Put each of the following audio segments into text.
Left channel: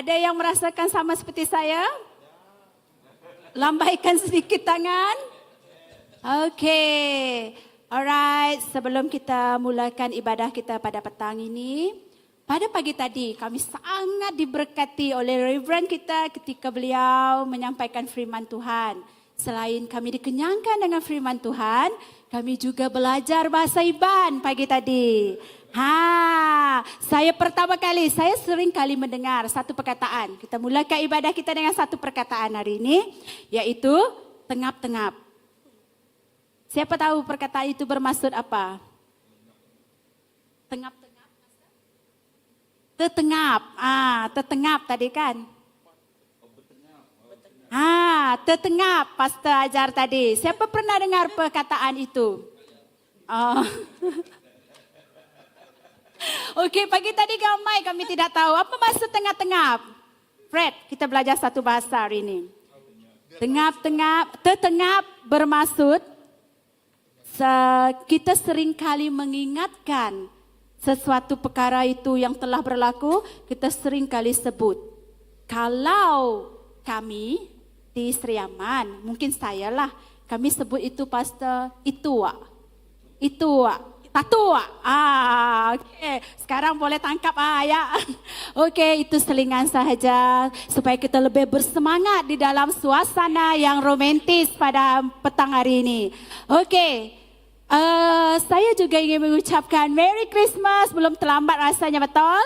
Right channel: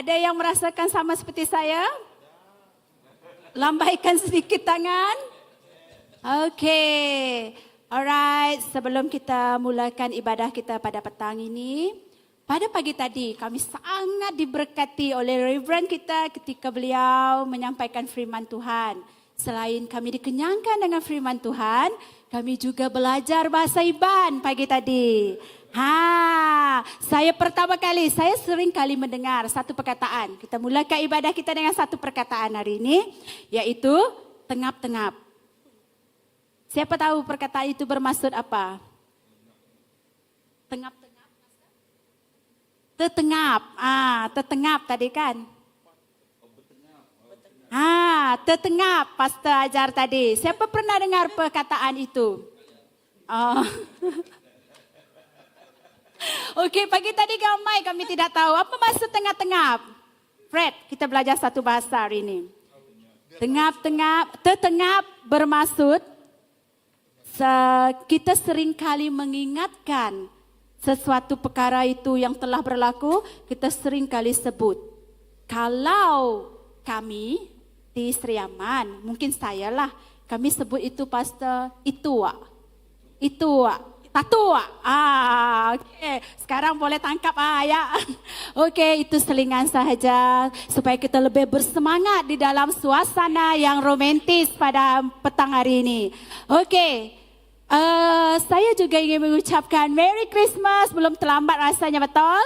Ada yang merasakan sama seperti saya? Lambaikan sedikit tangan. Okey. Alright, sebelum kita mulakan ibadah kita pada petang ini, pada pagi tadi kami sangat diberkati oleh Reverend kita ketika beliau menyampaikan firman Tuhan. Selain kami dikenyangkan dengan firman Tuhan, kami juga belajar bahasa Iban pagi tadi. Saya pertama kali, saya sering kali mendengar satu perkataan. Kita mulakan ibadah kita dengan satu perkataan hari ini, yaitu tengap-tengap. Siapa tahu perkataan itu bermaksud apa? Tengap-tengap. Tetengap. Tetengap tadi kan? Tetengap Pastor ajar tadi. Siapa pernah dengar perkataan itu? Okey, pagi tadi kami tidak tahu apa maksud tengap-tengap. Fred, kita belajar satu bahasa hari ini. Tengap-tengap, tetengap bermaksud kita sering kali mengingatkan sesuatu perkara itu yang telah berlaku, kita sering kali sebut. Kalau kami di Seriaman, mungkin saya lah, kami sebut itu Pastor Itua. Tatua. Okey. Sekarang boleh tangkap ya. Okey, itu selingan sahaja supaya kita lebih bersemangat di dalam suasana yang romantis pada petang hari ini. Okey. Saya juga ingin mengucapkan Merry Christmas, belum terlambat rasanya, betul?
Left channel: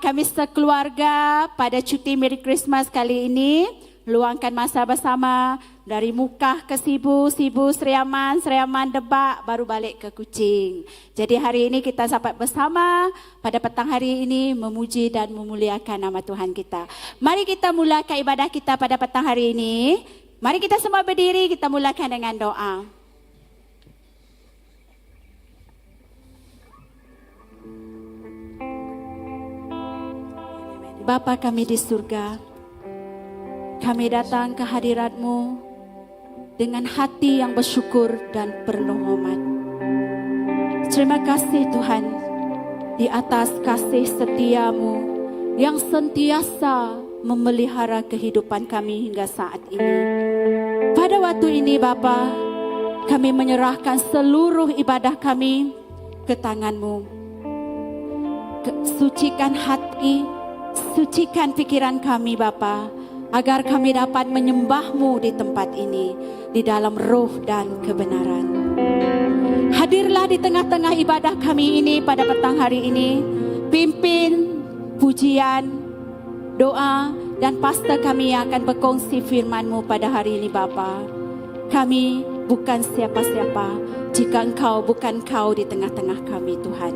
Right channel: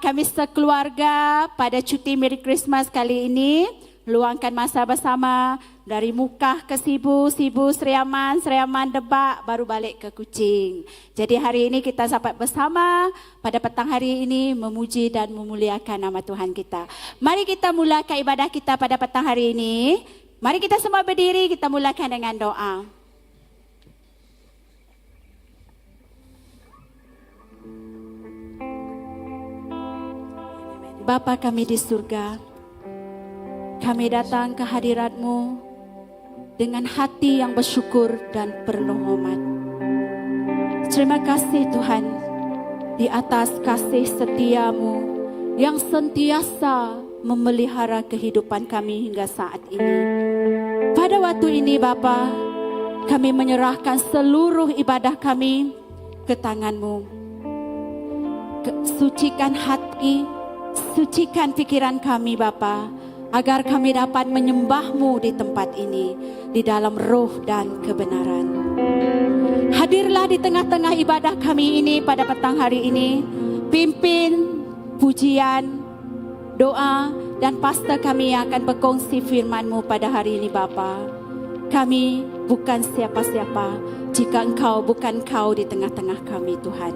Kami sekeluarga pada cuti Merry Christmas kali ini luangkan masa bersama dari Mukah ke Sibu Seriaman Debak, baru balik ke Kuching. Jadi hari ini kita dapat bersama pada petang hari ini memuji dan memuliakan nama Tuhan kita. Mari kita mulakan ibadah kita pada petang hari ini. Mari kita semua berdiri, kita mulakan dengan doa. Bapa kami di surga, kami datang ke hadirat-Mu dengan hati yang bersyukur dan penuh hormat. Terima kasih Tuhan di atas kasih setia-Mu yang sentiasa memelihara kehidupan kami hingga saat ini. Pada waktu ini Bapa, kami menyerahkan seluruh ibadah kami ke tangan-Mu. Sucikan hati, sucikan pikiran kami Bapa, agar kami dapat menyembah-Mu di tempat ini, di dalam roh dan kebenaran. Hadirlah di tengah-tengah ibadah kami ini pada petang hari ini. Pimpin pujian, doa, dan pastor kami yang akan berkongsi firman-Mu pada hari ini Bapa. Kami bukan siapa-siapa jika Engkau bukan Kau di tengah-tengah kami Tuhan.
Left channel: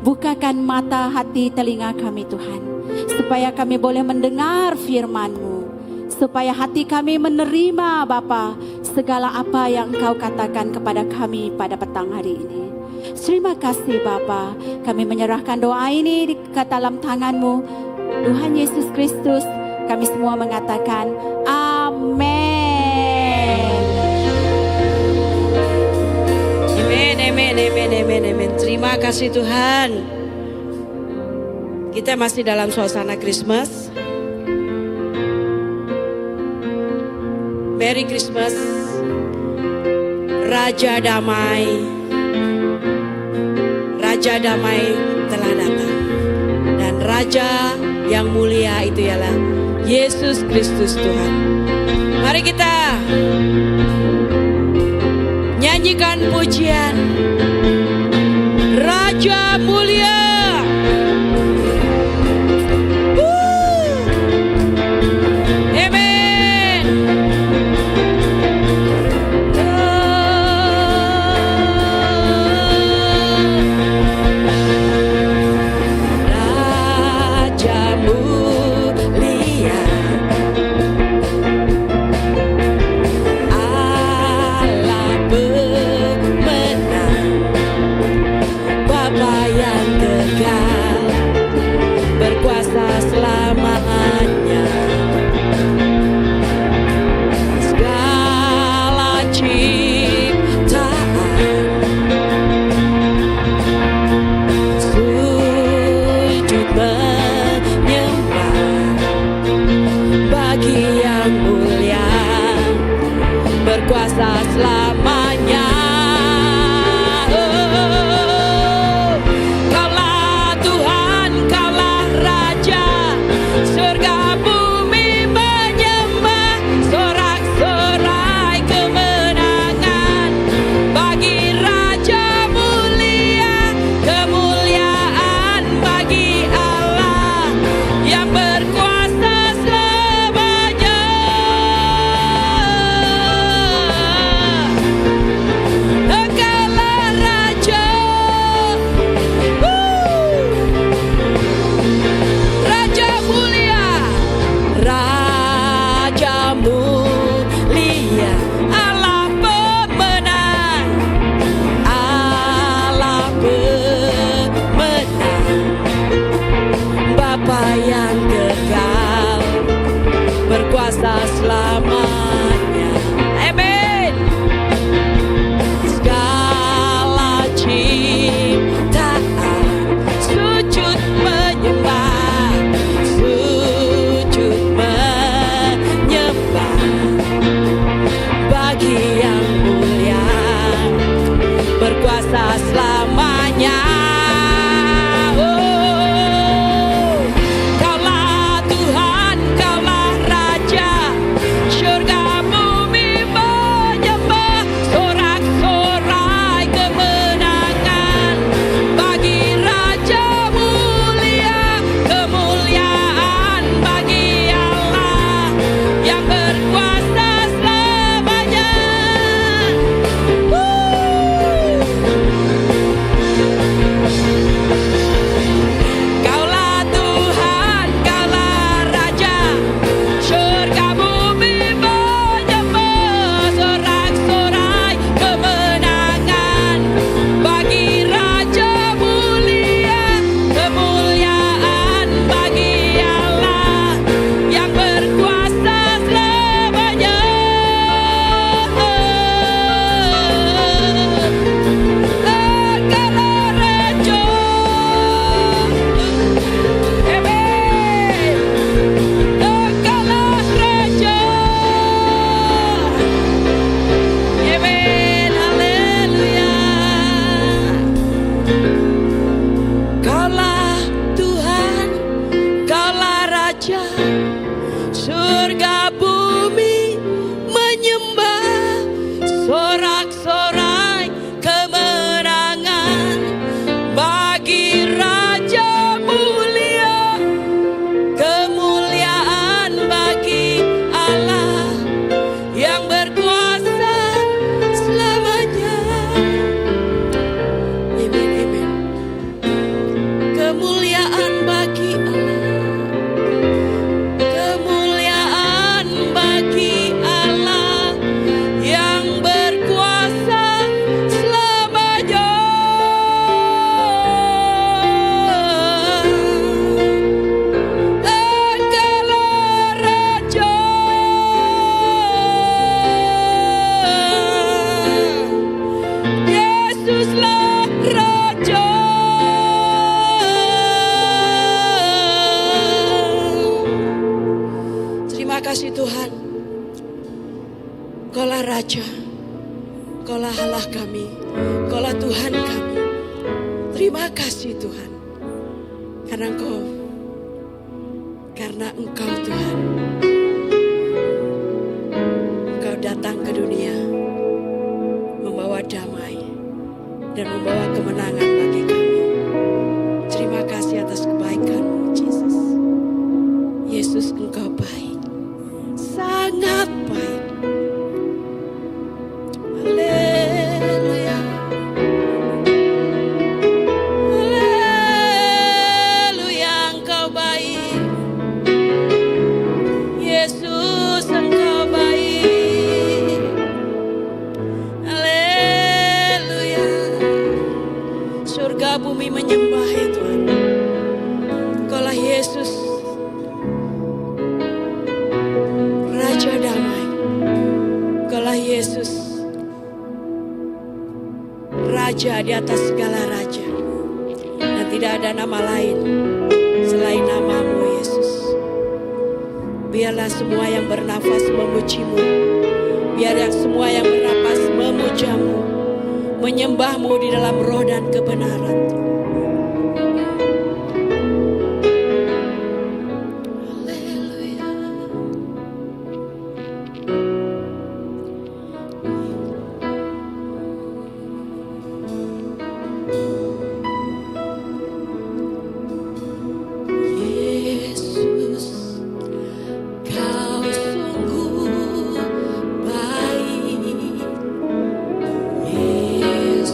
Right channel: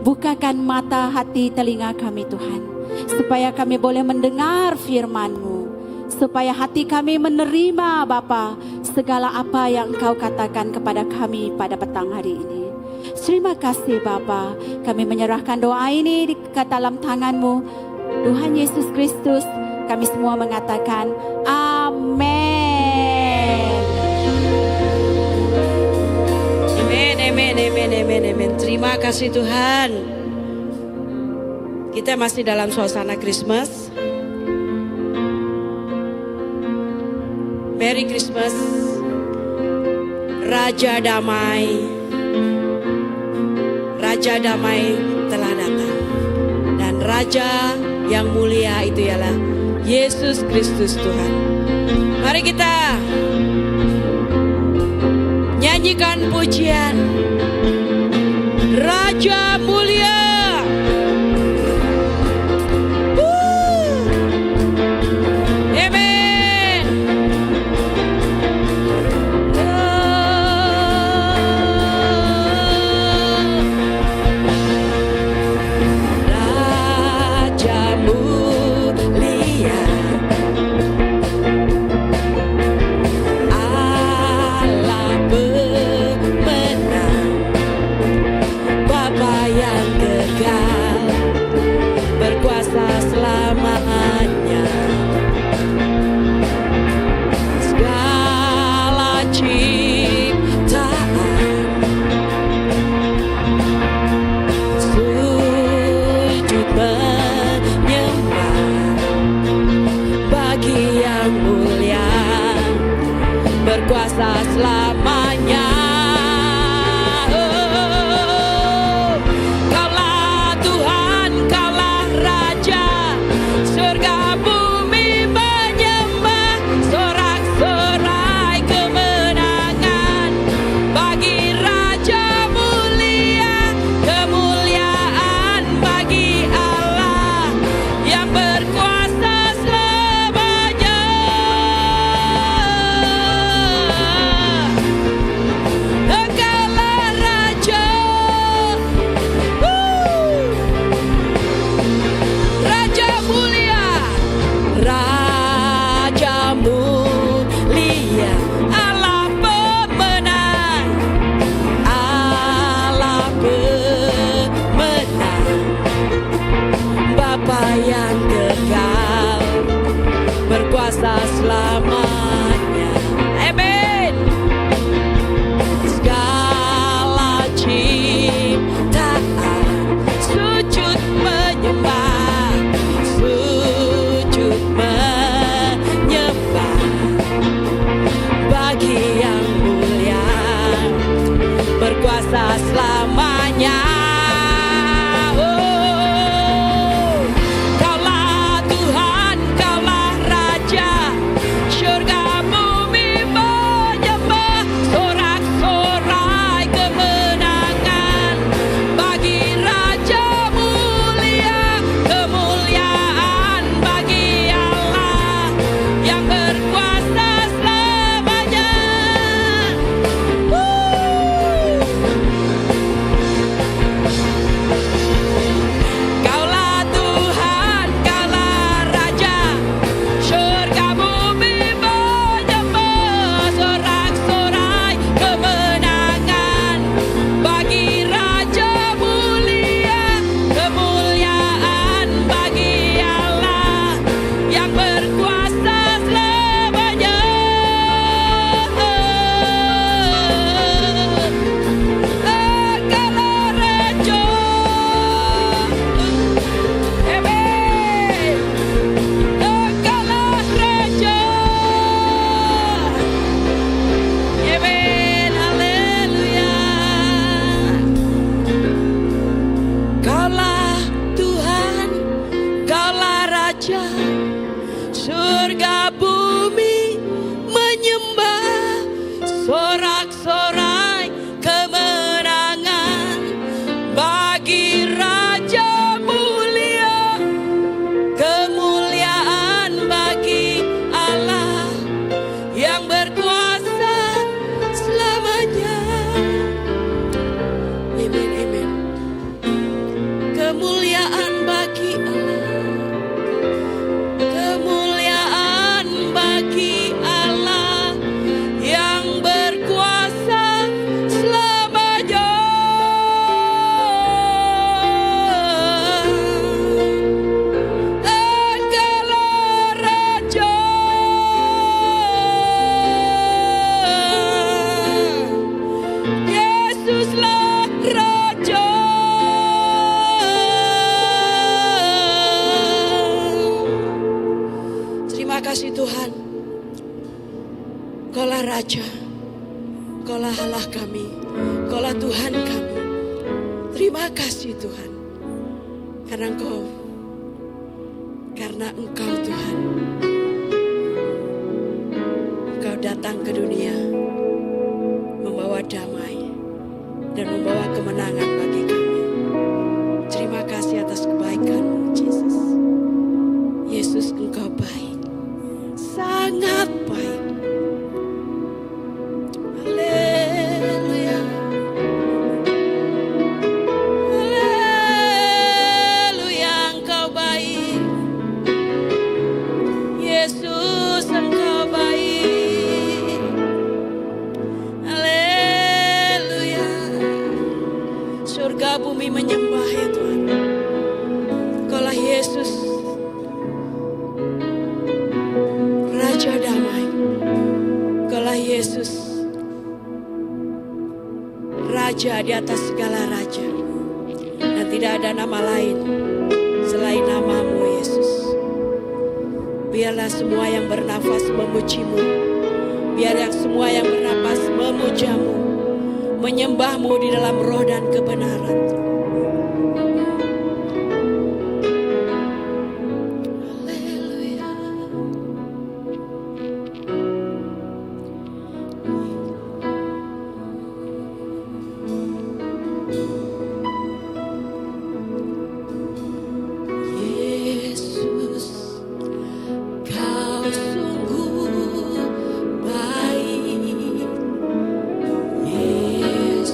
Bukakan mata hati telinga kami Tuhan, supaya kami boleh mendengar firman-Mu, supaya hati kami menerima Bapa segala apa yang Engkau katakan kepada kami pada petang hari ini. Terima kasih Bapa, kami menyerahkan doa ini ke dalam tangan-Mu Tuhan Yesus Kristus. Kami semua mengatakan amin. Amin. Terima kasih Tuhan. Kita masih dalam suasana Christmas. Merry Christmas. Raja damai telah datang. Dan Raja yang mulia itu ialah Yesus Kristus Tuhan. Mari kita nyanyikan pujian Raja mulia. Amen. Raja mulia, Allah benar. kasih Tuhan. Kaulah Raja, Kaulah Allah kami, Kaulah Tuhan kami. Terima kasih Tuhan. Karena Engkau Tuhan, Engkau datang ke dunia membawa damai dan membawa kemenangan bagi kami. Terima kasih atas kebaikan-Mu, Yesus. Yesus, Engkau baik, sangat baik. Haleluya. Haleluya, Engkau baik. Yesus, Engkau baik. Haleluya. Surga bumi menyembah ya Tuhan. Kaulah Yesus, Raja damai. Kaulah Yesus, Raja di atas segala raja. Dan tidak ada nama lain selain nama-Mu Yesus. Biarlah semua yang bernafas memuji-Mu. Biarlah semua yang bernafas memuja-Mu, menyembah-Mu di dalam roh dan kebenaran. Haleluya. Yesus, Kau sungguh baik. Yesus,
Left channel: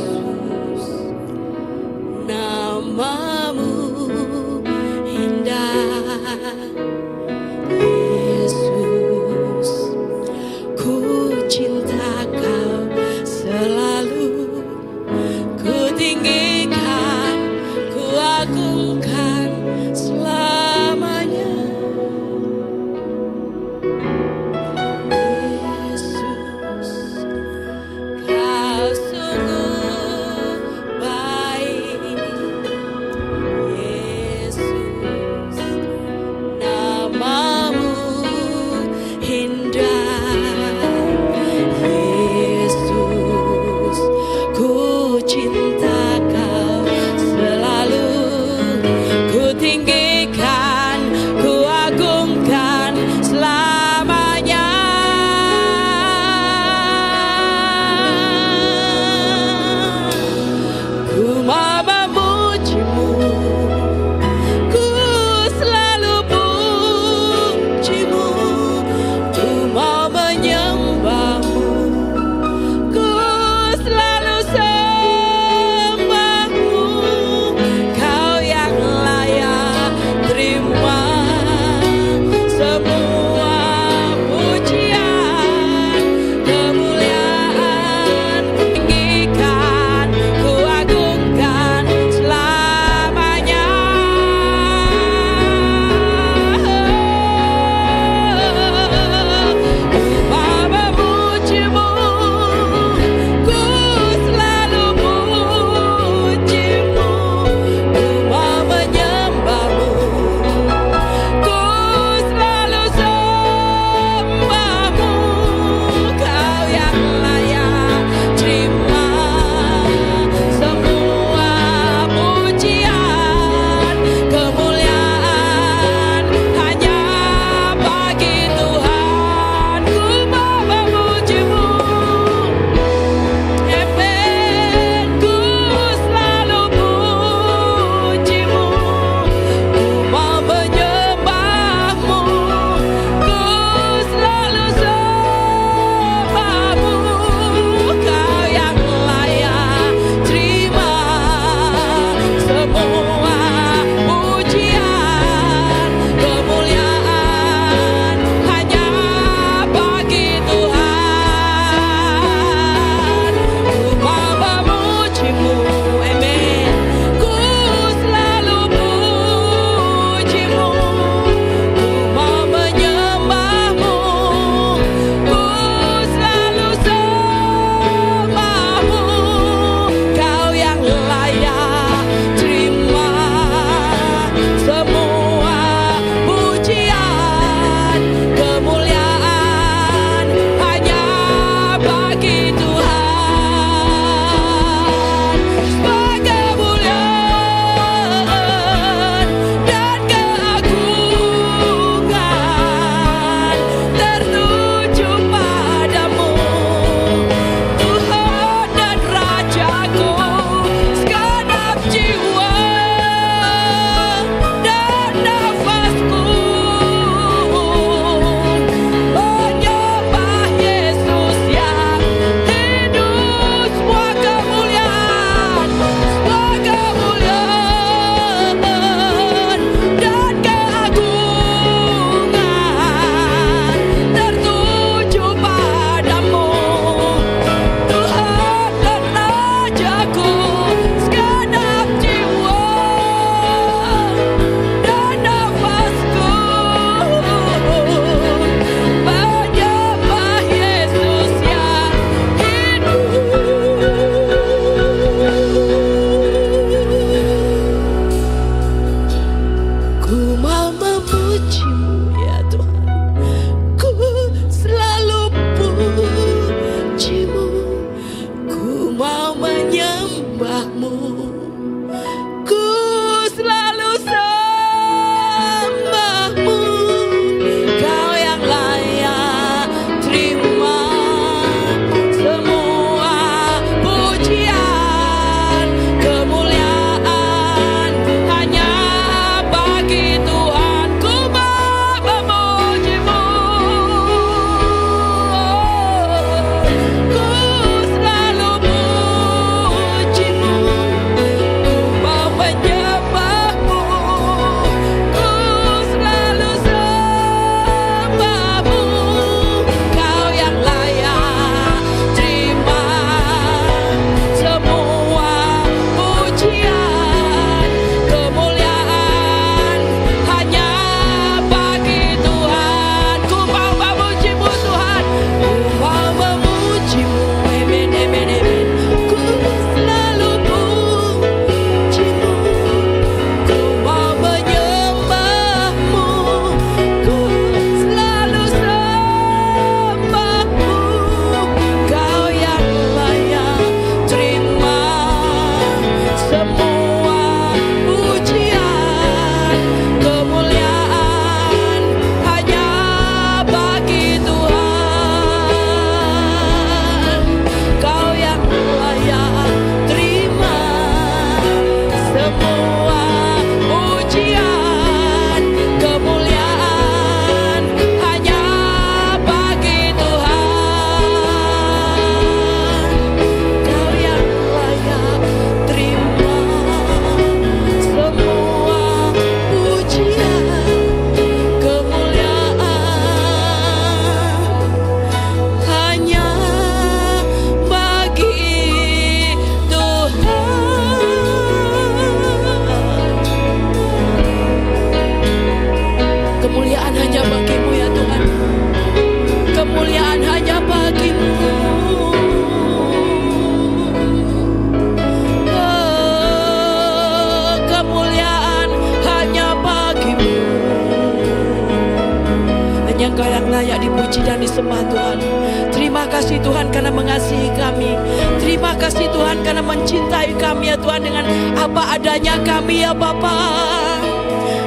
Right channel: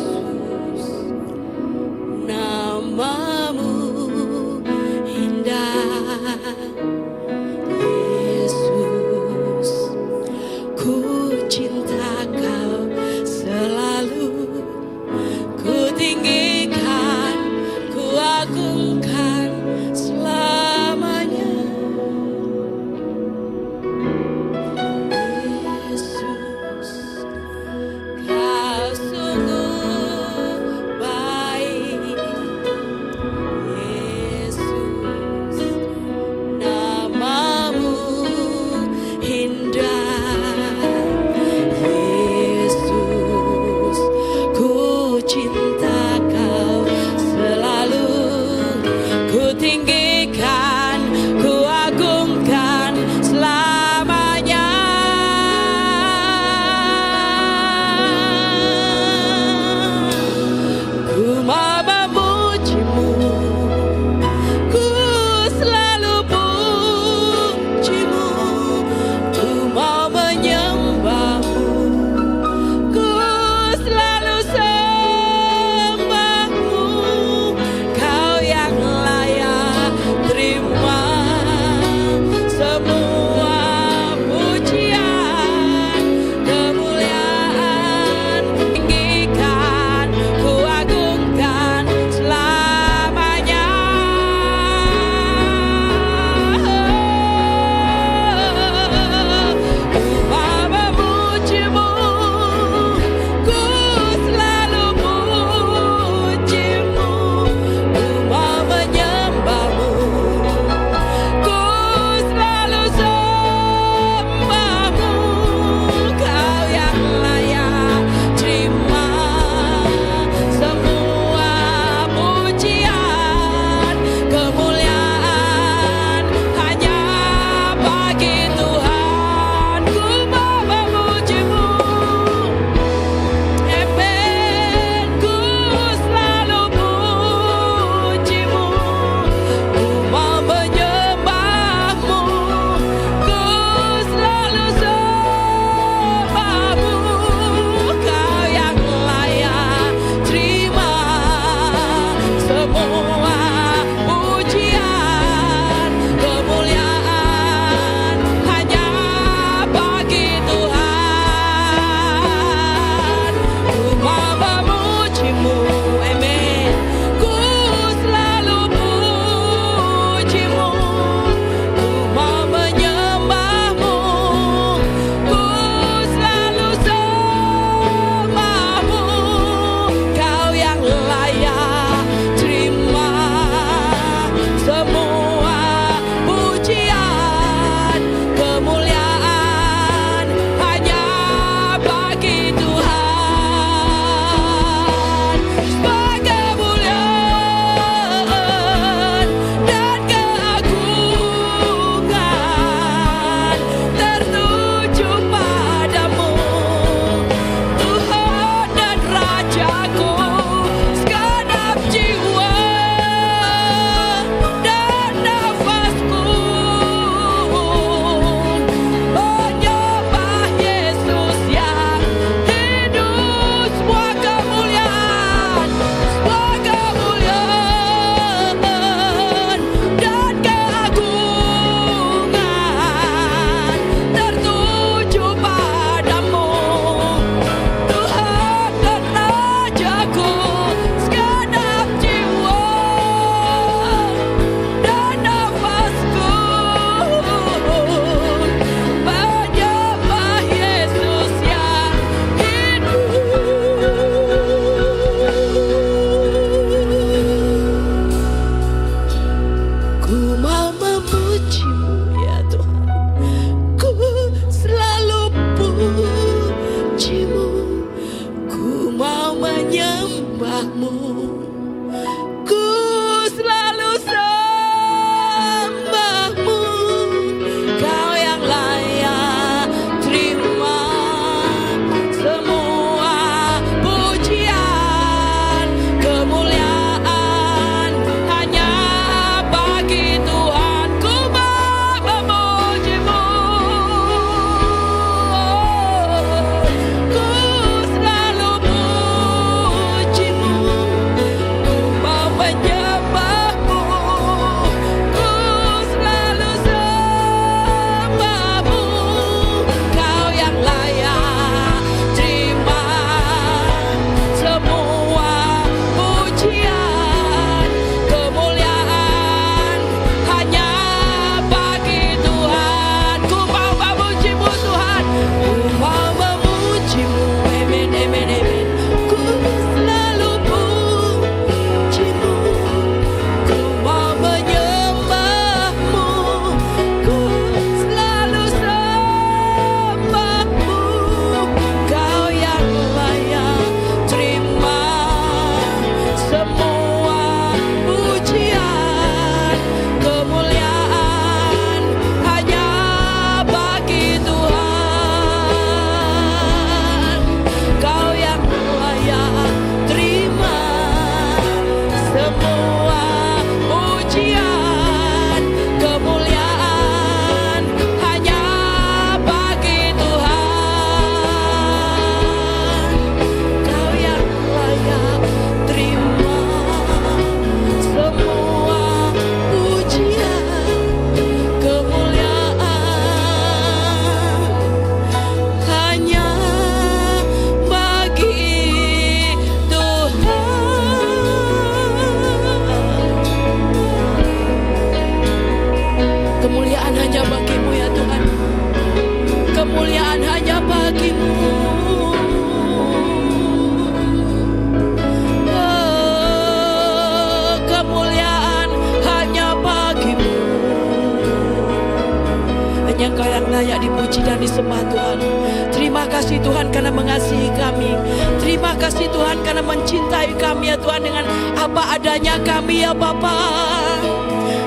Engkau yang layak dipuji dan disembah Tuhan. Terima kasih Tuhan karena mengasihi kami. Terima kasih Tuhan karena mencintai kami ya Tuhan dengan apa adanya kami ya Bapa.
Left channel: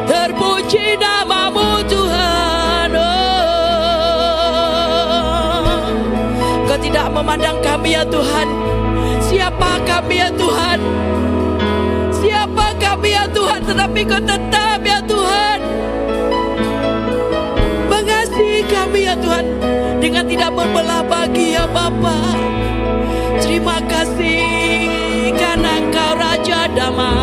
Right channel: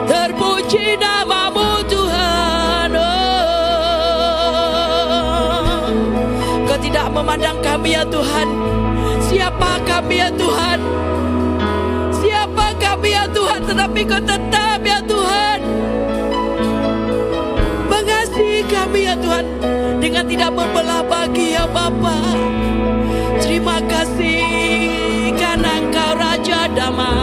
Terpuji namamu Tuhan. Engkau tidak memandang kami ya Tuhan. Siapa kami ya Tuhan? Siapa kami ya Tuhan? Tetapi Kau tetap ya Tuhan mengasihi kami ya Tuhan dengan tidak berbelah bagi ya Bapa. Terima kasih karena Engkau Raja Damai.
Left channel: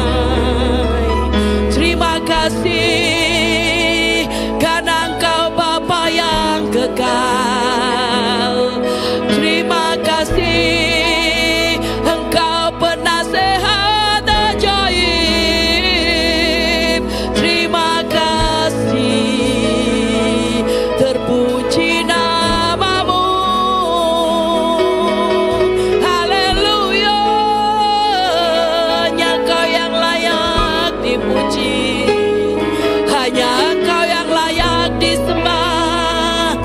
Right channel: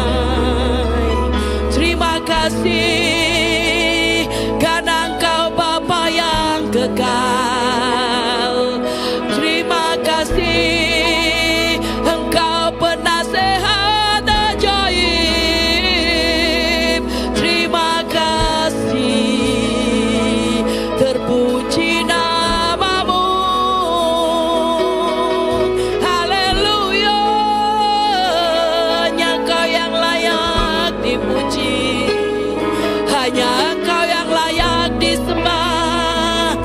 Terima kasih karena Engkau Bapa yang kekal. Terima kasih Engkau penasehat ajaib. Terima kasih, terpuji namamu. Haleluya, hanya Kau yang layak dipuji, hanya Kau yang layak disembah.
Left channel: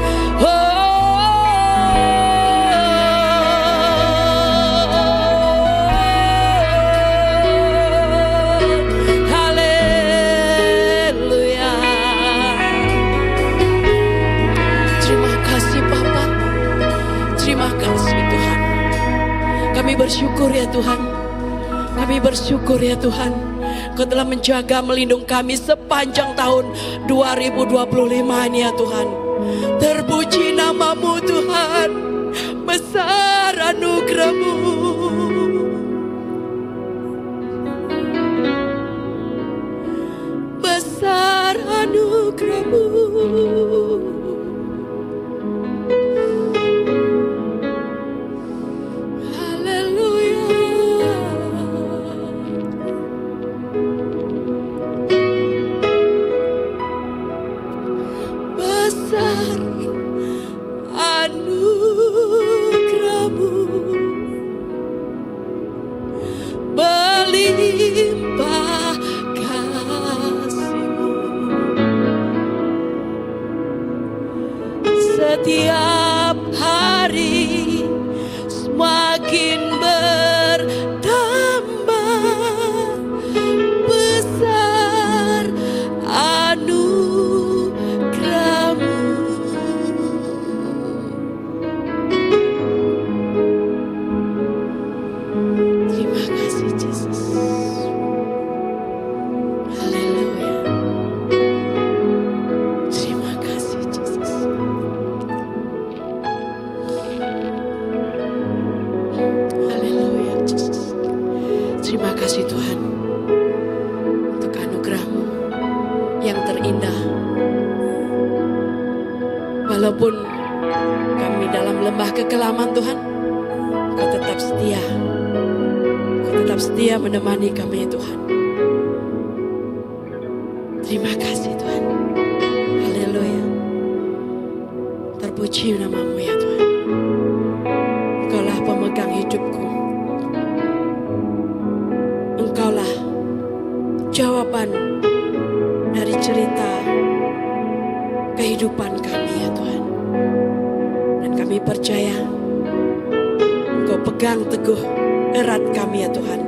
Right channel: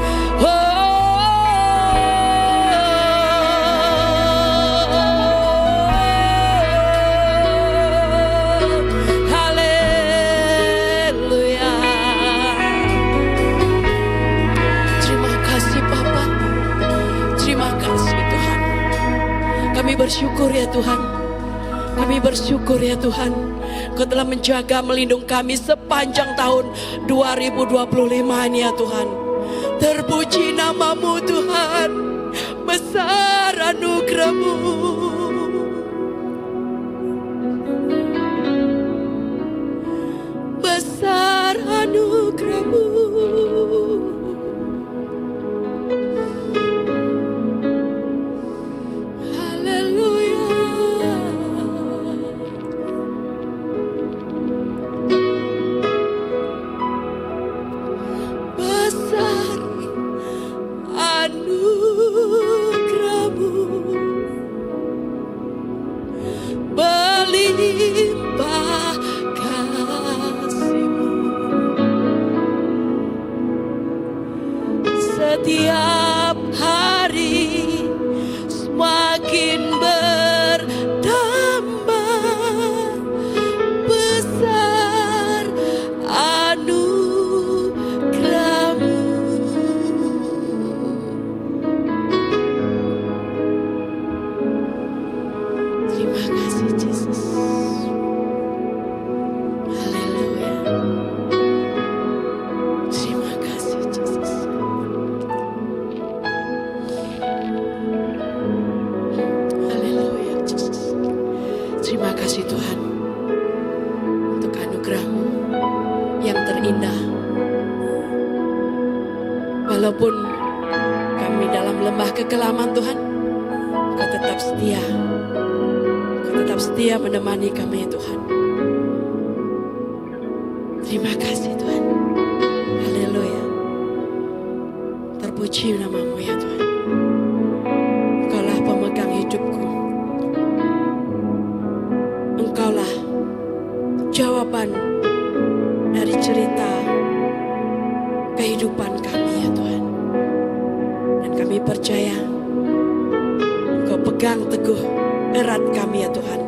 Haleluya. Terima kasih Bapa. Terima kasih Tuhan. Kami bersyukur ya Tuhan. Kami bersyukur ya Tuhan. Kau telah menjaga melindungi kami sepanjang tahun 2025 ini ya Tuhan. Terpuji namamu Tuhan. Besar anugerah-Mu. Besar anugerah-Mu. Besar anugerah-Mu, berlimpah kasih-Mu. Setiap hari semakin bertambah. Besar anugerah-Mu. Terima kasih Yesus. Haleluya. Terima kasih Yesus. Haleluya Yesus. Terima kasih Tuhan untuk anugerah-Mu yang terindah. Walaupun kami dalam lembah kekelaman Tuhan, Kau tetap setia. Kau tetap setia menemani kami Tuhan. Terima kasih Tuhan. Haleluya. Terpuji namamu ya Tuhan. Engkaulah pemegang hidupku. Engkaulah jawaban dari cerita kehidupan kami ya Tuhan. Dan kami percaya Kau pegang teguh erat kami ya Tuhan.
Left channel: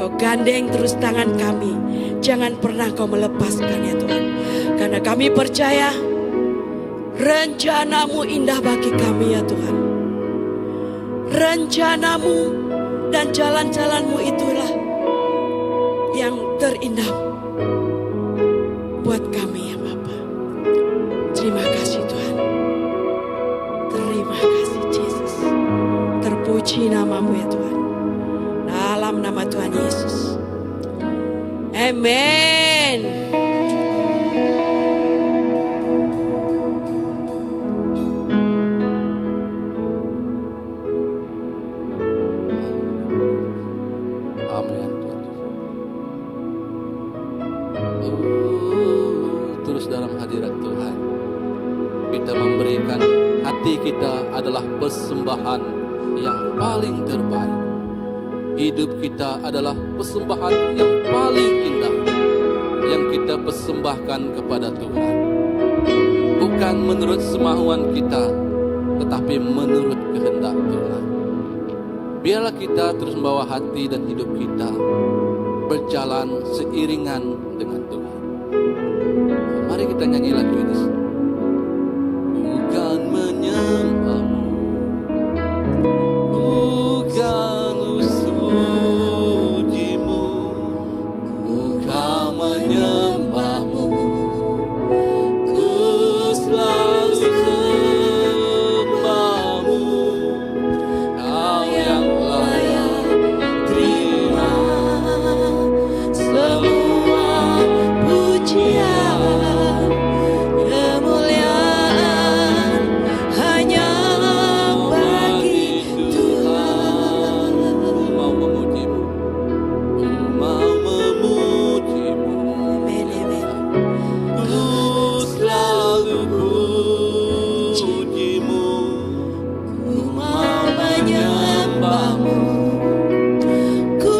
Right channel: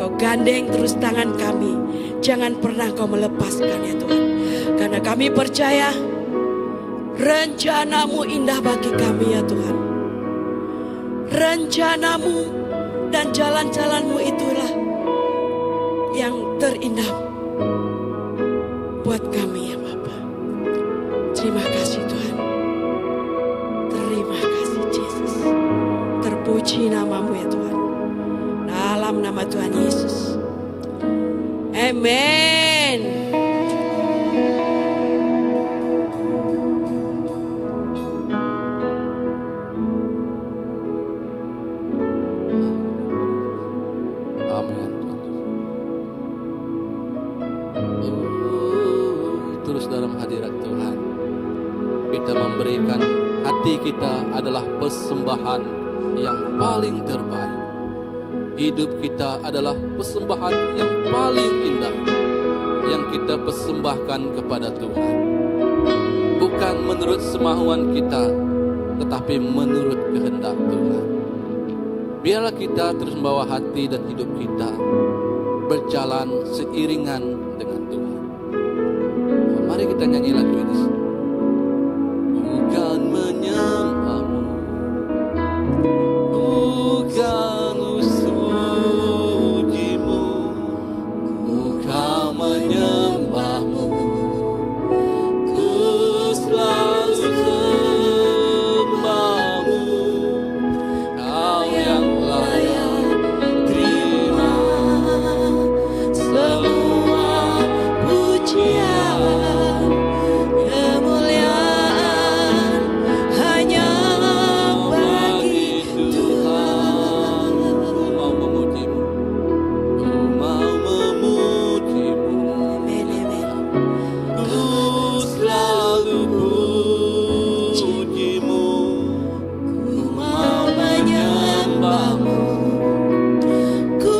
Kau gandeng terus tangan kami. Jangan pernah Kau melepaskan ya Tuhan. Karena kami percaya rencana-Mu indah bagi kami ya Tuhan. Rencana-Mu dan jalan-jalan-Mu itulah yang terindah buat kami ya Bapa. Terima kasih Tuhan. Terima kasih Yesus. Terpuji namamu ya Tuhan. Dalam nama Tuhan Yesus. Amin. Terus dalam hadirat Tuhan kita memberikan hati kita adalah persembahan yang paling terbaik. Hidup kita adalah persembahan yang paling indah yang kita persembahkan kepada Tuhan. bukan menurut semauan kita, tetapi menurut kehendak Tuhan. Biarlah kita terus membawa hati dan hidup kita berjalan seiringan dengan Tuhan. Mari kita nyanyi lagu ini. Bukan menyembahmu, bukan musuhimu, bukan menyembahmu, ku selalu sembahmu, kau yang layak terima semua pujian, kemuliaan hanya bagi Tuhan. Mau memujimu, mau memujimu, ku selalu pujimu, ku mau menyembahmu, ku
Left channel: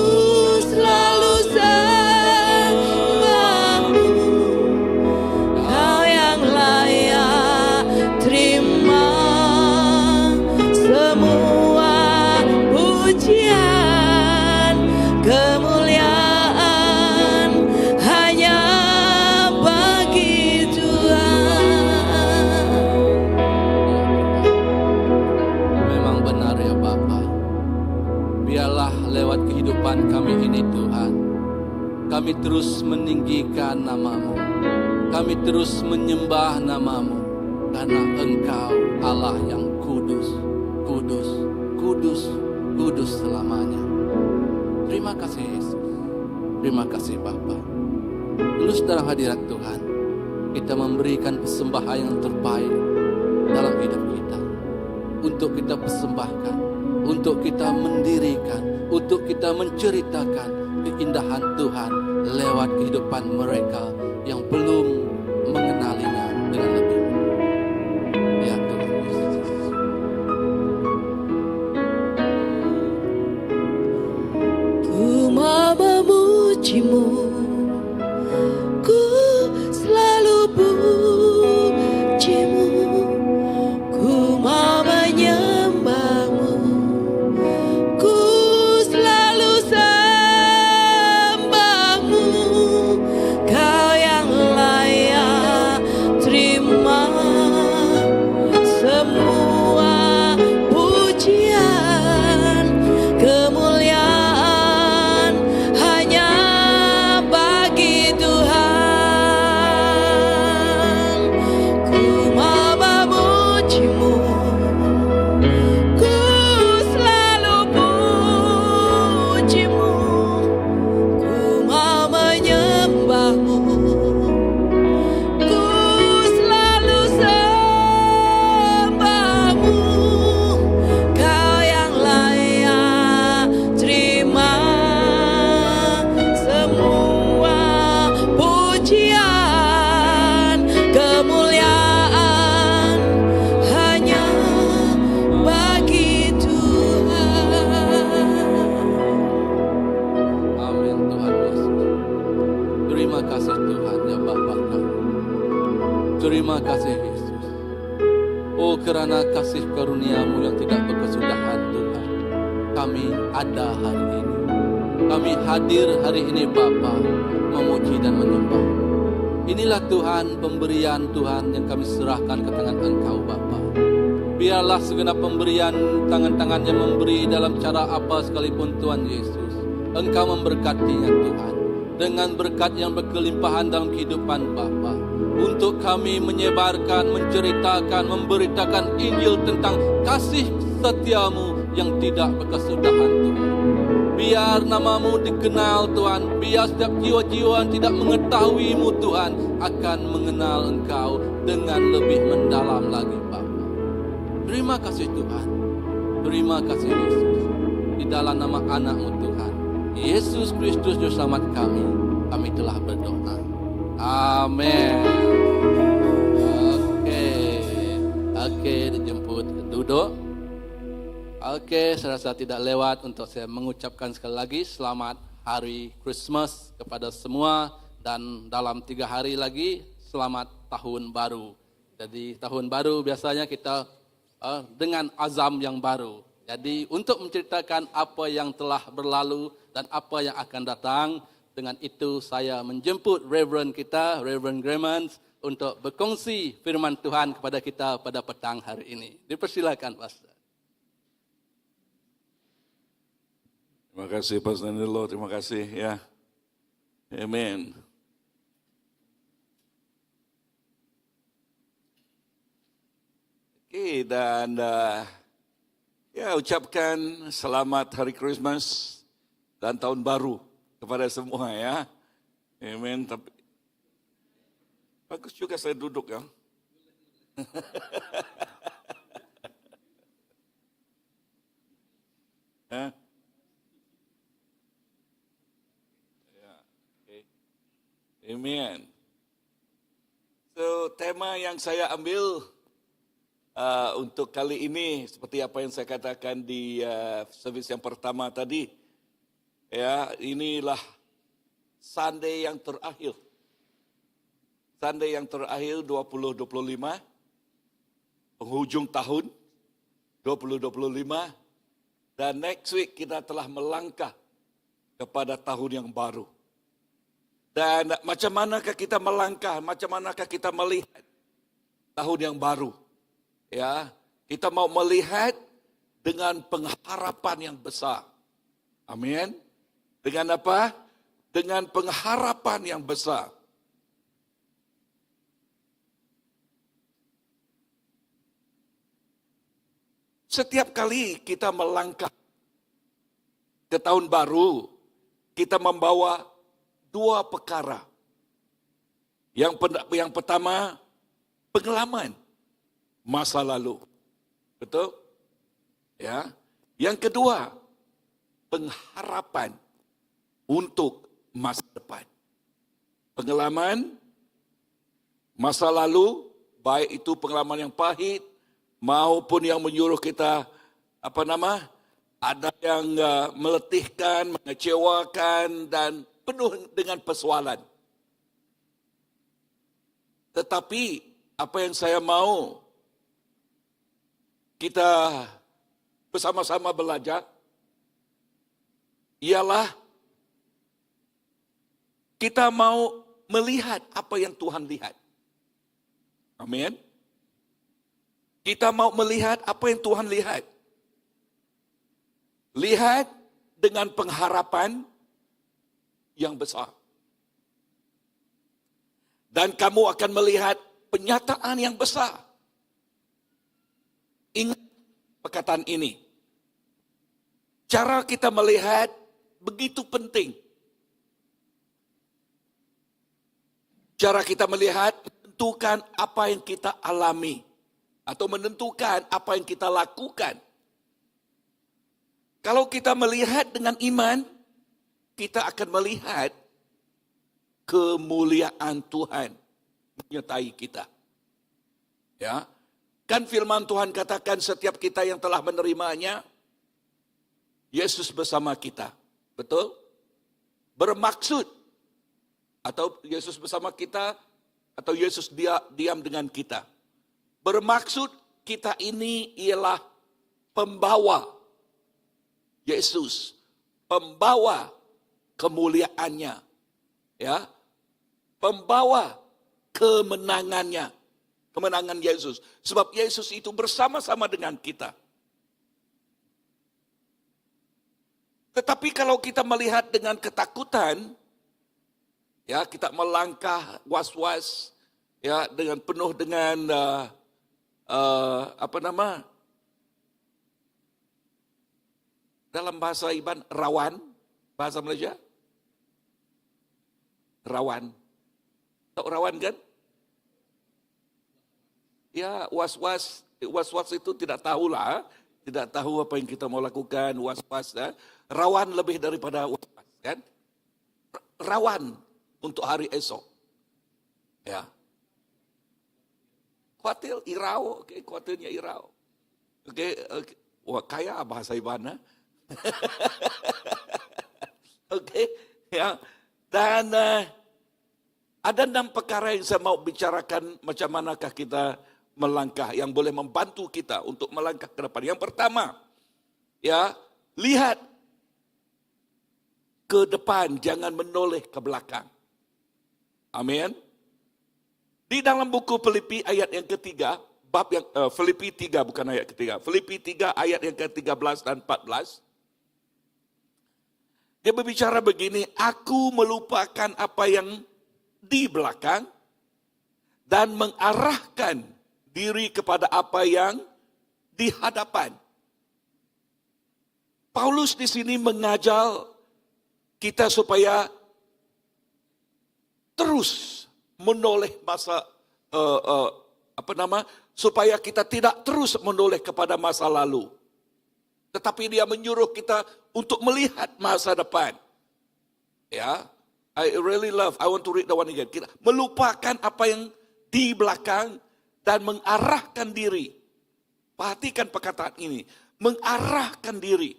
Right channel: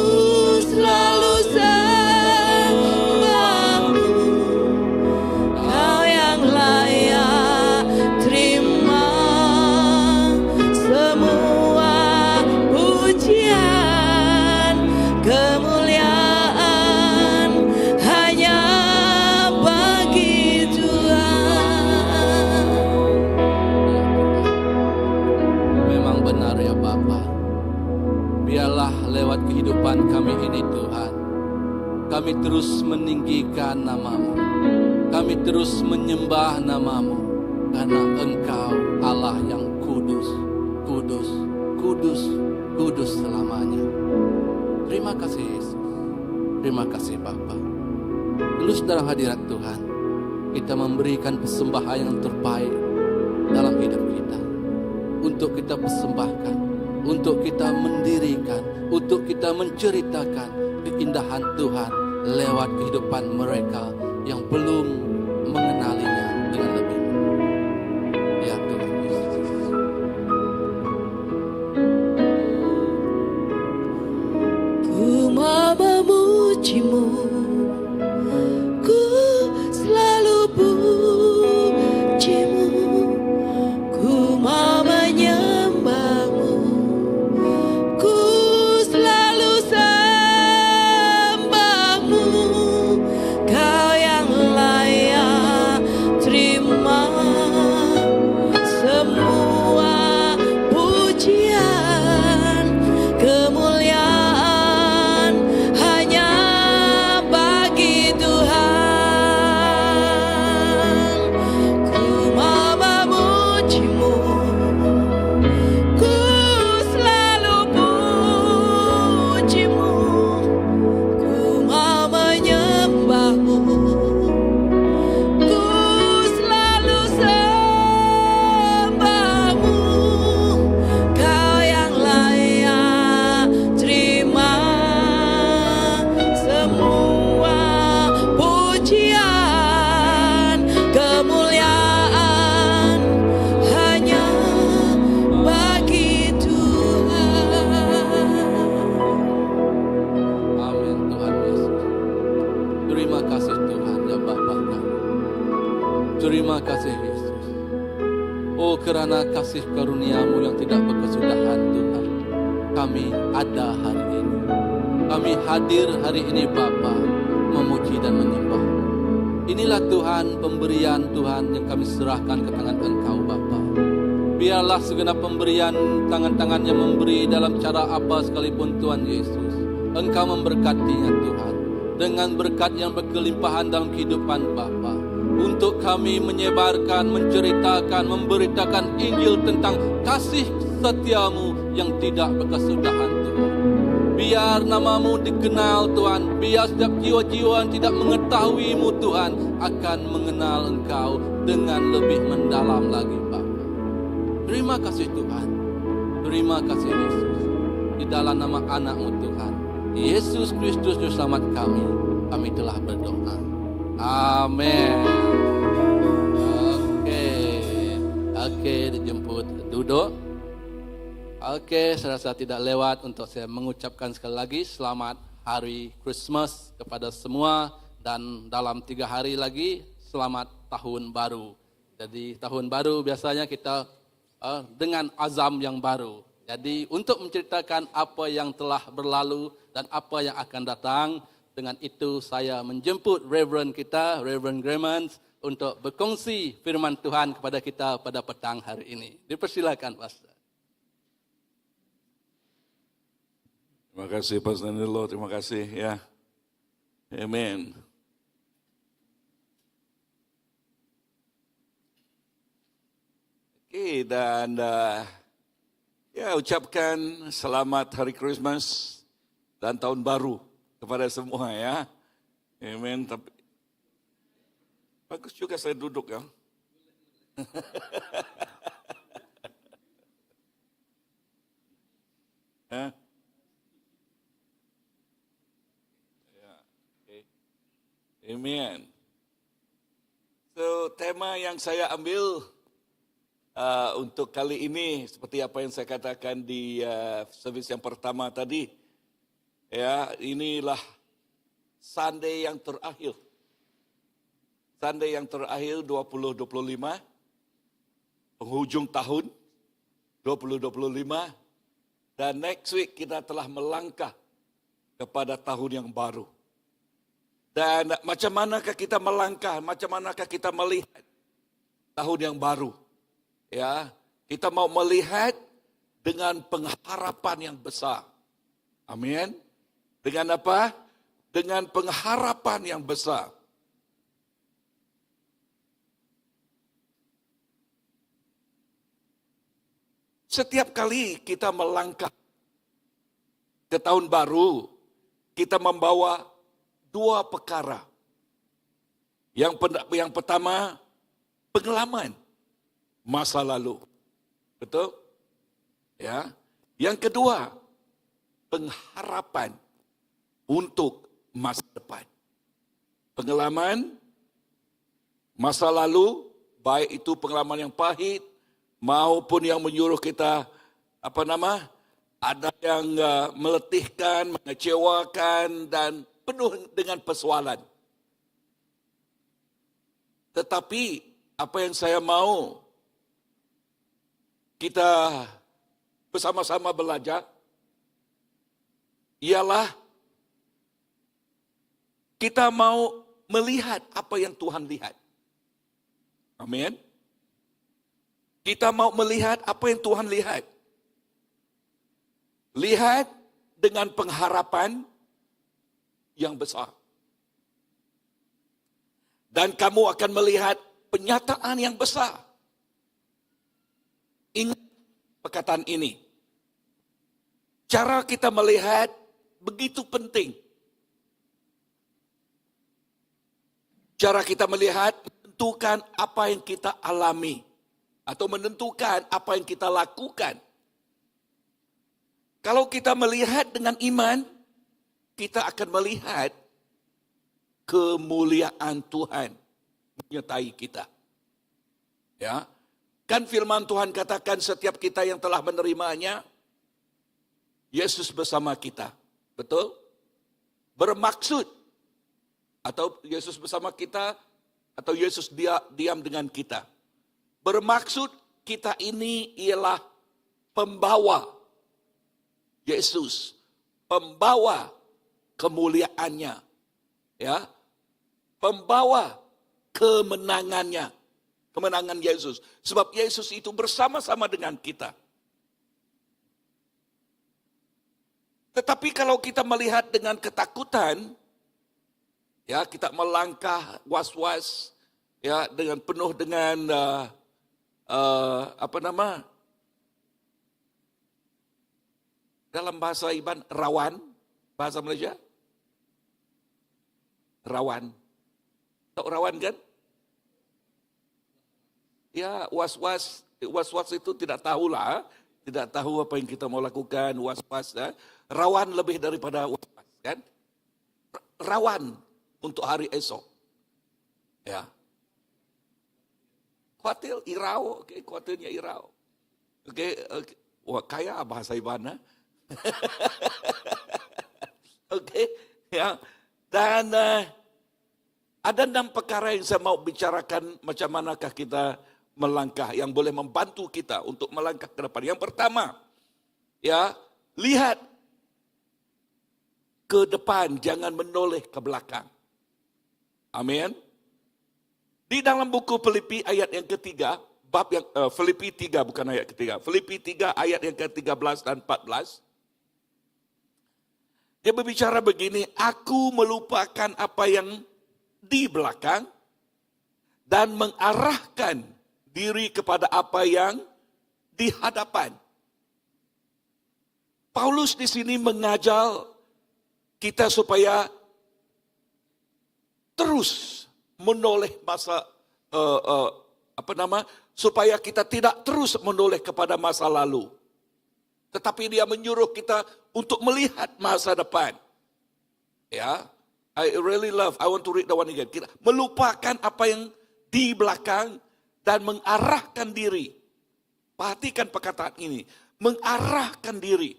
selalu sembahmu, kau yang layak terima semua pujian, kemuliaan hanya bagi Tuhan. Memang benar ya Bapa. Biarlah lewat kehidupan kami ini Tuhan, kami terus meninggikan nama-Mu, kami terus menyembah nama-Mu, karena Engkau Allah yang kudus, kudus, kudus, kudus selamanya. Terima kasih Yesus, terima kasih Bapa. Terus dalam hadirat Tuhan, kita memberikan persembahan yang terbaik dalam hidup kita, untuk kita persembahkan, untuk kita mendirikan, untuk kita menceritakan keindahan Tuhan lewat kehidupan mereka yang belum mengenalinya dengan lebih. Ya Tuhan Yesus. Ku mau memujimu, ku selalu pujimu, ku mau menyembahmu, ku selalu sembahmu, kau yang layak terima semua pujian, kemuliaan hanya bagi Tuhan. Ku mau memujimu, ku selalu pujimu, ku mau menyembahmu, ku selalu sembahmu, kau yang layak terima semua pujian, kemuliaan hanya bagi Tuhan. Amin Tuhan Yesus. Terima kasih Tuhan ya Bapa kami. Terima kasih Yesus. Oh kerana kasih karunia-Mu yang tidak berkesudahan Tuhan, kami ada hari ini. Kami hadir hari ini Bapa, memuji dan menyembah. Inilah Tuhan pemberian Tuhan yang kami serahkan ke tangan Engkau Bapa. Biarlah segenap pemberian tangan-tangan yang memberi dalam cara apa sekalipun Tuhan Yesus, Engkau memberkatinya Tuhan, dengan berkat yang berkelimpahan dalam kehidupan Bapa, untuk kami menyebarkan, menceritakan, memberitakan Injil tentang kasih setia-Mu yang tidak berkesudahan Tuhan. Biar nama-Mu dikenal Tuhan, biar setiap jiwa-jiwa yang tidak mengetahui-Mu Tuhan akan mengenal Engkau dengan lebih mendalam lagi Bapa. Terima kasih Tuhan, terima kasih Yesus. Di dalam nama anak-Mu Tuhan, Yesus Kristus Juru Selamat kami telah berdoa. Amin. Oke, dijemput duduk. Oke, saya rasa tidak lewat untuk saya mengucapkan sekali lagi selamat Hari Christmas kepada semua, dan dalam 3 hari lagi selamat Tahun Baru. Jadi tahun baru biasanya kita dengan azam yang baru. Jadi untuk menceritakan apa yang telah berlalu dan apa yang akan datang, dengan itu saya menjemput Reverend kita, Reverend Gremans, untuk berkongsi firman Tuhan kepada kita pada petang hari ini. Dipersilakan, Pastor. Terima kasih Pastor Nilo, terima kasih ya. Amen. Oke, dan ya ucapkan selamat Hari Christmas dan Tahun Baru kepada semua ya. Amen. Tapi bagus juga saya duduk kan. Hah? Ya, oke. Amen. So, tema yang saya ambil untuk kali ini seperti apa yang saya katakan di servis yang pertama tadi, ya inilah Sunday yang terakhir. Sunday yang terakhir 2025, penghujung tahun 2025, dan next week kita telah melangkah kepada tahun yang baru. Dan macam manakah kita melangkah, macam manakah kita melihat tahun yang baru? Ya, kita mau melihat dengan pengharapan yang besar. Amin. Dengan apa? Dengan pengharapan yang besar. Setiap kali kita melangkah ke tahun baru, kita membawa dua perkara. Yang pertama, pengalaman masa lalu. Betul? Ya. Yang kedua, pengharapan untuk masa depan. Pengalaman masa lalu, baik itu pengalaman yang pahit maupun yang menyuruh kita ada yang meletihkan, mengecewakan dan penuh dengan persoalan. Tetapi apa yang saya mau kita bersama-sama belajar ialah kita mau melihat apa yang Tuhan lihat. Amin. Kita mau melihat apa yang Tuhan lihat. Lihat dengan pengharapan yang besar. Dan kamu akan melihat penyataan yang besar. Ingat perkataan ini. Cara kita melihat begitu penting. Cara kita melihat menentukan apa yang kita alami. Atau menentukan apa yang kita lakukan. Kalau kita melihat dengan iman, kita akan melihat kemuliaan Tuhan menyertai kita. Ya. Kan firman Tuhan katakan setiap kita yang telah menerimanya, Yesus bersama kita. Betul? Bermaksud. Atau Yesus bersama kita, atau Yesus diam dengan kita. Bermaksud kita ini ialah pembawa Yesus. Pembawa kemuliaannya. Ya. Pembawa kemenangannya. Kemenangan Yesus. Sebab Yesus itu bersama-sama dengan kita. Tetapi kalau kita melihat dengan ketakutan, ya kita melangkah was-was, ya dengan penuh dengan dalam bahasa Iban rawan, bahasa Malaysia, rawan. Tahu rawan kan? Ya was-was itu tidak tahulah, tidak tahu apa yang kita mau lakukan, was-was. Ya. Rawan lebih daripada was-was kan? Rawan untuk hari esok. Ya. Khawatir, irau, okay, khawatirnya irau. Oke, okay. Wah kaya bahasa Ibana. Oke, ya. Dan ada 6 perkara yang saya mau bicarakan macam manakah kita melangkah, yang boleh membantu kita untuk melangkah ke depan. Yang pertama, ya, lihat ke depan, jangan menoleh ke belakang. Amin. Di dalam buku Filipi ayat yang ketiga, bab yang Filipi 3 bukan ayat ketiga. Filipi 3 ayat yang ke-13 dan 14. Dia berbicara begini, aku melupakan apa yang di belakang dan mengarahkan diri kepada apa yang di hadapan. Paulus di sini mengajar kita supaya terus menoleh supaya kita tidak terus menoleh kepada masa lalu. Tetapi dia menyuruh kita untuk melihat masa depan. Ya, I want to read the one again. Kita melupakan apa yang di belakang dan mengarahkan diri. Perhatikan perkataan ini, mengarahkan diri.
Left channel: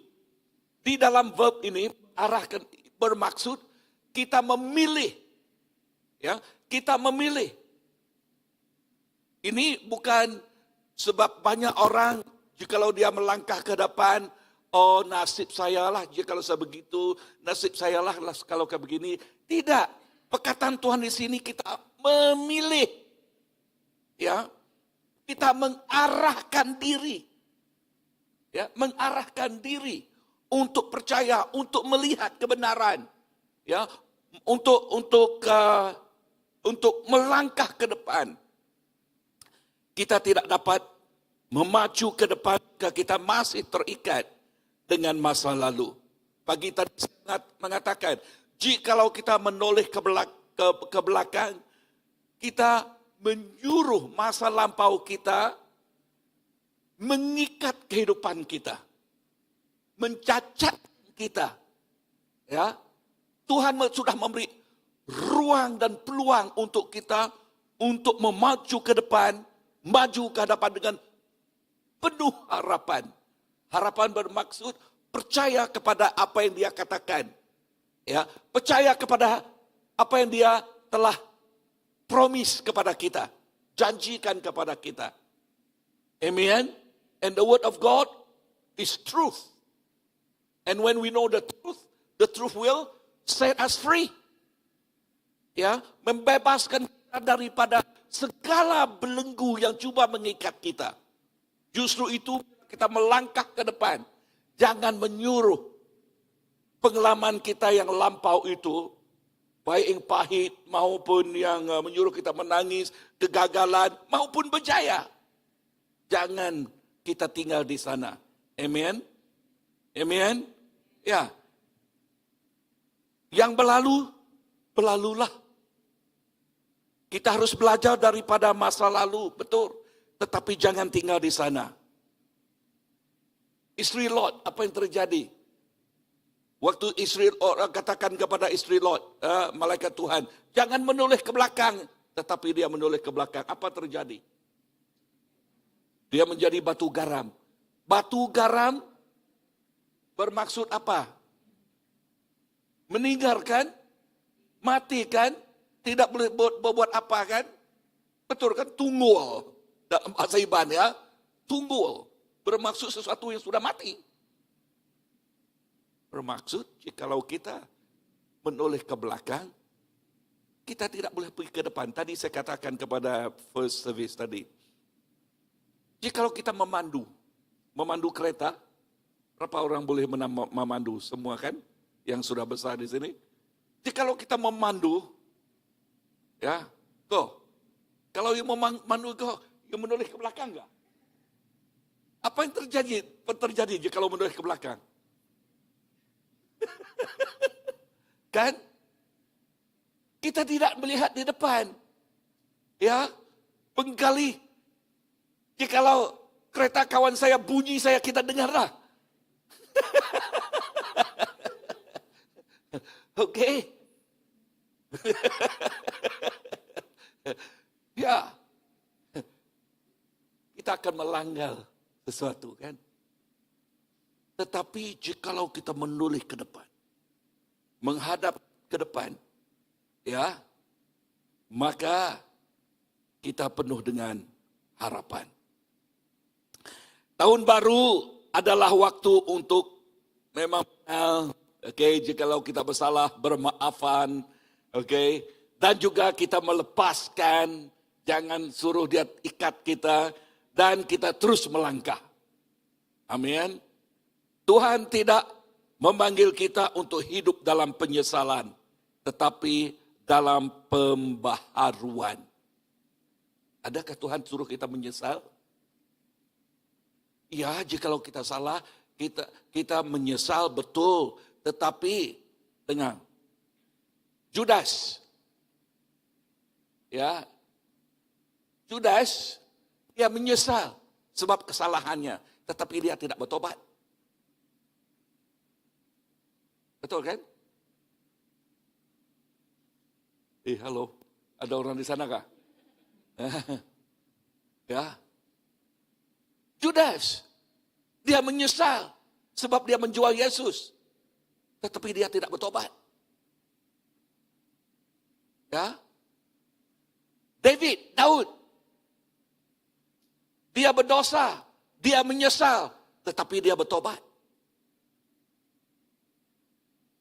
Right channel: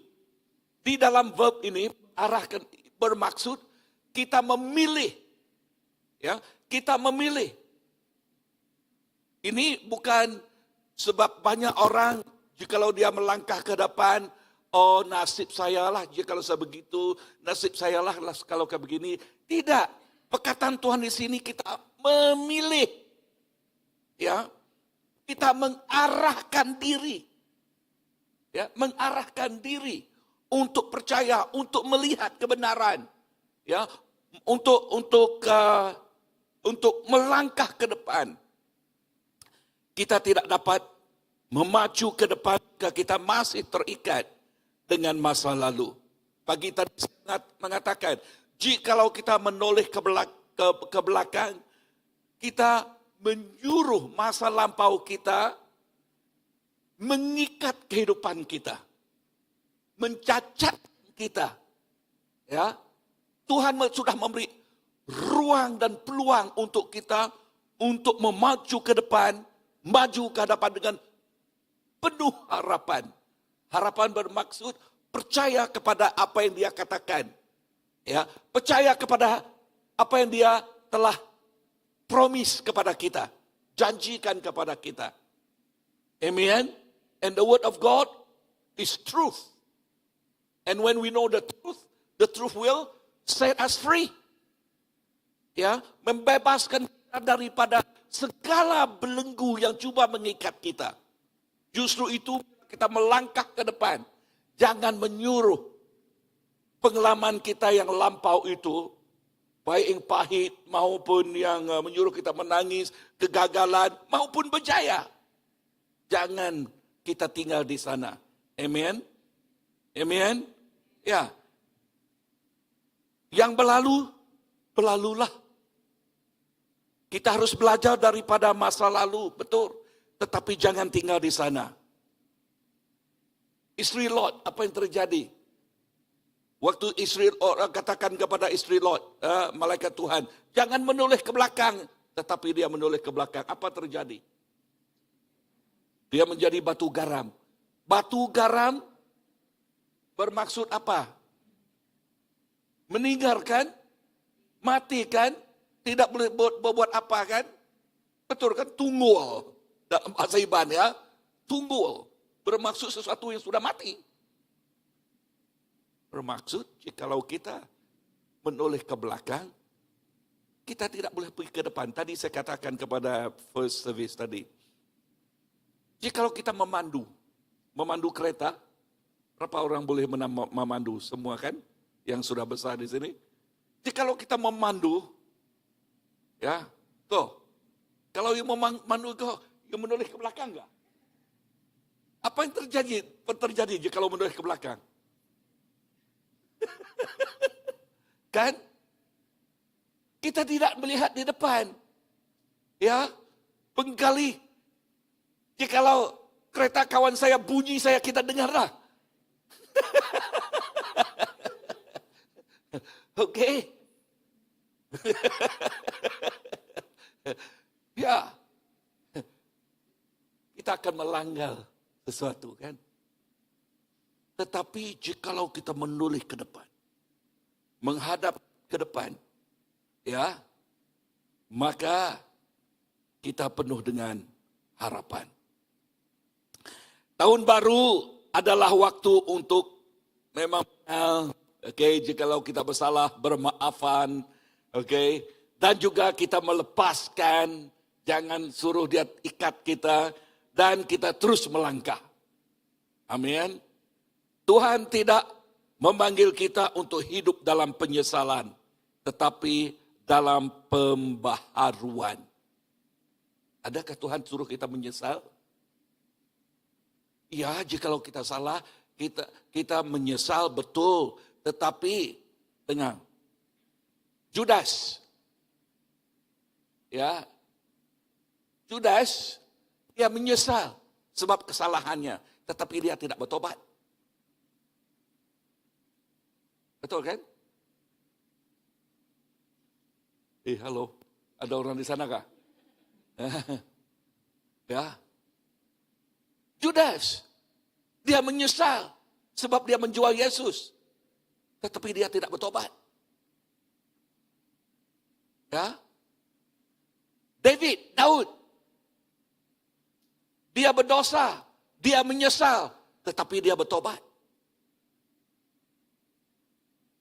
Di dalam verb ini, arahkan bermaksud kita memilih. Ya, kita memilih. Ini bukan sebab banyak orang jikalau dia melangkah ke depan, oh nasib saya lah jikalau saya begitu, nasib saya lah kalau kayak begini. Tidak. Perkataan Tuhan di sini kita memilih. Ya. Kita mengarahkan diri. Ya, mengarahkan diri untuk percaya, untuk melihat kebenaran. Ya, untuk melangkah ke depan. Kita tidak dapat memacu ke depan jika kita masih terikat dengan masa lalu. Pagi tadi sangat mengatakan, jikalau kita menoleh ke belakang, kita menyuruh masa lampau kita mengikat kehidupan kita, mencacat kita. Ya, Tuhan sudah memberi ruang dan peluang untuk kita untuk memacu ke depan, maju ke hadapan dengan penuh harapan. Harapan bermaksud percaya kepada apa yang dia katakan. Ya, percaya kepada apa yang dia telah promise kepada kita, janjikan kepada kita. Amen. And the word of God is truth. And when we know the truth will set us free. Ya, membebaskan kita daripada segala belenggu yang cuba mengikat kita. Justru itu kita melangkah ke depan. Jangan menyuruh pengalaman kita yang lampau itu, baik yang pahit maupun yang menyuruh kita menangis, kegagalan maupun berjaya. Jangan kita tinggal di sana. Amen. Amen. Ya. Yang berlalu, berlalulah. Kita harus belajar daripada masa lalu, betul. Tetapi jangan tinggal di sana. Istri Lot, apa yang terjadi? Waktu istri orang katakan kepada istri Lot, malaikat Tuhan, jangan menoleh ke belakang. Tetapi dia menoleh ke belakang. Apa terjadi? Dia menjadi batu garam. Batu garam bermaksud apa? Meninggalkan, matikan, tidak boleh berbuat apa kan? Betul kan? Tunggul. Dalam bahasa Iban ya. Tunggul. Bermaksud sesuatu yang sudah mati. Bermaksud jikalau kita menoleh ke belakang, kita tidak boleh pergi ke depan. Tadi saya katakan kepada first service tadi. Jikalau kita memandu kereta, berapa orang boleh memandu? Semua kan? Yang sudah besar di sini. Jikalau kita memandu, ya, tuh. Kalau yang memandu kau, yang menoleh ke belakang enggak? Apa yang terjadi jika menoleh ke belakang? Kan? Kita tidak melihat di depan. Ya, pengkali. Jikalau kereta kawan saya bunyi, kita dengarlah. Oke. Ya. Kita akan melanggar sesuatu kan. Tetapi jikalau kita menoleh ke depan, menghadap ke depan, ya, maka kita penuh dengan harapan. Tahun baru adalah waktu untuk memang jikalau kita bersalah, bermaafan, dan juga kita melepaskan, jangan suruh dia ikat kita, dan kita terus melangkah. Amin. Tuhan tidak memanggil kita untuk hidup dalam penyesalan, tetapi dalam pembaharuan. Adakah Tuhan suruh kita menyesal? Ya, jikalau kita salah, kita menyesal betul. Tetapi dengan Judas, ya, Judas, dia menyesal sebab kesalahannya, tetapi dia tidak bertobat. Betul kan? Halo, ada orang di sana kah? Ya, Judas, dia menyesal sebab dia menjual Yesus, tetapi dia tidak bertobat. Ya, Daud, dia berdosa, dia menyesal, tetapi dia bertobat.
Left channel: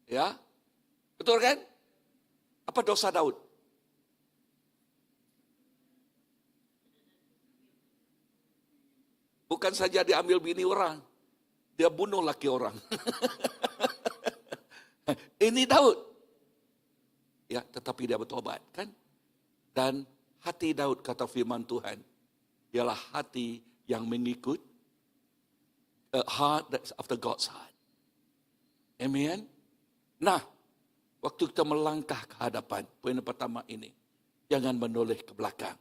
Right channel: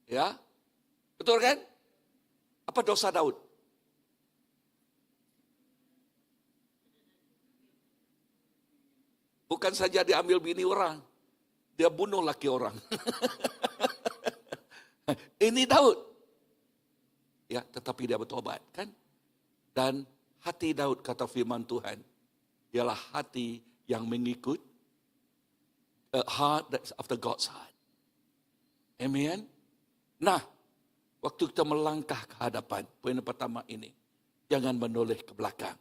Ya, betul kan? Apa dosa Daud? Bukan saja dia ambil bini orang, dia bunuh laki orang. Ini Daud. Ya, tetapi dia bertobat kan? Dan hati Daud, kata firman Tuhan, ialah hati yang mengikut, a heart that's after God's heart. Amen. Nah, waktu kita melangkah ke hadapan, poin pertama ini, jangan menoleh ke belakang.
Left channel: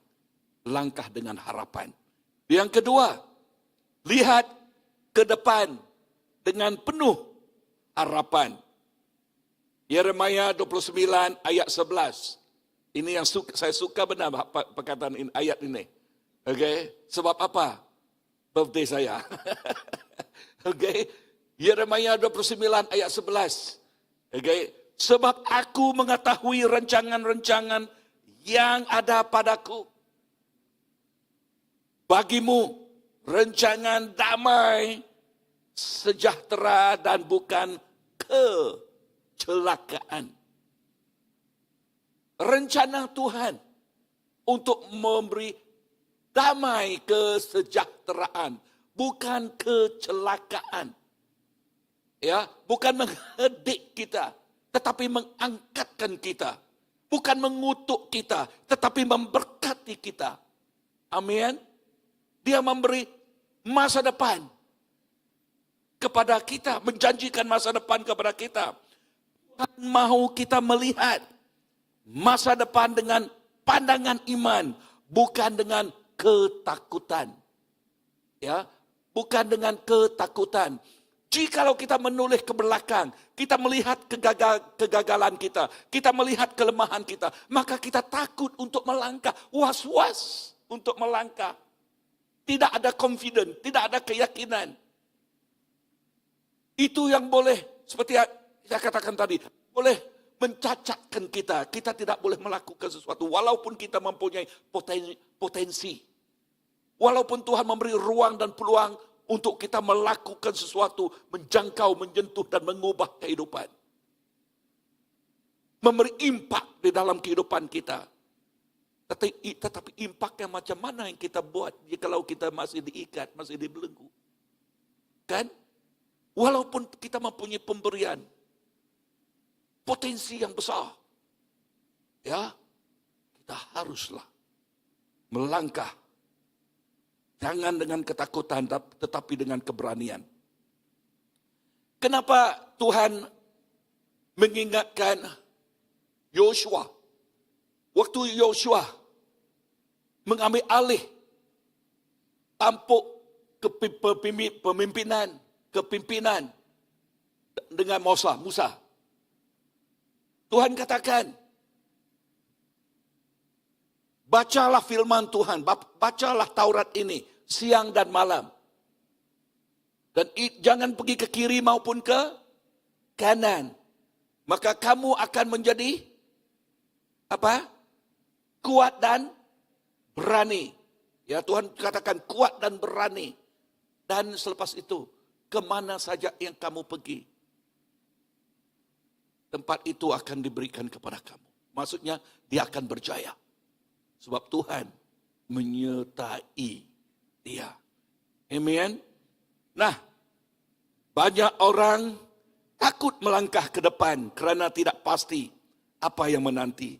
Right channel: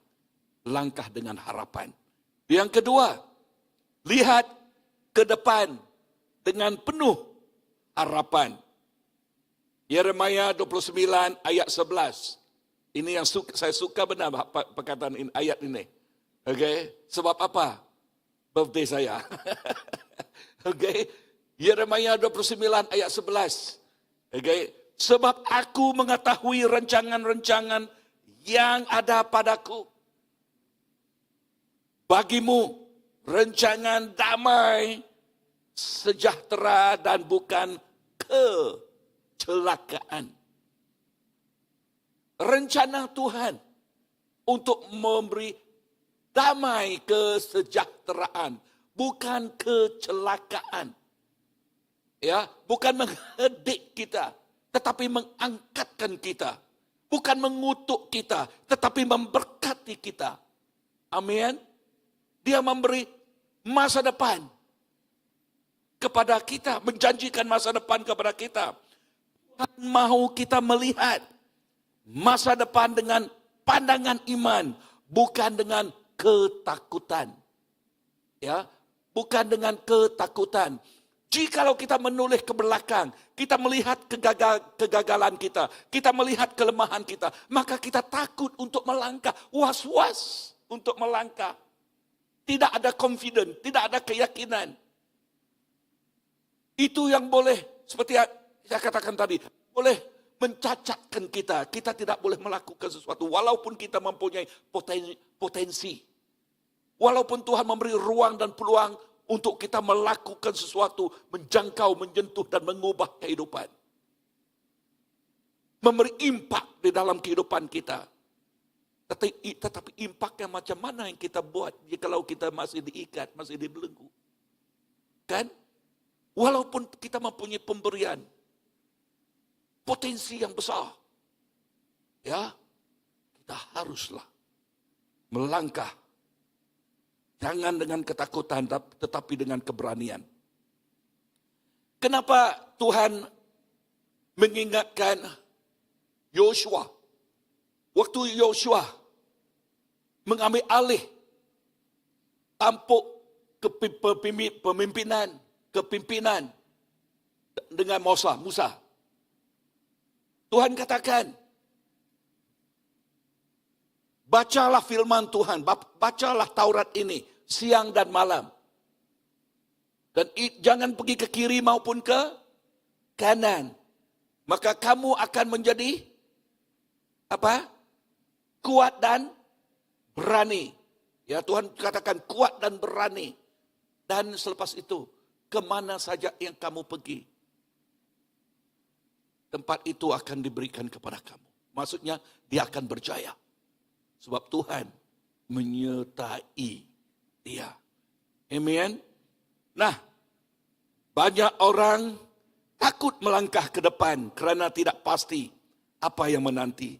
Langkah dengan harapan. Yang kedua, lihat ke depan dengan penuh harapan. Yeremia 29 ayat 11. Ini yang saya suka benar perkataan ini, ayat ini. Sebab apa? Birthday saya. Yeremia 29 ayat 11. Sebab aku mengetahui rancangan-rancangan yang ada padaku. Bagimu rancangan damai, sejahtera dan bukan kecelakaan. Rencana Tuhan untuk memberi damai, kesejahteraan, bukan kecelakaan. Ya, bukan menghedik kita, tetapi mengangkatkan kita. Bukan mengutuk kita, tetapi memberkati kita. Amin. Dia memberi masa depan kepada kita, menjanjikan masa depan kepada kita. Tuhan mahu kita melihat masa depan dengan pandangan iman, bukan dengan ketakutan. Ya, bukan dengan ketakutan. Jikalau kita menoleh ke belakang, kita melihat kegagalan kita, kita melihat kelemahan kita, maka kita takut untuk melangkah, was-was untuk melangkah. Tidak ada confidence, tidak ada keyakinan. Itu yang boleh, seperti saya katakan tadi, boleh mencacatkan kita. Kita tidak boleh melakukan sesuatu, walaupun kita mempunyai potensi. Walaupun Tuhan memberi ruang dan peluang untuk kita melakukan sesuatu, menjangkau, menyentuh, dan mengubah kehidupan. Memberi impak di dalam kehidupan kita. Tetapi impaknya macam mana yang kita buat jikalau kita masih diikat, masih dibelenggu. Kan? Walaupun kita mempunyai pemberian, potensi yang besar. Ya, kita haruslah melangkah. Jangan dengan ketakutan, tetapi dengan keberanian. Kenapa Tuhan mengingatkan Yosua? Waktu Yosua mengambil alih tampuk kepimpinan dengan Musa. Tuhan katakan, bacalah firman Tuhan, bacalah Taurat ini siang dan malam. Dan jangan pergi ke kiri maupun ke kanan. Maka kamu akan menjadi apa? Kuat dan berani. Ya, Tuhan katakan kuat dan berani. Dan selepas itu, kemana saja yang kamu pergi, tempat itu akan diberikan kepada kamu. Maksudnya, dia akan berjaya. Sebab Tuhan menyertai dia. Amen. Nah, banyak orang takut melangkah ke depan kerana tidak pasti apa yang menanti.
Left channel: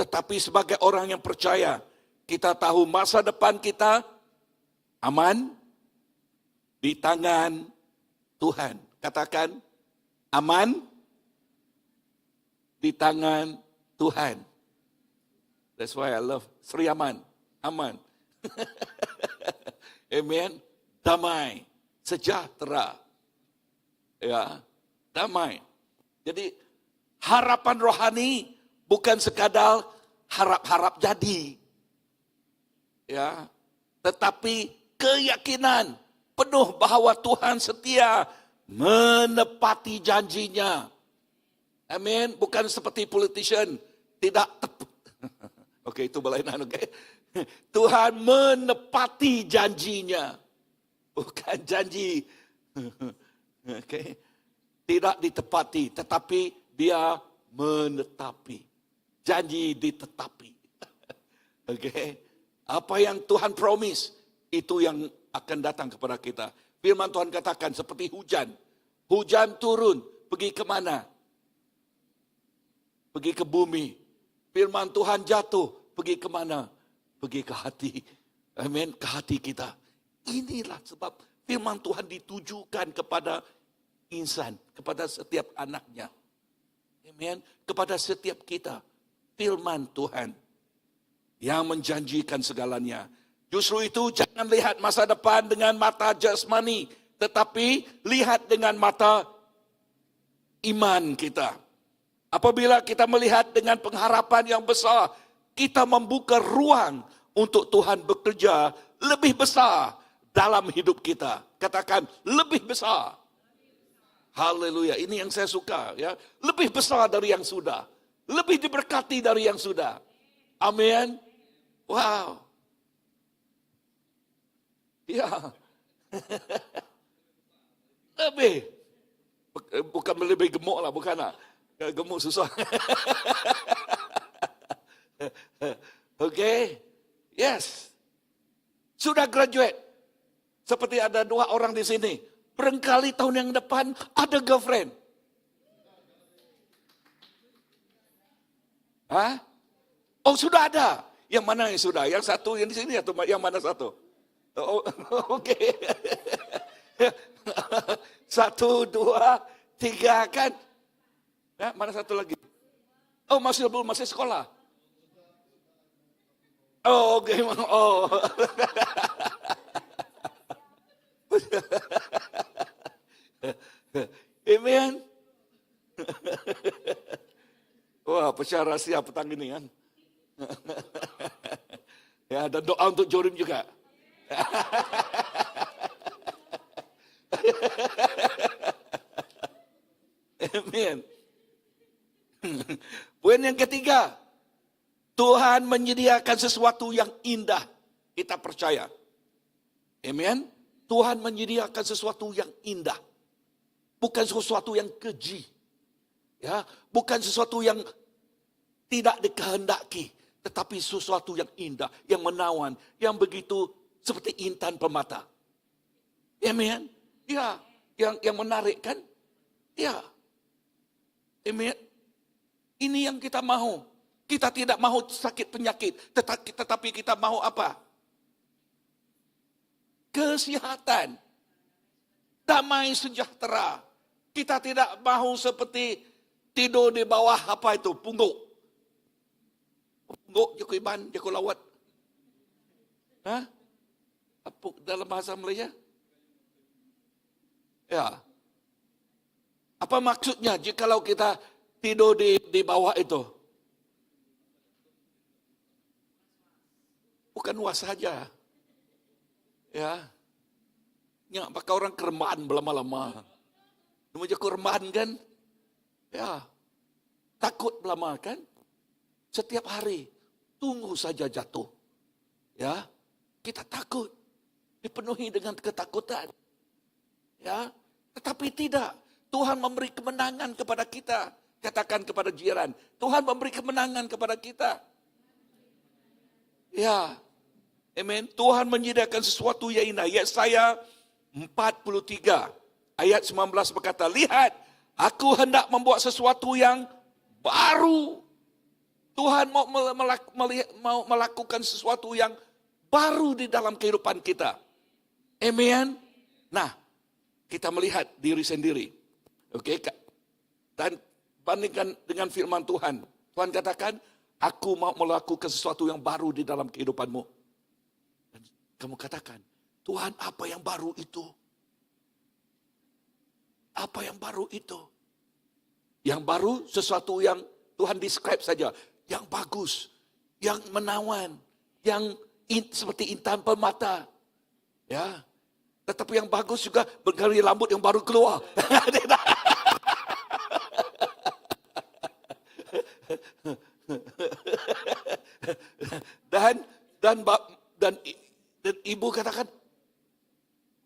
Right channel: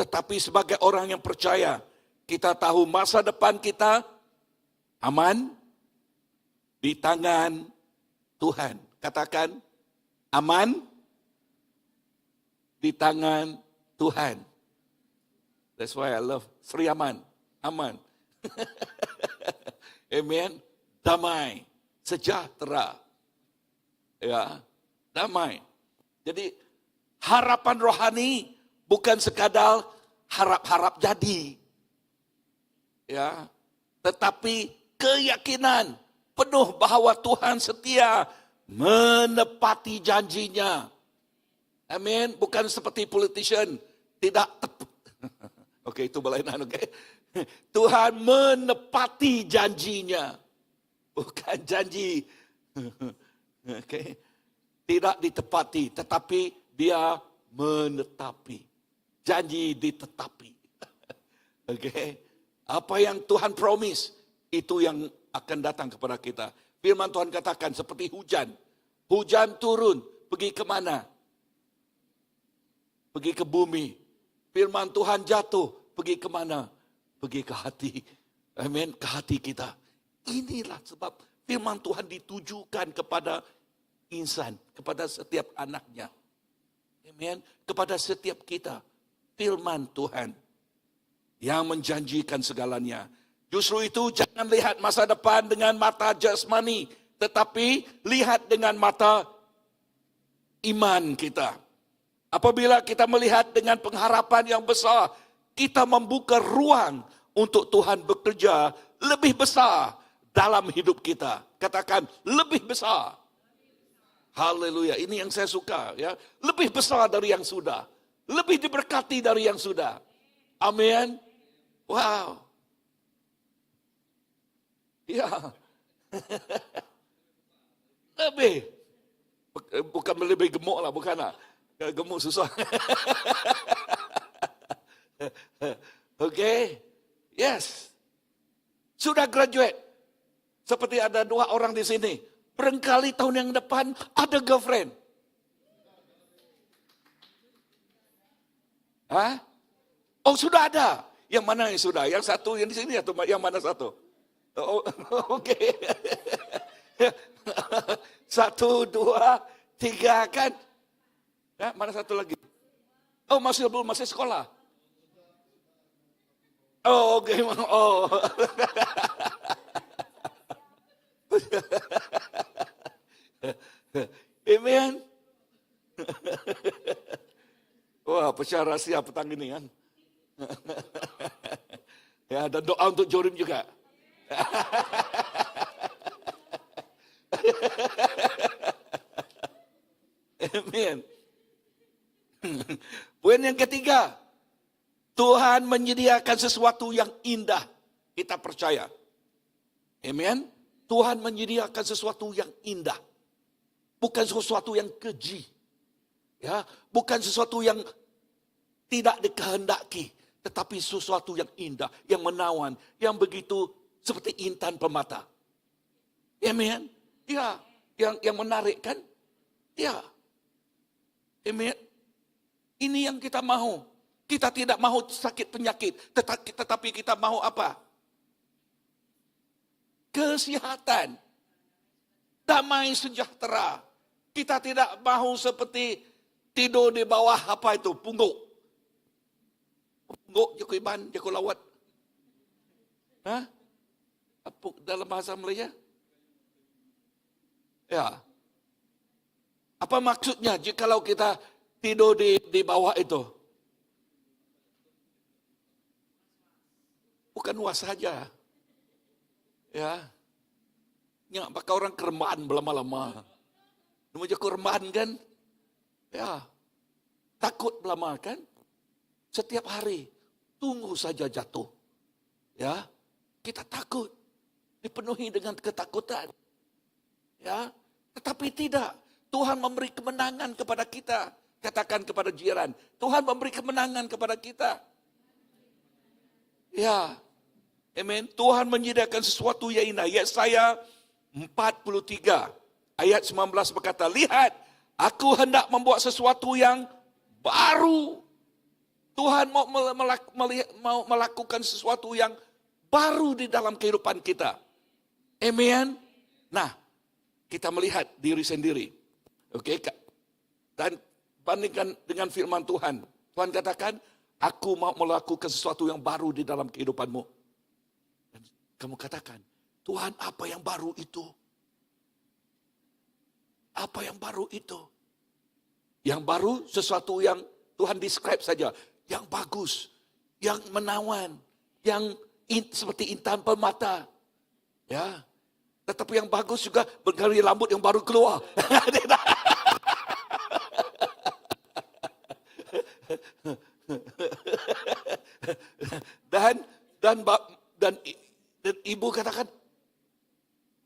Tetapi sebagai orang yang percaya, kita tahu masa depan kita aman di tangan Tuhan. Katakan, aman di tangan Tuhan. That's why I love Sri Aman. Aman. Amen. Damai, sejahtera. Ya, damai. Jadi harapan rohani bukan sekadar harap-harap jadi. Ya, tetapi keyakinan penuh bahawa Tuhan setia menepati janjinya. Amin. Bukan seperti politician tidak Okey, itu berlainan, okey. Tuhan menepati janjinya. Bukan janji. Okey. Tidak ditepati, tetapi dia menetapi. Janji ditetapi. Okey. Apa yang Tuhan promise, itu yang akan datang kepada kita. Firman Tuhan katakan seperti hujan. Hujan turun, pergi ke mana? Pergi ke bumi. Firman Tuhan jatuh, pergi ke mana? Pergi ke hati. Amin, ke hati kita. Inilah sebab firman Tuhan ditujukan kepada insan, kepada setiap anaknya. Amin, kepada setiap kita. Firman Tuhan yang menjanjikan segalanya. Justru itu jangan lihat masa depan dengan mata jasmani, tetapi lihat dengan mata iman kita. Apabila kita melihat dengan pengharapan yang besar, kita membuka ruang untuk Tuhan bekerja lebih besar dalam hidup kita. Katakan, lebih besar. Haleluya, ini yang saya suka. Ya, lebih besar dari yang sudah. Lebih diberkati dari yang sudah. Amin. Wow. Ya. Lebih. Bukan lebih gemuk lah, bukan lah. Gemuk susah. Okay. Yes. Sudah graduate. Seperti ada 2 orang di sini. Barangkali tahun yang depan ada girlfriend. Hah? Oh, sudah ada. Yang mana yang sudah? Yang satu yang di sini atau yang mana satu? Oh, okay. 1, 2, 3 kan? Ya, mana satu lagi? Oh, masih sekolah. Oh, okay. Oh. Amen. Wah, pecah rahsia petang ini kan. Ya, dan doa untuk Jorim juga. Amen. Poin yang ketiga, Tuhan menyediakan sesuatu yang indah. Kita percaya. Amen. Tuhan menyediakan sesuatu yang indah. Bukan sesuatu yang keji. Ya, bukan sesuatu yang tidak dikehendaki, tetapi sesuatu yang indah, yang menawan, yang begitu seperti intan permata. Amen. Ya, yang menarik kan? Ya. Amen. Ini yang kita mahu. Kita tidak mahu sakit penyakit, tetapi kita mahu apa? Kesehatan. Damai sejahtera. Kita tidak mahu seperti tidur di bawah apa itu? Pungguk. Pungguk, jaku iban, jaku lawat. Hah? Apa dalam bahasa Melayu? Ya. Apa maksudnya jikalau kita tidur di bawah itu? Bukan was saja. Ya. Ya, pakai orang kermaan belama-lama. Namanya kermaan kan? Ya. Takut belama kan? Setiap hari tunggu saja jatuh. Ya. Kita takut, dipenuhi dengan ketakutan. Ya, tetapi tidak. Tuhan memberi kemenangan kepada kita. Katakan kepada jiran, Tuhan memberi kemenangan kepada kita. Ya, amen. Tuhan menyediakan sesuatu yang indah. Yesaya 43 ayat 19 berkata, lihat, aku hendak membuat sesuatu yang baru. Tuhan mau melakukan sesuatu yang baru di dalam kehidupan kita. Amen. Nah, kita melihat diri sendiri. Oke, dan bandingkan dengan firman Tuhan. Tuhan katakan, aku mau melakukan sesuatu yang baru di dalam kehidupanmu. Dan kamu katakan, Tuhan, apa yang baru itu? Apa yang baru itu? Yang baru sesuatu yang Tuhan describe saja. Yang bagus, yang menawan, yang seperti intan permata. Ya. Tetapi yang bagus juga bergari rambut yang baru keluar. dan ibu katakan,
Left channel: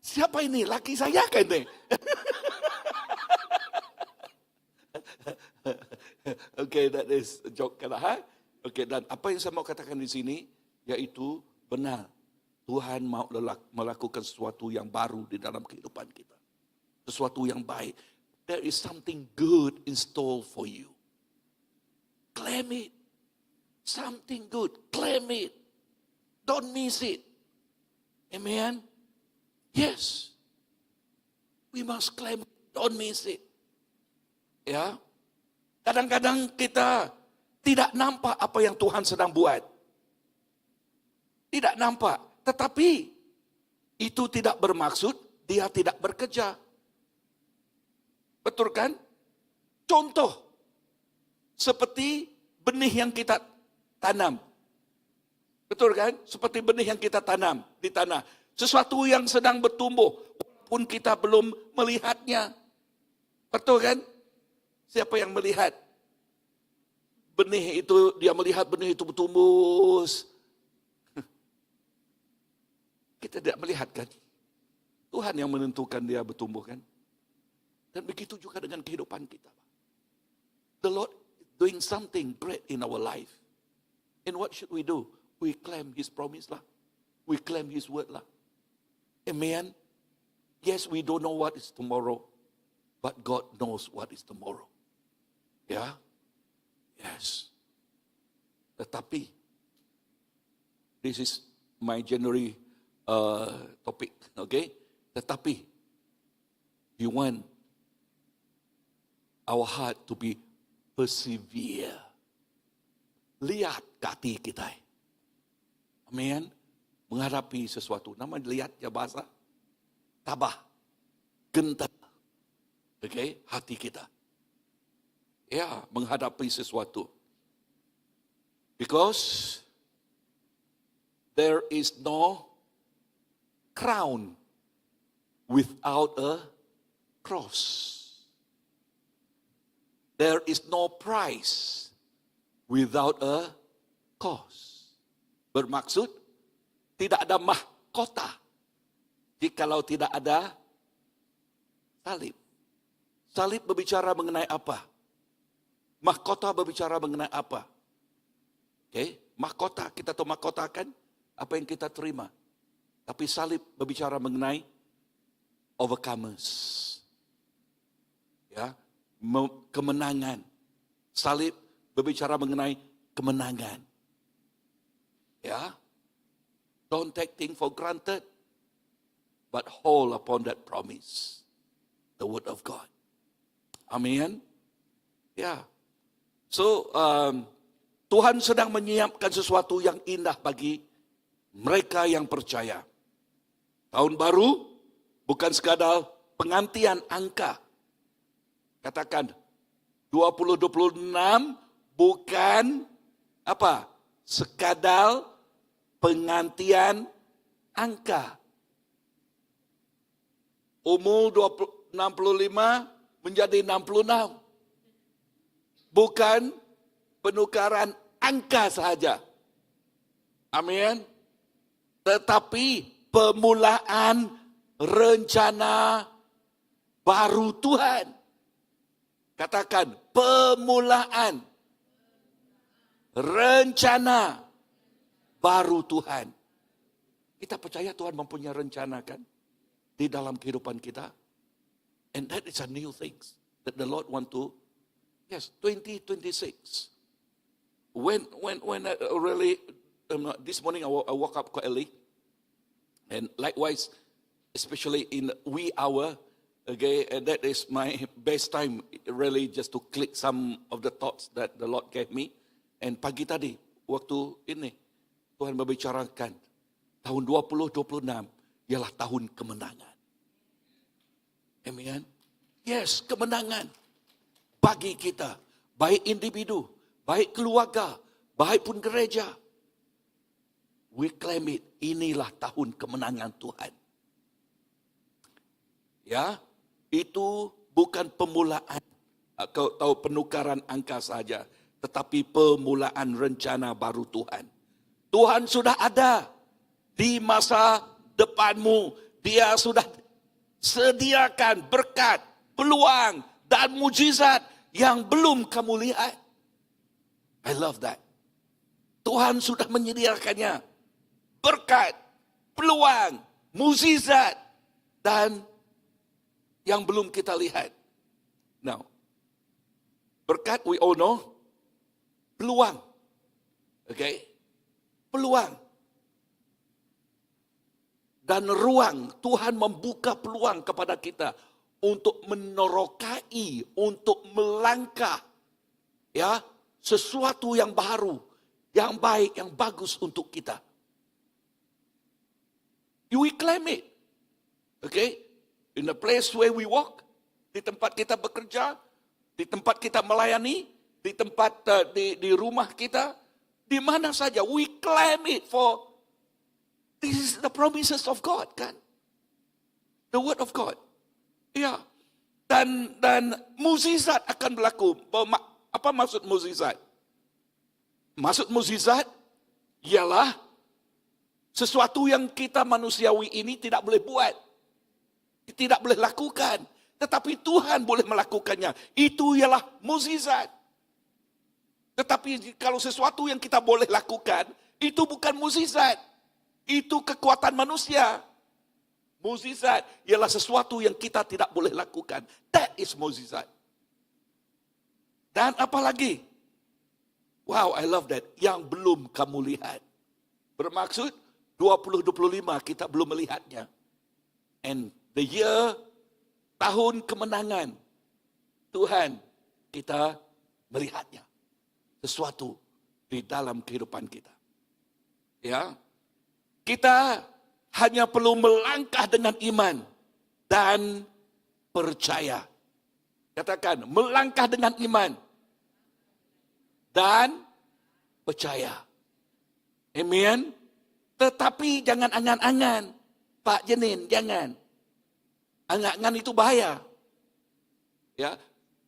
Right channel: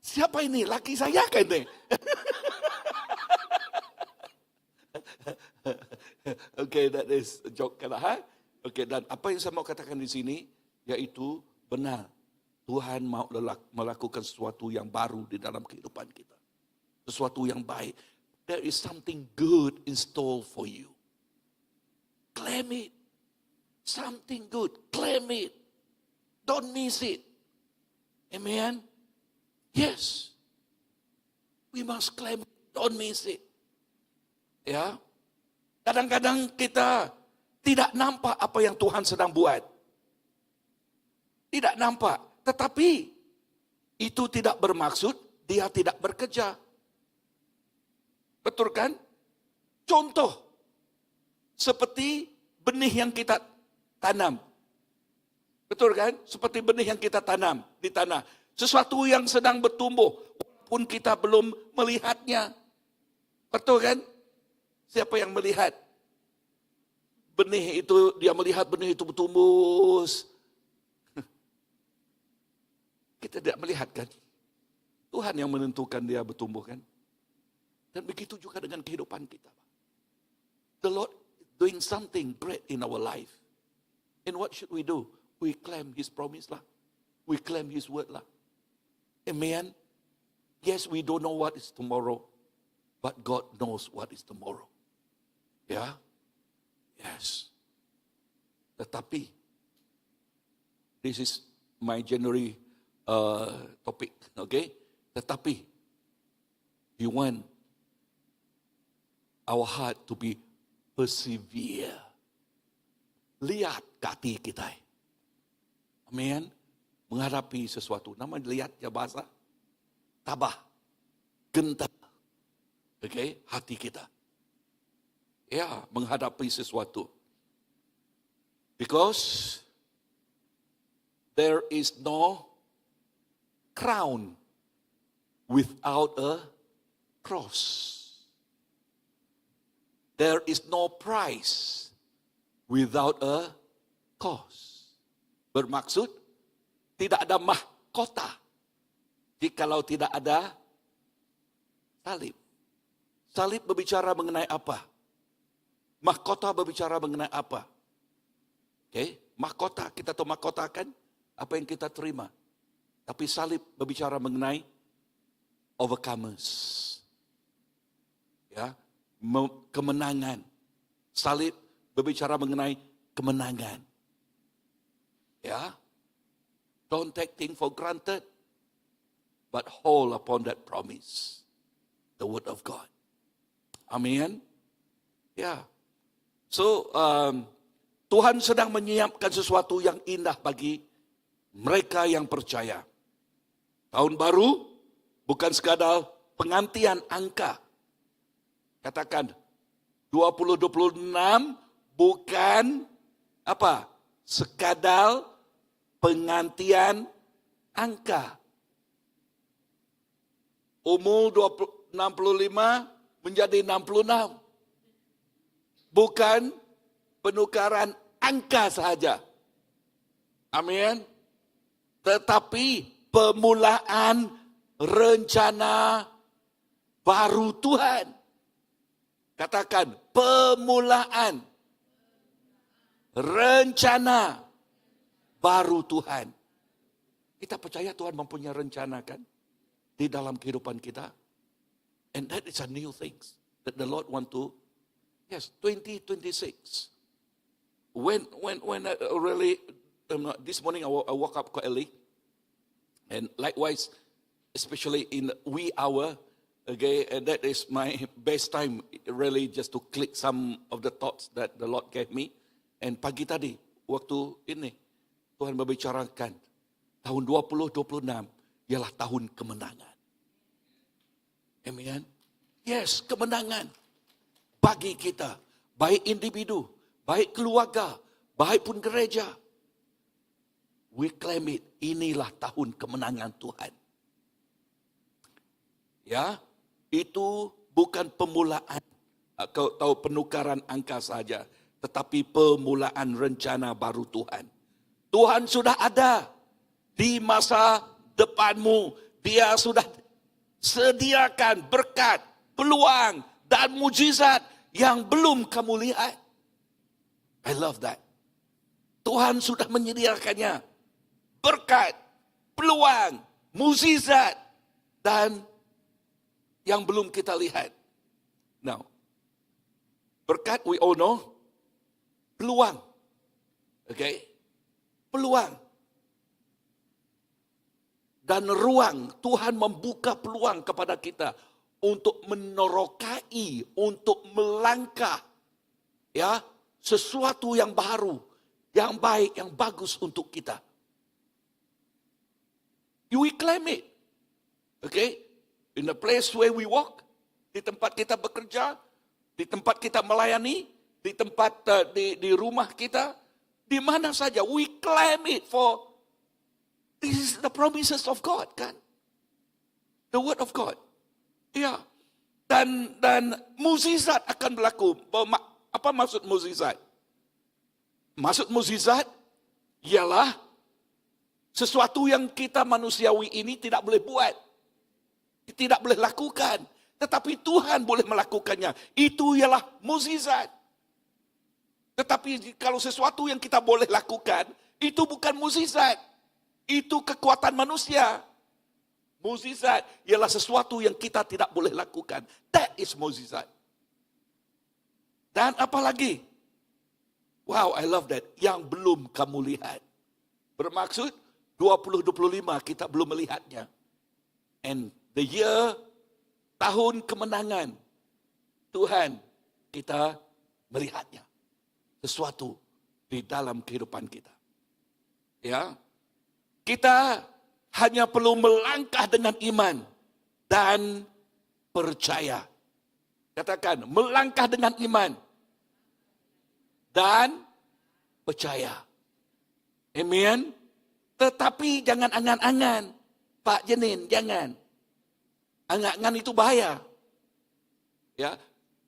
siapa ini? Laki saya kan ini? Okay, that is a joke kan? Okay, dan apa yang saya mau katakan di sini, yaitu benar. Tuhan mau melakukan sesuatu yang baru di dalam kehidupan kita. Sesuatu yang baik. There is something good in store for you. Claim it. Something good. Claim it. Don't miss it. Amen. Yes. We must claim it. Don't miss it. Ya. Kadang-kadang kita tidak nampak apa yang Tuhan sedang buat. Tidak nampak. Tetapi itu tidak bermaksud dia tidak bekerja. Betul kan? Contoh. Seperti benih yang kita tanam. Betul kan? Seperti benih yang kita tanam di tanah. Sesuatu yang sedang bertumbuh. Walaupun kita belum melihatnya. Betul kan? Siapa yang melihat? Benih itu, dia melihat benih itu bertumbuh. Kita tidak melihat kan? Tuhan yang menentukan dia bertumbuh kan? Dan begitu juga dengan kehidupan kita. The Lord doing something great in our life. And what should we do? We claim His promise lah. We claim His word lah. Amen. Yes, we don't know what is tomorrow. But God knows what is tomorrow. Ya. Yes. Tetapi, this is my January topik, okay? Tetapi, we want our heart to be persevere. Lihat hati kita. Amen. Menghadapi sesuatu. Nama lihat ya bahasa. Tabah. Gentar. Okay? Hati kita. Ya, menghadapi sesuatu. Because there is no crown without a cross. There is no prize without a cost. Bermaksud, tidak ada mahkota jikalau tidak ada salib. Salib berbicara mengenai apa? Mahkota berbicara mengenai apa? Okay? Mahkota, kita tahu mahkota kan? Apa yang kita terima. Tapi salib berbicara mengenai overcomers. Ya, kemenangan. Salib berbicara mengenai kemenangan. Ya. Don't take things for granted, but hold upon that promise. The word of God. Amin. Ya. So, Tuhan sedang menyiapkan sesuatu yang indah bagi mereka yang percaya. Tahun baru bukan sekadar pengantian angka. Katakan 2026 bukan apa? Sekadar pengantian angka. Umur 65 menjadi 66. Bukan penukaran angka sahaja. Amin. tetapi pemulaan rencana baru Tuhan. Katakan, pemulaan rencana baru Tuhan. Kita percaya Tuhan mempunyai rencana kan di dalam kehidupan kita. And that is a new thing that the Lord want to. Yes, 2026. When I really this morning I woke up quite early, and likewise, especially in wee hour, okay, that is my best time really just to click some of the thoughts that the Lord gave me. And pagi tadi waktu ini Tuhan membicarakan tahun 2026 ialah tahun kemenangan. Amen. Yes, kemenangan bagi kita, baik individu, baik keluarga, baik pun gereja. We claim it. Inilah tahun kemenangan Tuhan. Ya, itu bukan pemulaan atau penukaran angka saja, tetapi pemulaan rencana baru Tuhan. Tuhan sudah ada di masa depanmu. Dia sudah sediakan berkat, peluang, dan mujizat yang belum kamu lihat. I love that. Tuhan sudah menyediakannya. Berkat, peluang, mujizat, dan yang belum kita lihat. Now, berkat we all know. Peluang. Okay? Peluang. Dan ruang. Tuhan membuka peluang kepada kita untuk menerokai, untuk melangkah. Ya, sesuatu yang baru, yang baik, yang bagus untuk kita. We claim it. Okay? In the place where we walk, di tempat kita bekerja, di tempat kita melayani, di tempat di rumah kita, di mana saja, we claim it for this is the promises of God, kan? The word of God. Ya. Dan mukjizat akan berlaku. Apa maksud mukjizat? Maksud mukjizat ialah sesuatu yang kita manusiawi ini tidak boleh buat. Tidak boleh lakukan. Tetapi Tuhan boleh melakukannya. Itu ialah mukjizat. Tetapi kalau sesuatu yang kita boleh lakukan, itu bukan mukjizat. Itu kekuatan manusia. Mukjizat ialah sesuatu yang kita tidak boleh lakukan. That is mukjizat. Dan apalagi? Wow, I love that. Yang belum kamu lihat. Bermaksud 2025 kita belum melihatnya. And the year, tahun kemenangan Tuhan, kita melihatnya. Sesuatu di dalam kehidupan kita. Ya. Kita hanya perlu melangkah dengan iman dan percaya. Katakan, melangkah dengan iman dan percaya. Amen. Tetapi jangan angan-angan. Pak Jenin, jangan. Angan-angan itu bahaya. Ya,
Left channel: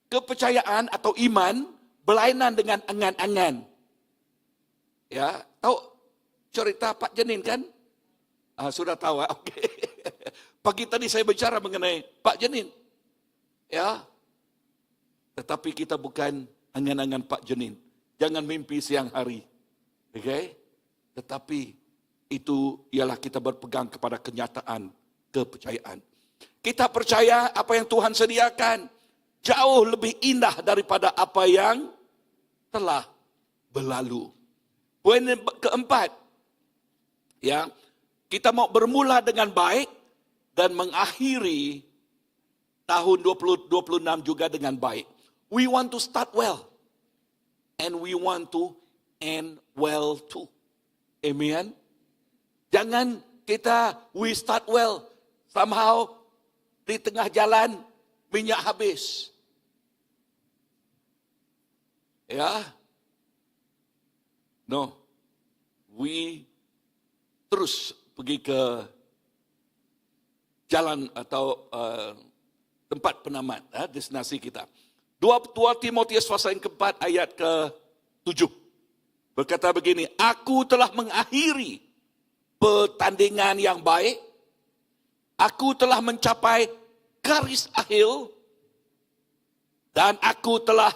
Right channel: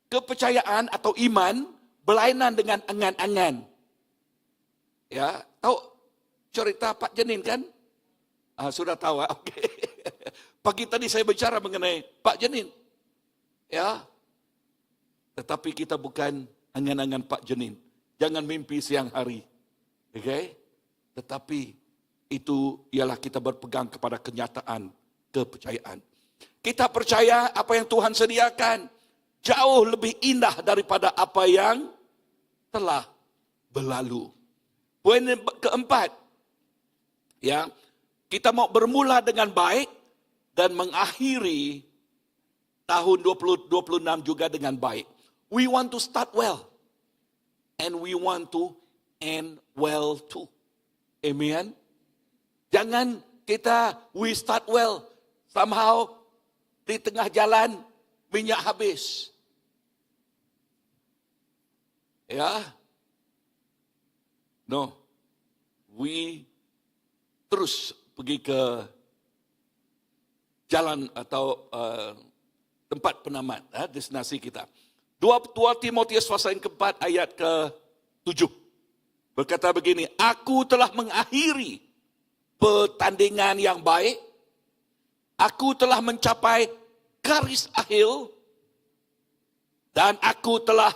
kepercayaan atau iman berlainan dengan angan-angan. Ya, tahu cerita Pak Jenin kan? Sudah tahu, oke. Pagi tadi saya bicara mengenai Pak Jenin. Ya, tetapi kita bukan angan-angan Pak Jenin. Jangan mimpi siang hari. Oke? Tetapi itu ialah kita berpegang kepada kenyataan kepercayaan. Kita percaya apa yang Tuhan sediakan jauh lebih indah daripada apa yang telah berlalu. Poin keempat, ya, kita mau bermula dengan baik dan mengakhiri tahun 2026 juga dengan baik. We want to start well and we want to end well too. Amen. Jangan kita we start well, somehow di tengah jalan minyak habis. Ya. No. We terus pergi ke jalan atau tempat penamat, destinasi kita. 2 Timotius pasal yang keempat ayat ke-7. Berkata begini, aku telah mengakhiri pertandingan yang baik. Aku telah mencapai garis akhir dan aku telah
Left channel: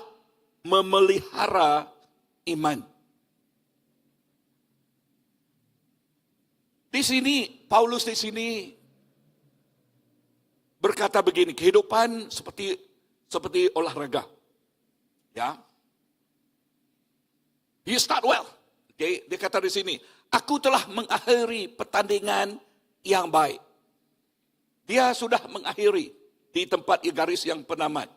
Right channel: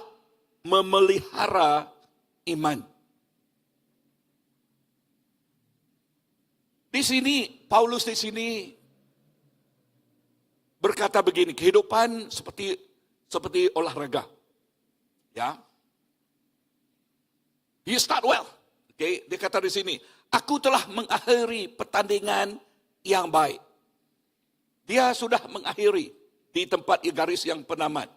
memelihara iman. Di sini, Paulus di sini berkata begini, kehidupan seperti olahraga. Ya. He start well. Okay, dia kata di sini, aku telah mengakhiri pertandingan yang baik. Dia sudah mengakhiri di tempat garis yang penamat.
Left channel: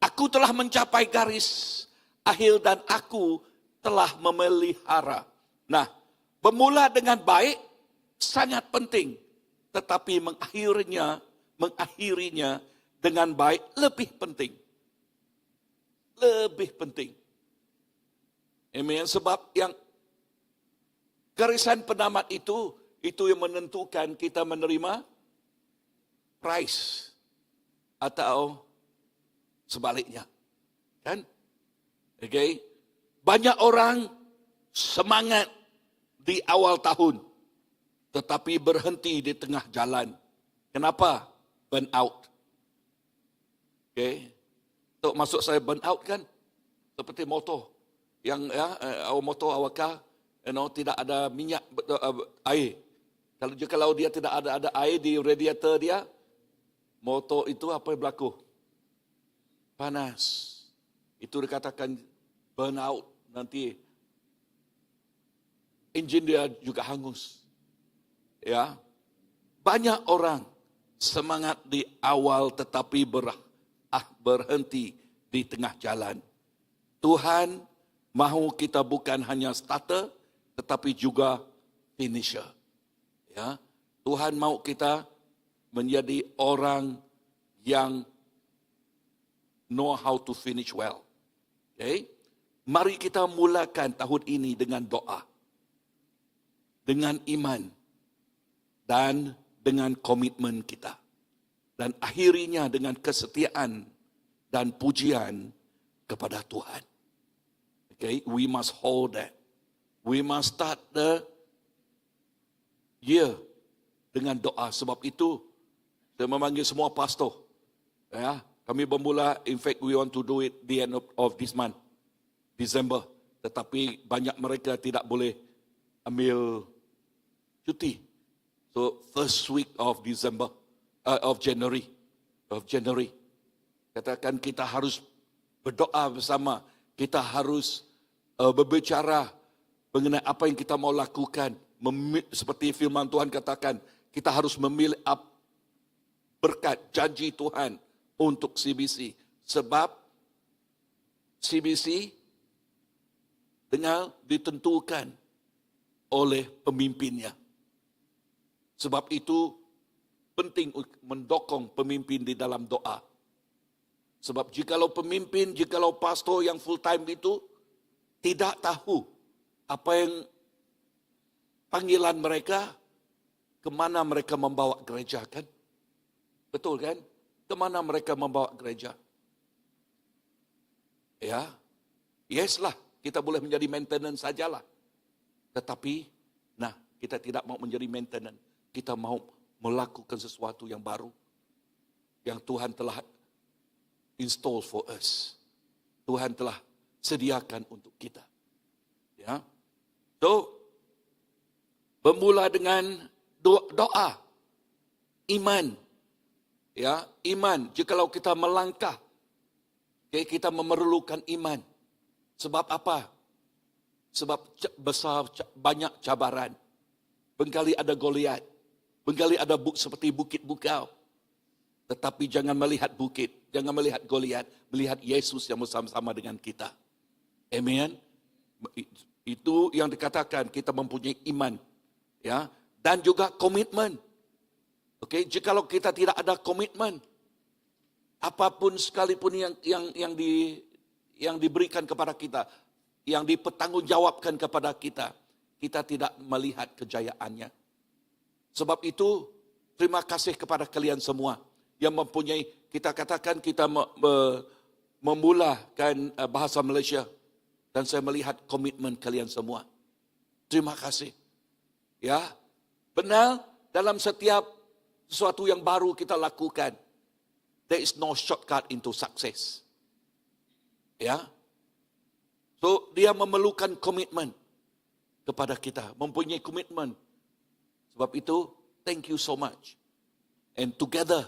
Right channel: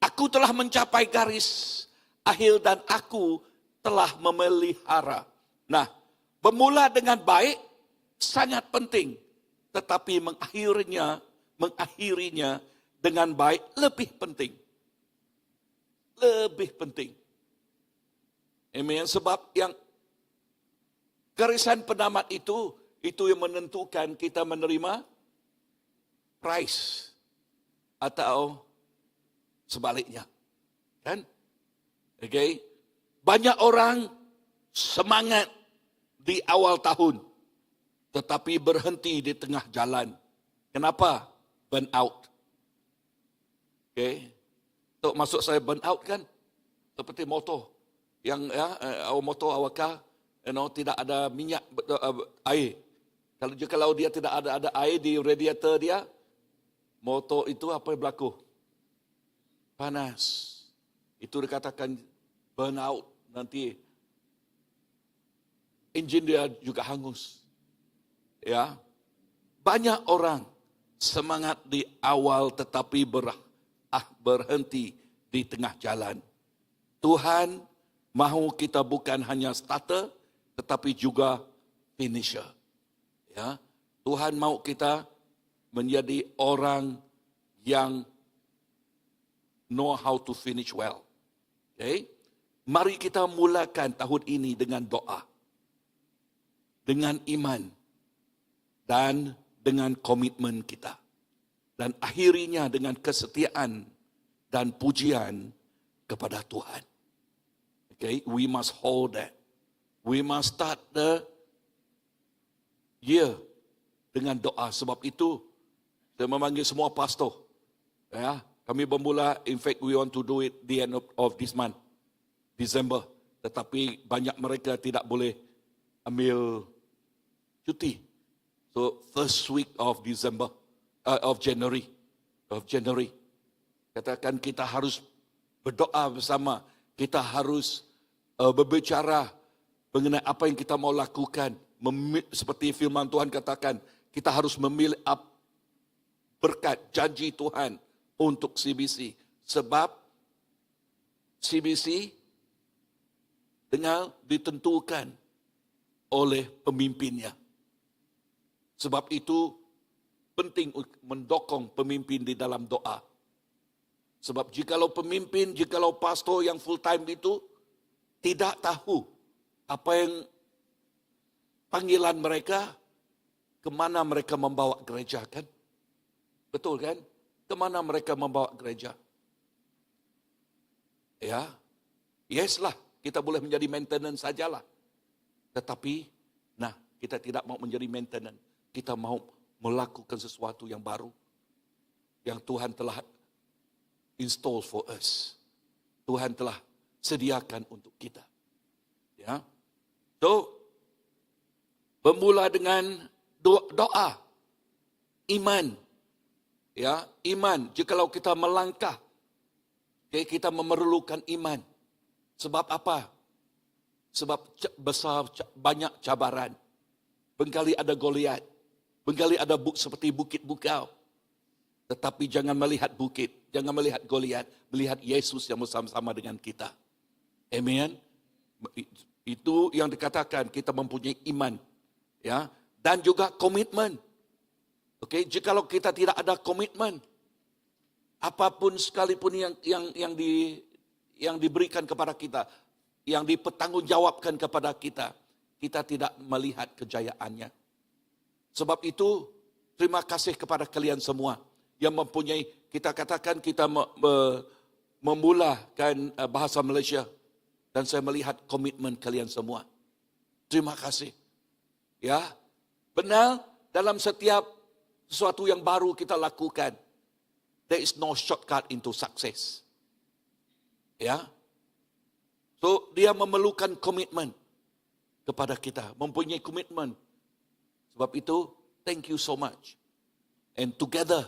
Aku telah mencapai garis akhir dan aku telah memelihara. Nah, bermula dengan baik sangat penting, tetapi mengakhirinya dengan baik lebih penting. Lebih penting. Amen. Sebab yang garisan penamat itu yang menentukan kita menerima prize atau sebaliknya. Kan? Okay. Banyak orang semangat di awal tahun, tetapi berhenti di tengah jalan. Kenapa? Burn out. Okay. Untuk masuk saya burn out kan? Seperti motor. Yang motor awak tidak ada minyak air. Kalau dia tidak ada air di radiator dia, motor itu apa yang berlaku? Panas. Itu dikatakan burn out. Nanti enjin dia juga hangus. Ya. Banyak orang semangat di awal tetapi berhenti di tengah jalan. Tuhan mahu kita bukan hanya starter tetapi juga finisher. Ya. Tuhan mahu kita menjadi orang yang know how to finish well. Okay? Mari kita mulakan tahun ini dengan doa, dengan iman, dan dengan komitmen kita. Dan akhirinya dengan kesetiaan dan pujian kepada Tuhan. Okay, we must hold that. We must start the year dengan doa. Sebab itu, saya memanggil semua pastor. Ya, kami bermula, in fact, we want to do it the end of this month, December. Tetapi banyak mereka tidak boleh ambil cuti. So, first week of December, of January. Katakan kita harus berdoa bersama. Kita harus berbicara mengenai apa yang kita mau lakukan. Seperti firman Tuhan katakan, kita harus memilih berkat janji Tuhan untuk CBC. Sebab CBC dengan ditentukan oleh pemimpinnya. Sebab itu penting mendokong pemimpin di dalam doa. Sebab jikalau pastor yang full time itu tidak tahu apa yang panggilan mereka, kemana mereka membawa gereja kan? Betul kan? Kemana mereka membawa gereja? Ya, yes lah, kita boleh menjadi maintenance sajalah. Tetapi, kita tidak mau menjadi maintenance. Kita mau melakukan sesuatu yang baru. Yang Tuhan telah install for us. Tuhan telah sediakan untuk kita. Ya. So, bermula dengan doa. Iman. Ya, iman. Jikalau kita melangkah, kita memerlukan iman. Sebab apa? Sebab banyak cabaran. Bengkali ada Goliat. Bengkali ada seperti bukit bukau. Tetapi jangan melihat bukit. Jangan melihat Goliat. Melihat Yesus yang bersama-sama dengan kita. Amen. Itu yang dikatakan kita mempunyai iman. Ya. Dan juga komitmen. Oke, jikalau kita tidak ada komitmen, apapun sekalipun yang diberikan kepada kita, yang dipertanggungjawabkan kepada kita, kita tidak melihat kejayaannya. Sebab itu, terima kasih kepada kalian semua yang mempunyai, kita katakan kita memulakan bahasa Malaysia, dan saya melihat komitmen kalian semua. Terima kasih. Ya, Benar, dalam setiap sesuatu yang baru kita lakukan, there is no shortcut into success. Ya. So, dia memerlukan komitmen kepada kita, mempunyai komitmen. Sebab itu, thank you so much. And together,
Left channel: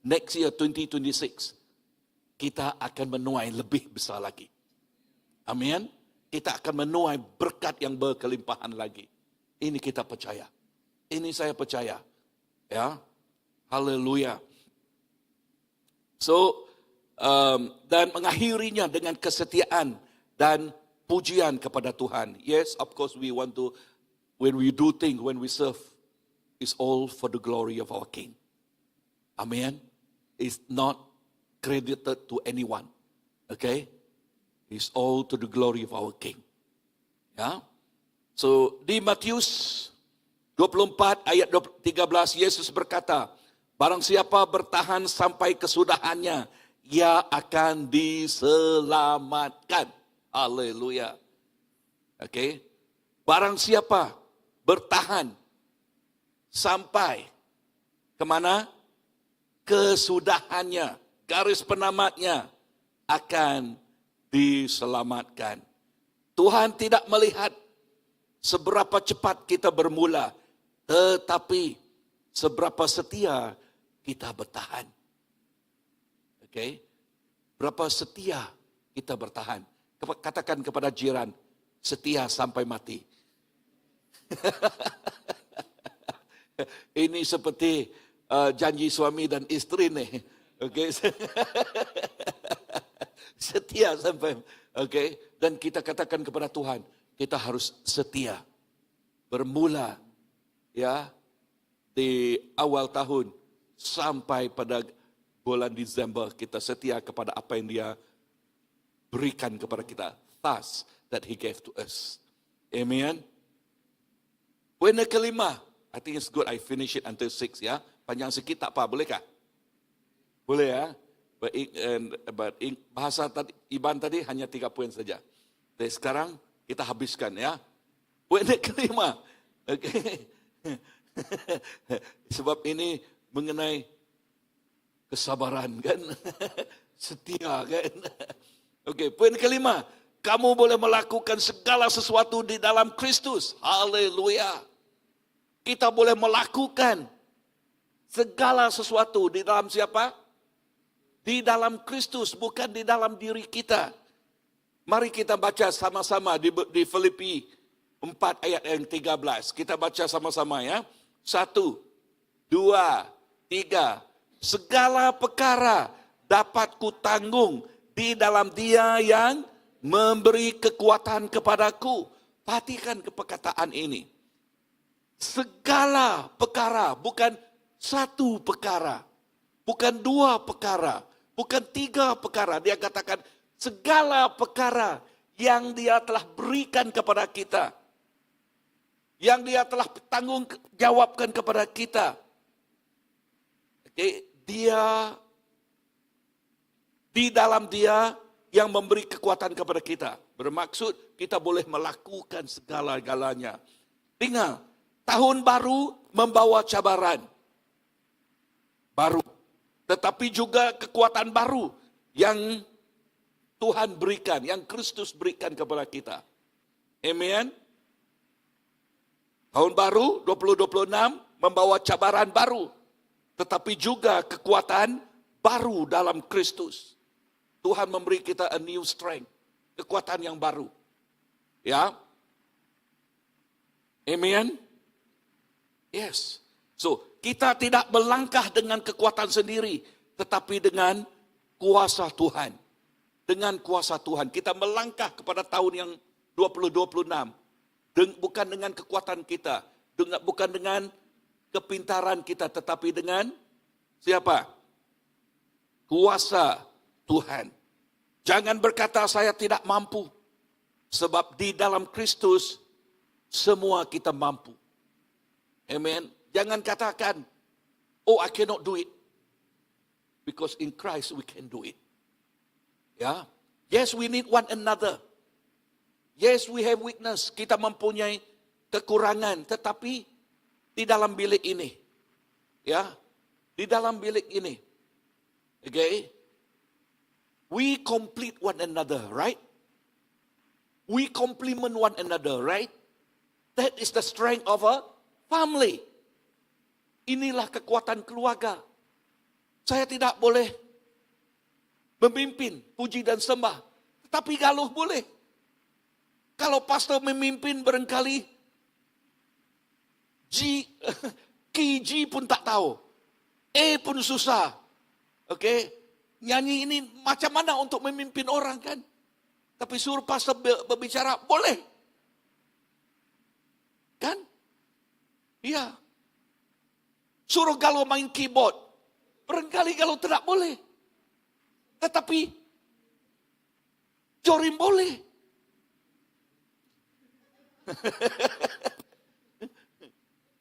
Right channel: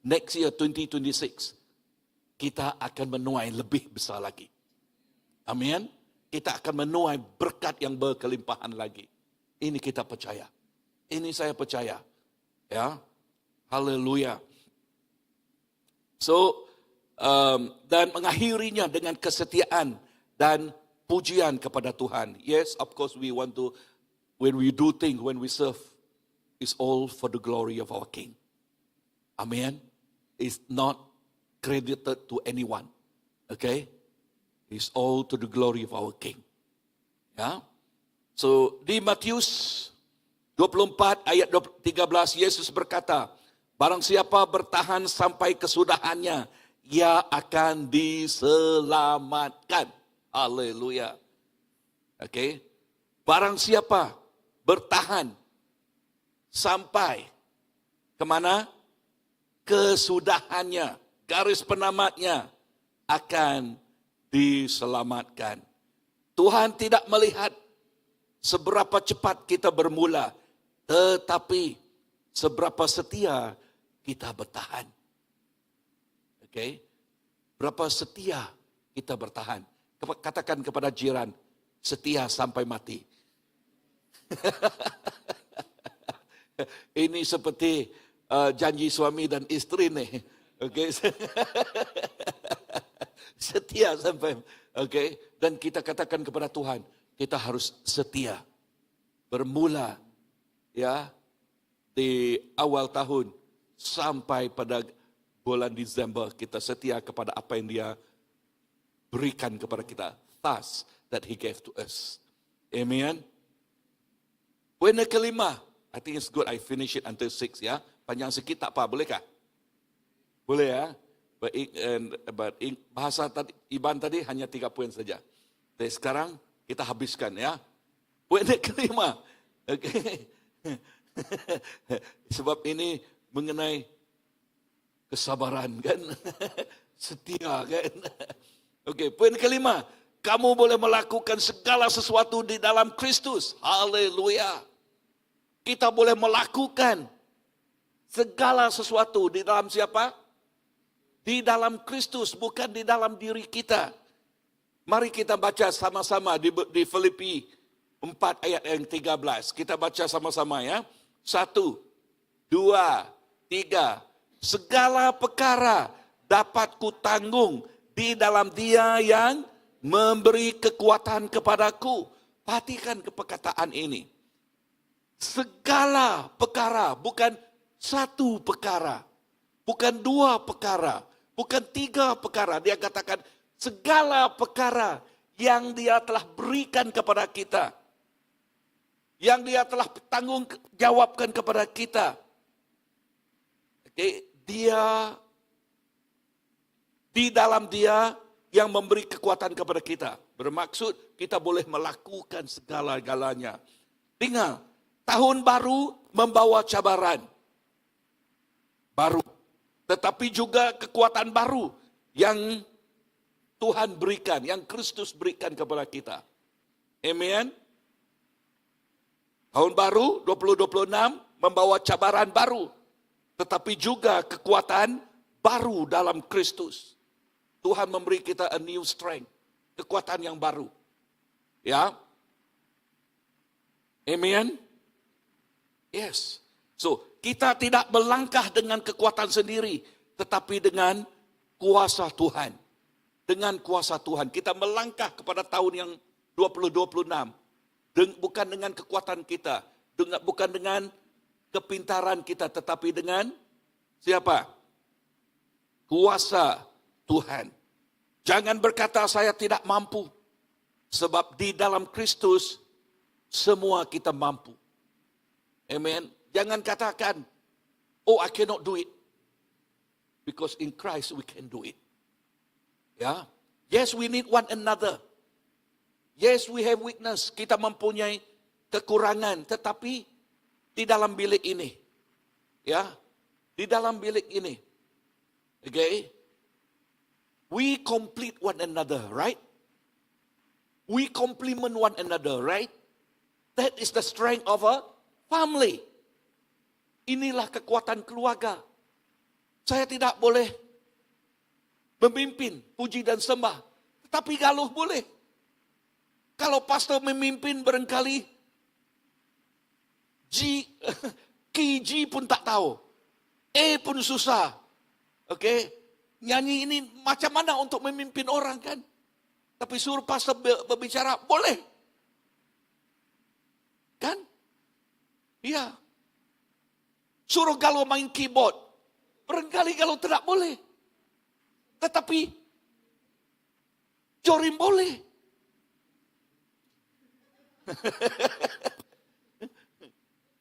next year 2026, kita akan menuai lebih besar lagi. Amin. Kita akan menuai berkat yang berkelimpahan lagi. Ini kita percaya. Ini saya percaya. Ya. Haleluya. So, dan mengakhirinya dengan kesetiaan dan pujian kepada Tuhan. Yes, of course we want to, when we do things, when we serve, it's all for the glory of our King. Amen. It's not credited to anyone. Okay? It's all to the glory of our King. Ya. So, di Matius 24 ayat 13, Yesus berkata, barang siapa bertahan sampai kesudahannya, ia akan diselamatkan. Haleluya. Okay? Barang siapa bertahan sampai kemana? Kesudahannya, garis penamatnya akan diselamatkan. Tuhan tidak melihat seberapa cepat kita bermula, tetapi seberapa setia kita bertahan. Okay? Berapa setia kita bertahan. Katakan kepada jiran, setia sampai mati. Ini seperti janji suami dan istri nih. Okay? Setia sampai, okay? Dan kita katakan kepada Tuhan, kita harus setia. Bermula ya di awal tahun sampai pada bulan Desember, kita setia kepada apa yang Dia berikan kepada kita. Thus that He gave to us. Amen. Poin kelima, I think it's good I finish it until 6 ya. Panjang sikit tak apa, bolehkah? Boleh ya. But bahasa tadi, Iban tadi hanya 3 poin saja. Jadi sekarang kita habiskan ya. Poin kelima. Okay. Sebab ini mengenai kesabaran kan. Setia kan. Okey, poin kelima. Kamu boleh melakukan segala sesuatu di dalam Kristus. Haleluya. Kita boleh melakukan segala sesuatu di dalam siapa? Di dalam Kristus, bukan di dalam diri kita. Mari kita baca sama-sama di Filipi 4 ayat yang 13. Kita baca sama-sama ya. 1, 2, 3. Segala perkara dapat kutanggung di dalam Dia yang memberi kekuatan kepadaku. Perhatikan perkataan ini. Segala perkara, bukan satu perkara, bukan 2 perkara, bukan 3 perkara. Dia katakan segala perkara yang Dia telah berikan kepada kita, yang Dia telah tanggung jawabkan kepada kita. Okay. Dia, di dalam Dia yang memberi kekuatan kepada kita. Bermaksud kita boleh melakukan segala-galanya. Ingat, tahun baru membawa cabaran baru. Tetapi juga kekuatan baru yang Tuhan berikan, yang Kristus berikan kepada kita. Amen. Tahun baru 2026 membawa cabaran baru. Tetapi juga kekuatan baru dalam Kristus. Tuhan memberi kita a new strength. Kekuatan yang baru. Ya. Amen. Yes. So, kita tidak melangkah dengan kekuatan sendiri. Tetapi dengan kuasa Tuhan. Dengan kuasa Tuhan. Kita melangkah kepada tahun yang 2026. Bukan dengan kekuatan kita. Bukan dengan kepintaran kita, tetapi dengan siapa? Kuasa Tuhan. Jangan berkata saya tidak mampu. Sebab di dalam Kristus semua kita mampu. Amen. Jangan katakan, oh I cannot do it. Because in Christ we can do it. Ya. Yes, we need one another. Yes, we have weakness. Kita mempunyai kekurangan. Tetapi di dalam bilik ini. Ya, di dalam bilik ini. Okay? We complete one another, right? We complement one another, right? That is the strength of a family. Inilah kekuatan keluarga. Saya tidak boleh memimpin puji dan sembah, tetapi galuh boleh. Kalau pastor memimpin barangkali G pun tak tahu. A pun susah. Okey, nyanyi ini macam mana untuk memimpin orang kan? Tapi suruh pastor berbicara, boleh. Kan? Iya. Suruh galau main keyboard. Barangkali galau tidak boleh. Tetapi Jorim boleh.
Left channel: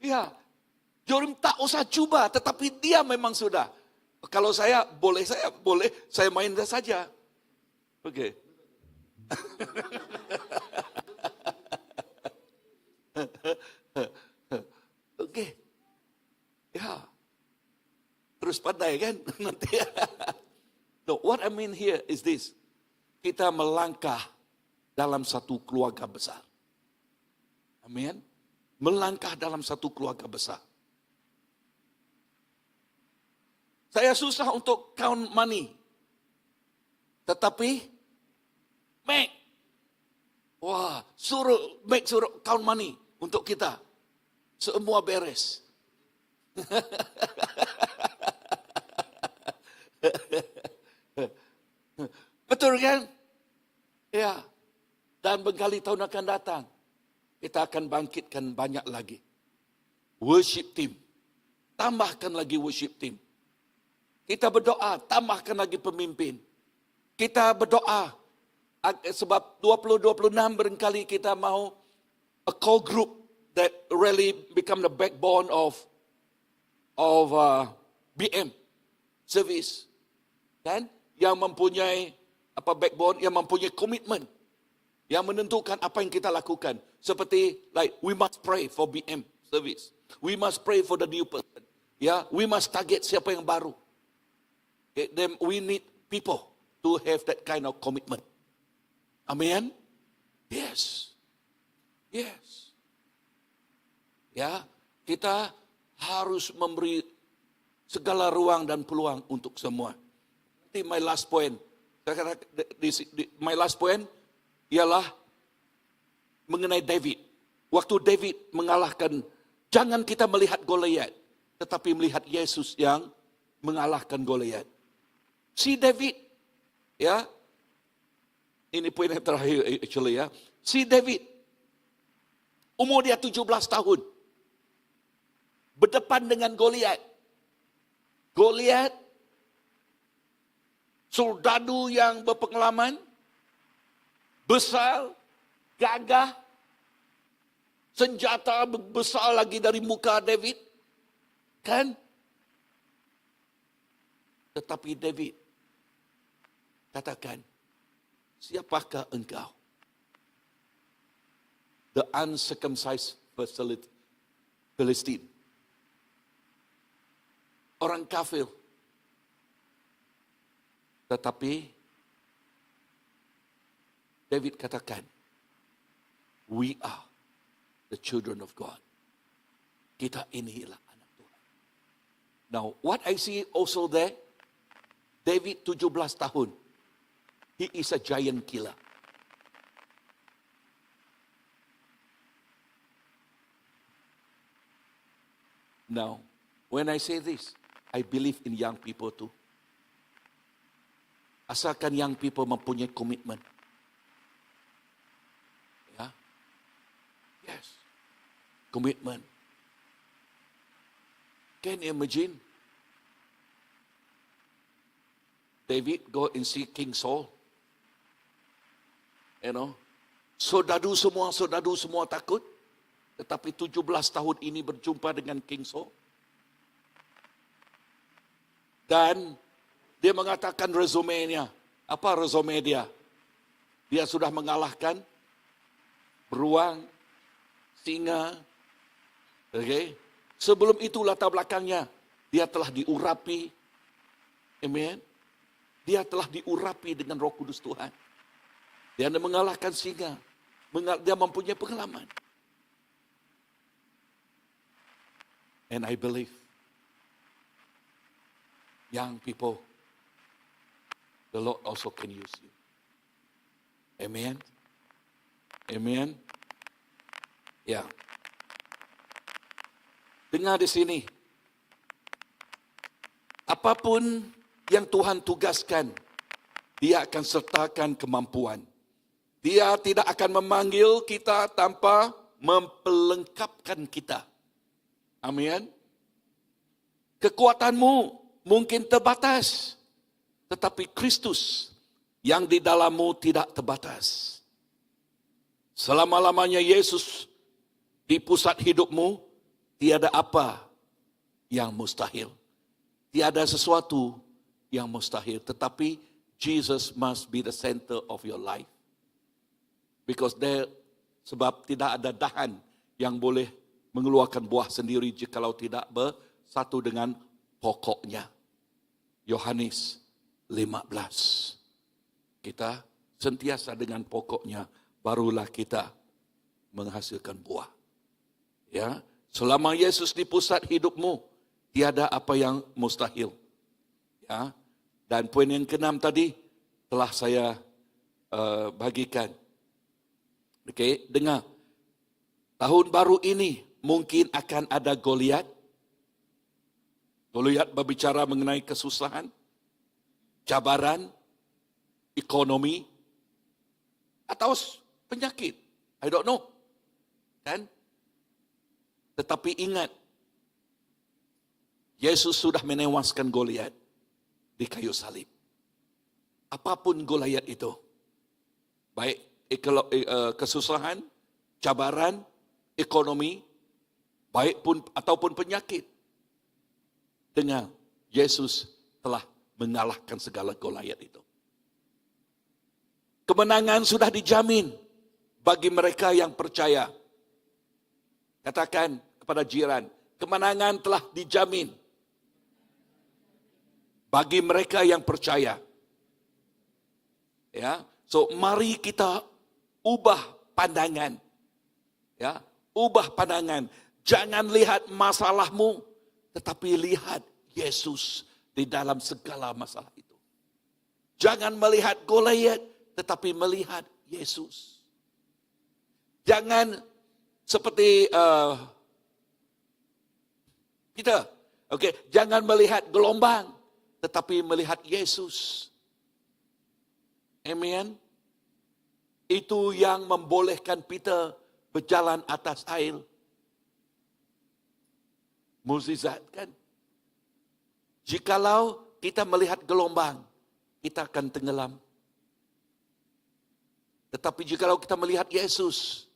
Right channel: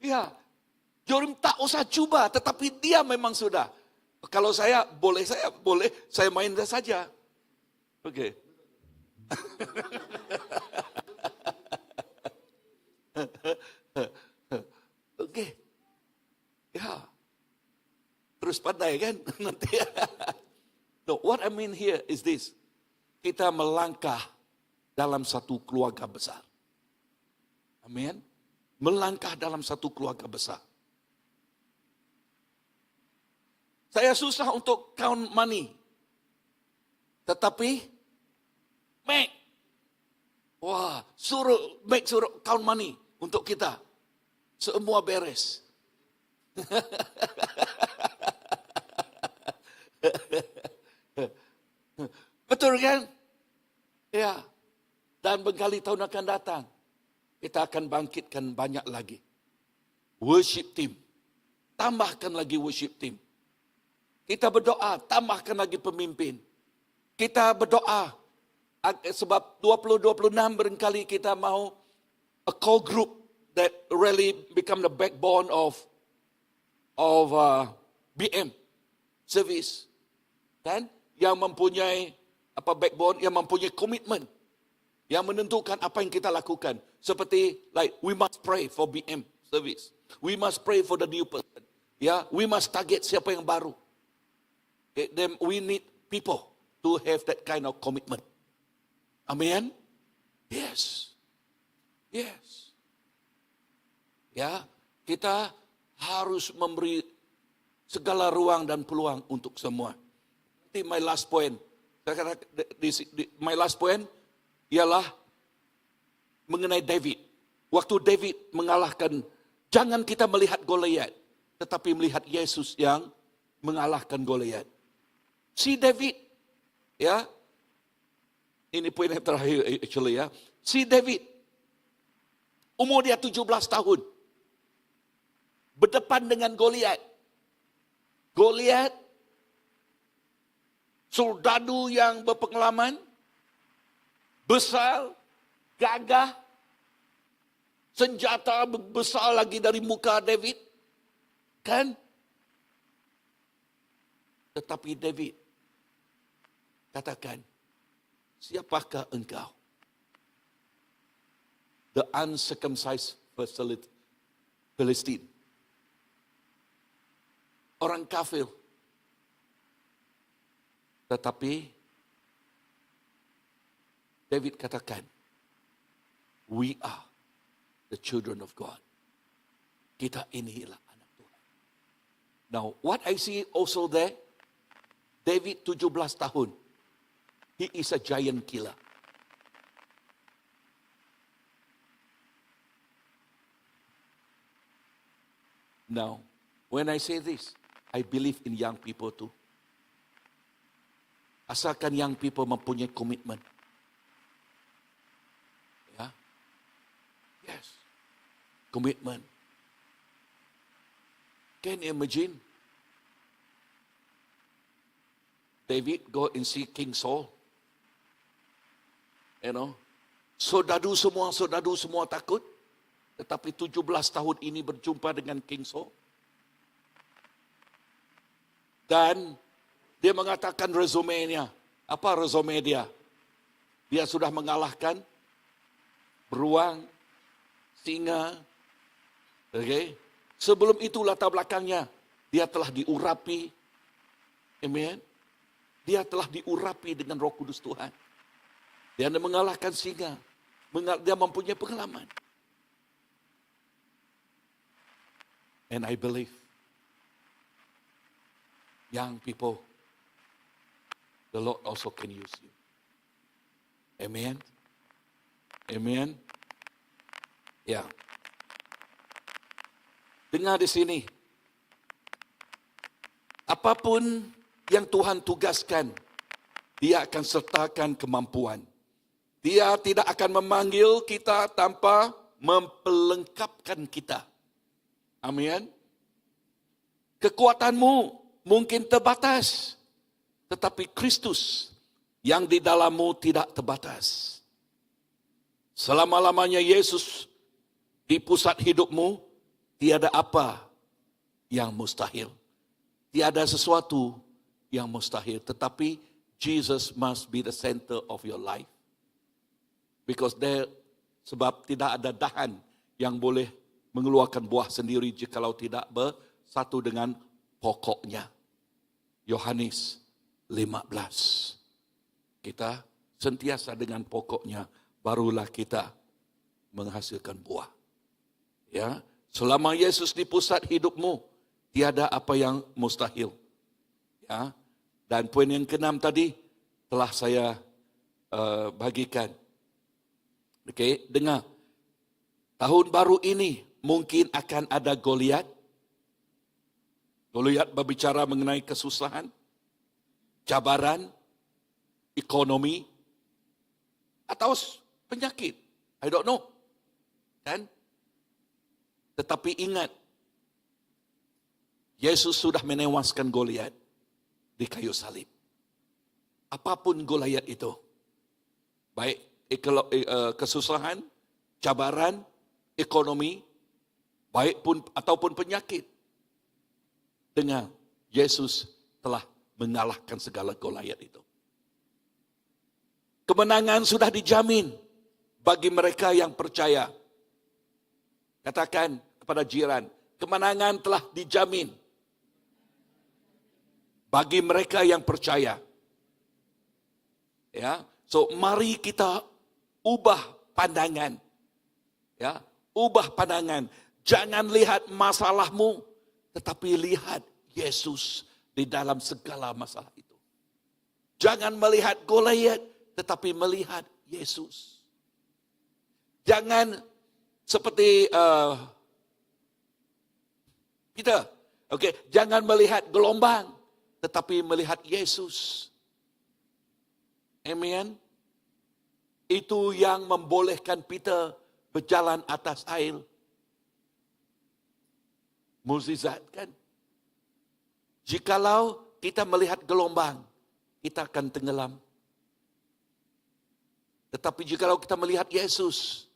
Ya, Jorim tak usah cuba, tetapi dia memang sudah. Kalau saya boleh, saya main saja. Oke. Oke. Ya. Terus pandai kan? Nanti. No, what I mean here is this. Kita melangkah dalam satu keluarga besar. Amin. Melangkah dalam satu keluarga besar. Saya susah untuk count money. Tetapi, suruh count money untuk kita. Semua beres. Betul kan? Ya. Dan berkali tahun akan datang, kita akan bangkitkan banyak lagi. Worship team. Tambahkan lagi worship team. Kita berdoa, tambahkan lagi pemimpin. Kita berdoa, sebab 2026 barangkali kita mahu a core group that really become the backbone of BM service. Kan? Yang mempunyai backbone, yang mempunyai komitmen, yang menentukan apa yang kita lakukan. Seperti we must pray for BM service. We must pray for the new person. Ya, we must target siapa yang baru. Okay, then we need people to have that kind of commitment. Amen. Yes. Yes. Ya, kita harus memberi segala ruang dan peluang untuk semua. Nanti my last point. My last point ialah mengenai David. Waktu David mengalahkan, jangan kita melihat Goliat, tetapi melihat Yesus yang mengalahkan Goliat. Si David, ya, ini poin yang terakhir actually ya. Si David, umur dia 17 tahun, berdepan dengan Goliat. Goliat, soldadu yang berpengalaman, besar, gagah, senjata besar lagi dari muka David. Kan? Tetapi David katakan, siapakah engkau? The uncircumcised Philistine. Orang kafir. Tetapi David katakan, we are the children of God. Kita inilah anak Tuhan. Now, what I see also there, David 17 tahun. He is a giant killer. Now, when I say this, I believe in young people too. Asalkan young people mempunyai komitmen. Ya. Yes. Komitmen. Can you imagine? David go and see King Saul. You know. Saudara semua takut. Tetapi 17 tahun ini berjumpa dengan King Saul. Dan dia mengatakan resume-nya. Apa resume dia? Dia sudah mengalahkan beruang, singa, okay, Sebelum itu latar belakangnya, dia telah diurapi. Amen. Dia telah diurapi dengan Roh Kudus Tuhan. Dia mengalahkan singa. Dia mempunyai pengalaman. And I believe, young people, the Lord also can use you. Amen. Amen. Ya. Dengar di sini. Apapun yang Tuhan tugaskan, Dia akan sertakan kemampuan. Dia tidak akan memanggil kita tanpa mempelengkapkan kita. Amin. Kekuatanmu mungkin terbatas, tetapi Kristus yang di dalammu tidak terbatas. Selama-lamanya Yesus di pusat hidupmu, tiada apa yang mustahil. Tiada sesuatu yang mustahil. Tetapi Jesus must be the center of your life. Because sebab tidak ada dahan yang boleh mengeluarkan buah sendiri jikalau tidak bersatu dengan pokoknya. Yohanes 15. Kita sentiasa dengan pokoknya, barulah kita menghasilkan buah. Ya, selama Yesus di pusat hidupmu, tiada apa yang mustahil. Ya, dan poin yang ke-6 tadi telah saya bagikan. Okey, dengar. Tahun baru ini mungkin akan ada Goliat. Goliat berbicara mengenai kesusahan, cabaran, ekonomi, atau penyakit. I don't know. Kan? Tetapi ingat, Yesus sudah menewaskan Goliat di kayu salib. Apapun Goliat itu, baik kesusahan, cabaran, ekonomi, baik pun ataupun penyakit, dengan Yesus telah mengalahkan segala Goliat itu. Kemenangan sudah dijamin bagi mereka yang percaya. Katakan kepada jiran, kemenangan telah dijamin bagi mereka yang percaya. Ya, so mari kita ubah pandangan. Ya, ubah pandangan. Jangan lihat masalahmu, tetapi lihat Yesus di dalam segala masalah itu. Jangan melihat Goliat, tetapi melihat Yesus. Jangan seperti kita, jangan melihat gelombang, tetapi melihat Yesus. Amen. Itu yang membolehkan Peter berjalan atas air. Mukjizat kan? Jikalau kita melihat gelombang, kita akan tenggelam. Tetapi jikalau kita melihat Yesus,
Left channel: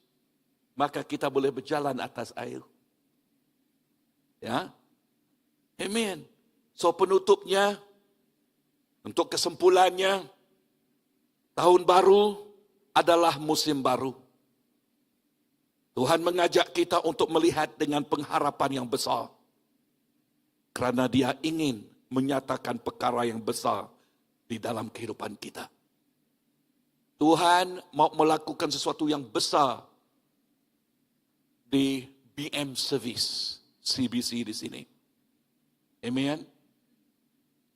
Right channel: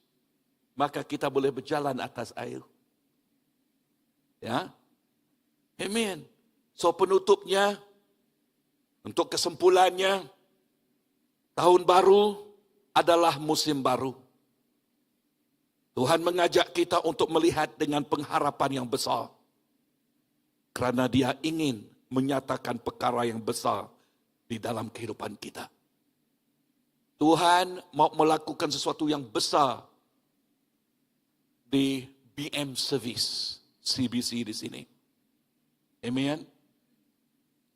maka kita boleh berjalan atas air. Ya. Amen. So penutupnya, untuk kesimpulannya, tahun baru adalah musim baru. Tuhan mengajak kita untuk melihat dengan pengharapan yang besar. Kerana Dia ingin menyatakan perkara yang besar di dalam kehidupan kita. Tuhan mau melakukan sesuatu yang besar di BM Service, CBC di sini. Amen.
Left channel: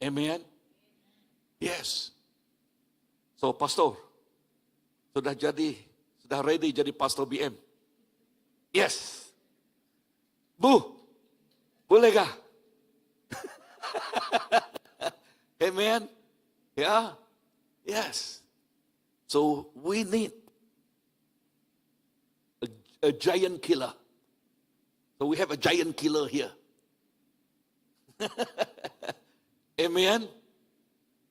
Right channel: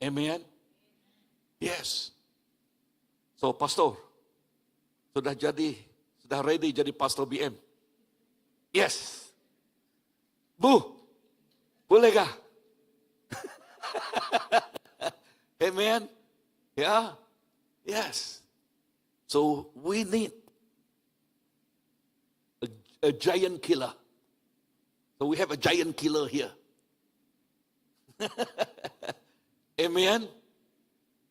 Amen. Yes. So, pastor, sudah ready jadi pastor BM? Yes. Bu, bolehkah? Amen. Yeah. Yes. So we need a giant killer. So we have a giant killer here. Amen.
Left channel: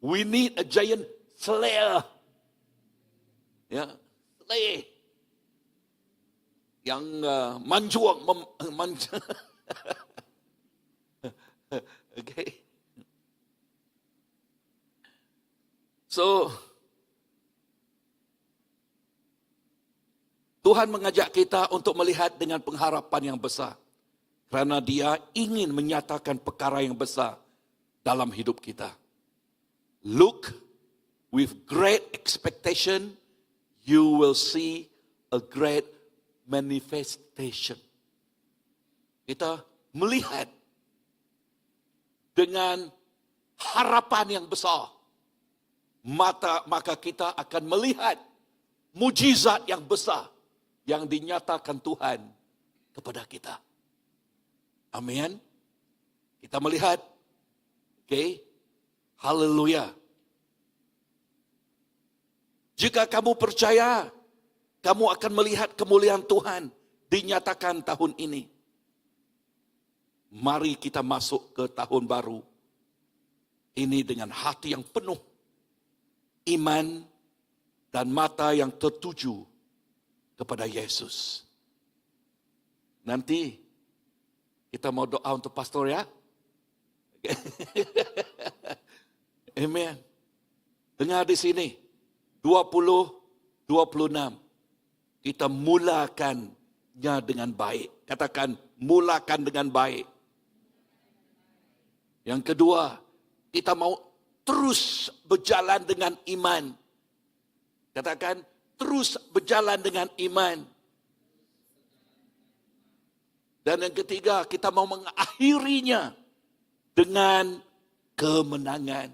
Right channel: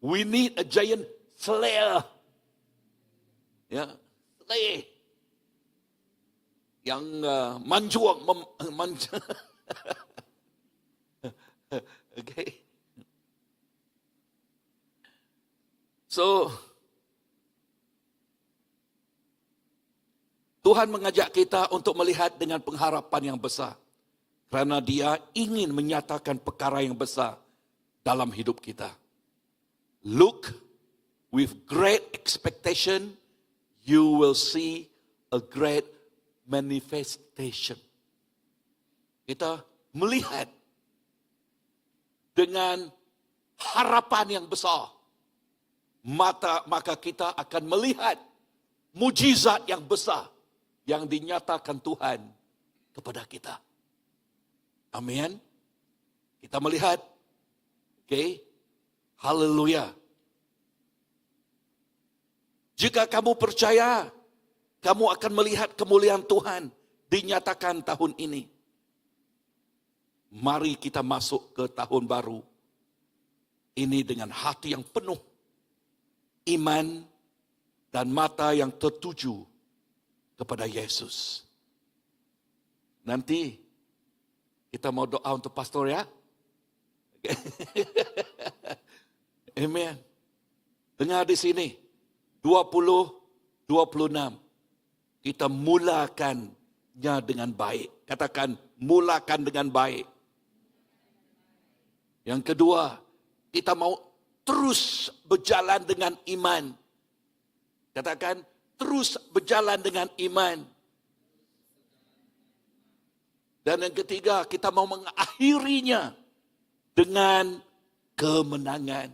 We need a giant slayer. Ya, slayer. Yang manjuang, okay. So, Tuhan mengajak kita untuk melihat dengan pengharapan yang besar. Karena Dia ingin menyatakan perkara yang besar dalam hidup kita. Look with great expectation, you will see a great manifestation. Kita melihat dengan harapan yang besar, maka kita akan melihat mujizat yang besar yang dinyatakan Tuhan kepada kita. Amin. Kita melihat, okay? Haleluya. Jika kamu percaya, kamu akan melihat kemuliaan Tuhan dinyatakan tahun ini. Mari kita masuk ke tahun baru ini dengan hati yang penuh iman dan mata yang tertuju kepada Yesus. Nanti kita mau doa untuk pastor ya. Okay. Amen. Dengar di sini 2026 kita mulakannya dengan baik. Katakan mulakan dengan baik. Yang kedua, kita mau terus berjalan dengan iman. Katakan terus berjalan dengan iman. Dan yang ketiga, kita mau mengakhirinya dengan kemenangan.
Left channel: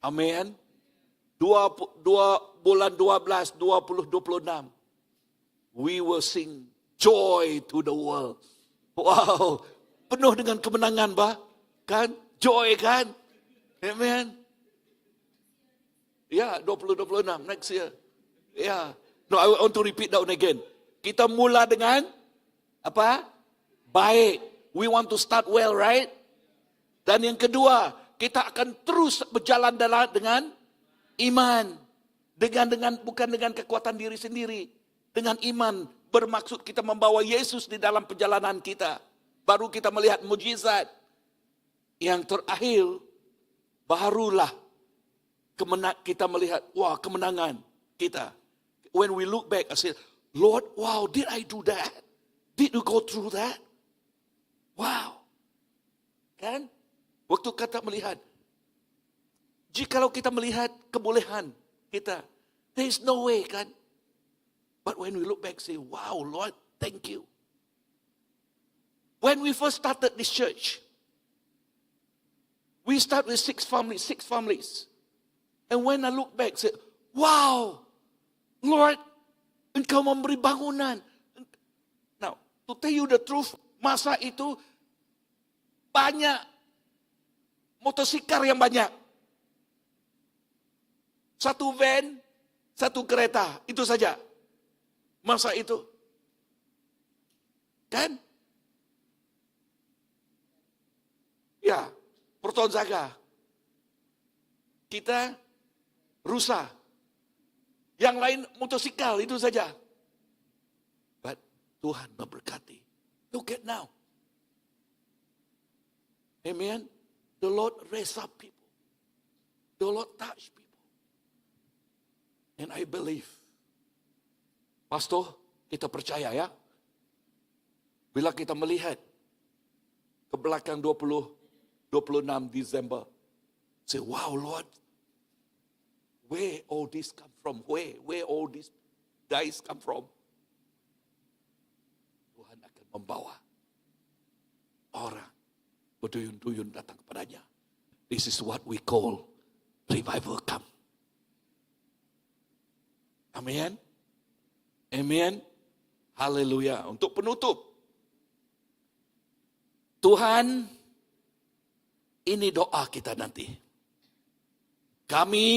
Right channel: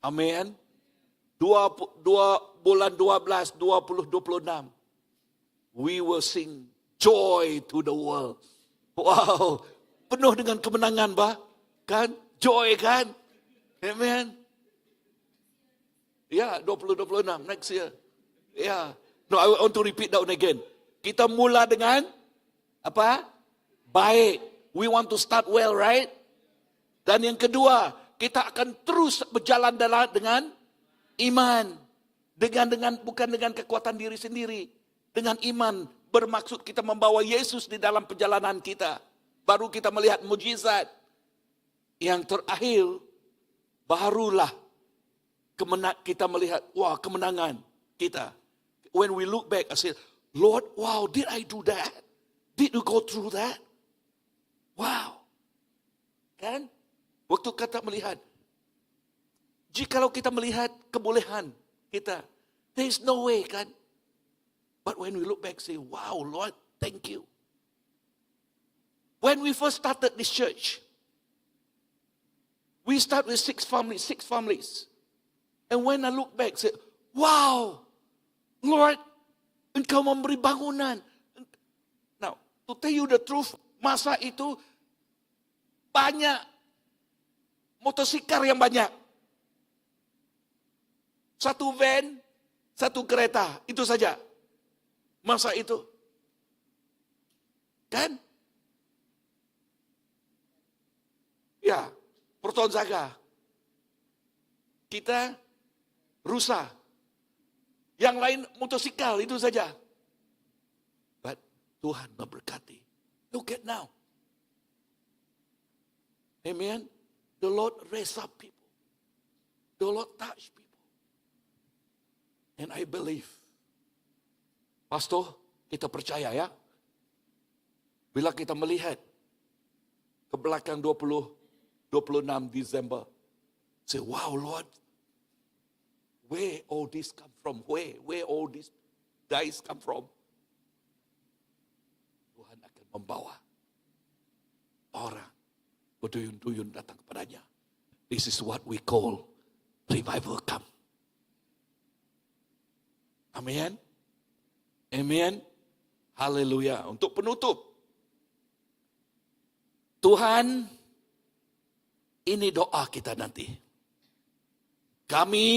Amin. Bulan 12, 2026. We will sing joy to the world. Wow. Penuh dengan kemenangan, bah. Kan? Joy kan? Amen. Ya, 2026 next year. Ya. No, I want to repeat that one again. Kita mula dengan apa? Baik. We want to start well, right? Dan yang kedua, kita akan terus berjalan dengan iman. Bukan dengan kekuatan diri sendiri. Dengan iman bermaksud kita membawa Yesus di dalam perjalanan kita. Baru kita melihat mujizat. Yang terakhir, barulah kita melihat, wah, kemenangan kita. When we look back, I say, Lord, wow, did I do that? Did you go through that? Wow. Kan? Waktu kata melihat. Jikalau kita melihat kebolehan kita, there is no way, kan? But when we look back, say, wow, Lord, thank you. When we first started this church, we start with 6 families. And when I look back, say, wow, Lord, Engkau memberi bangunan. Now, to tell you the truth, masa itu banyak motosikar yang banyak. Satu van, satu kereta, itu saja. Masa itu. Kan? Ya, Porton Zaga. Kita rusa. Yang lain motosikal, itu saja. But Tuhan memberkati. Look at now. Amen. The Lord raise up people. The Lord touch people. And I believe. Pastor, kita percaya ya. Bila kita melihat ke belakang 26 Desember. Say, wow Lord. Where all this come from? Where all these guys come from? Tuhan akan membawa orang berduyun-duyun datang kepadanya. This is what we call revival come. Amen. Amen. Haleluya. Untuk penutup. Tuhan, ini doa kita nanti. Kami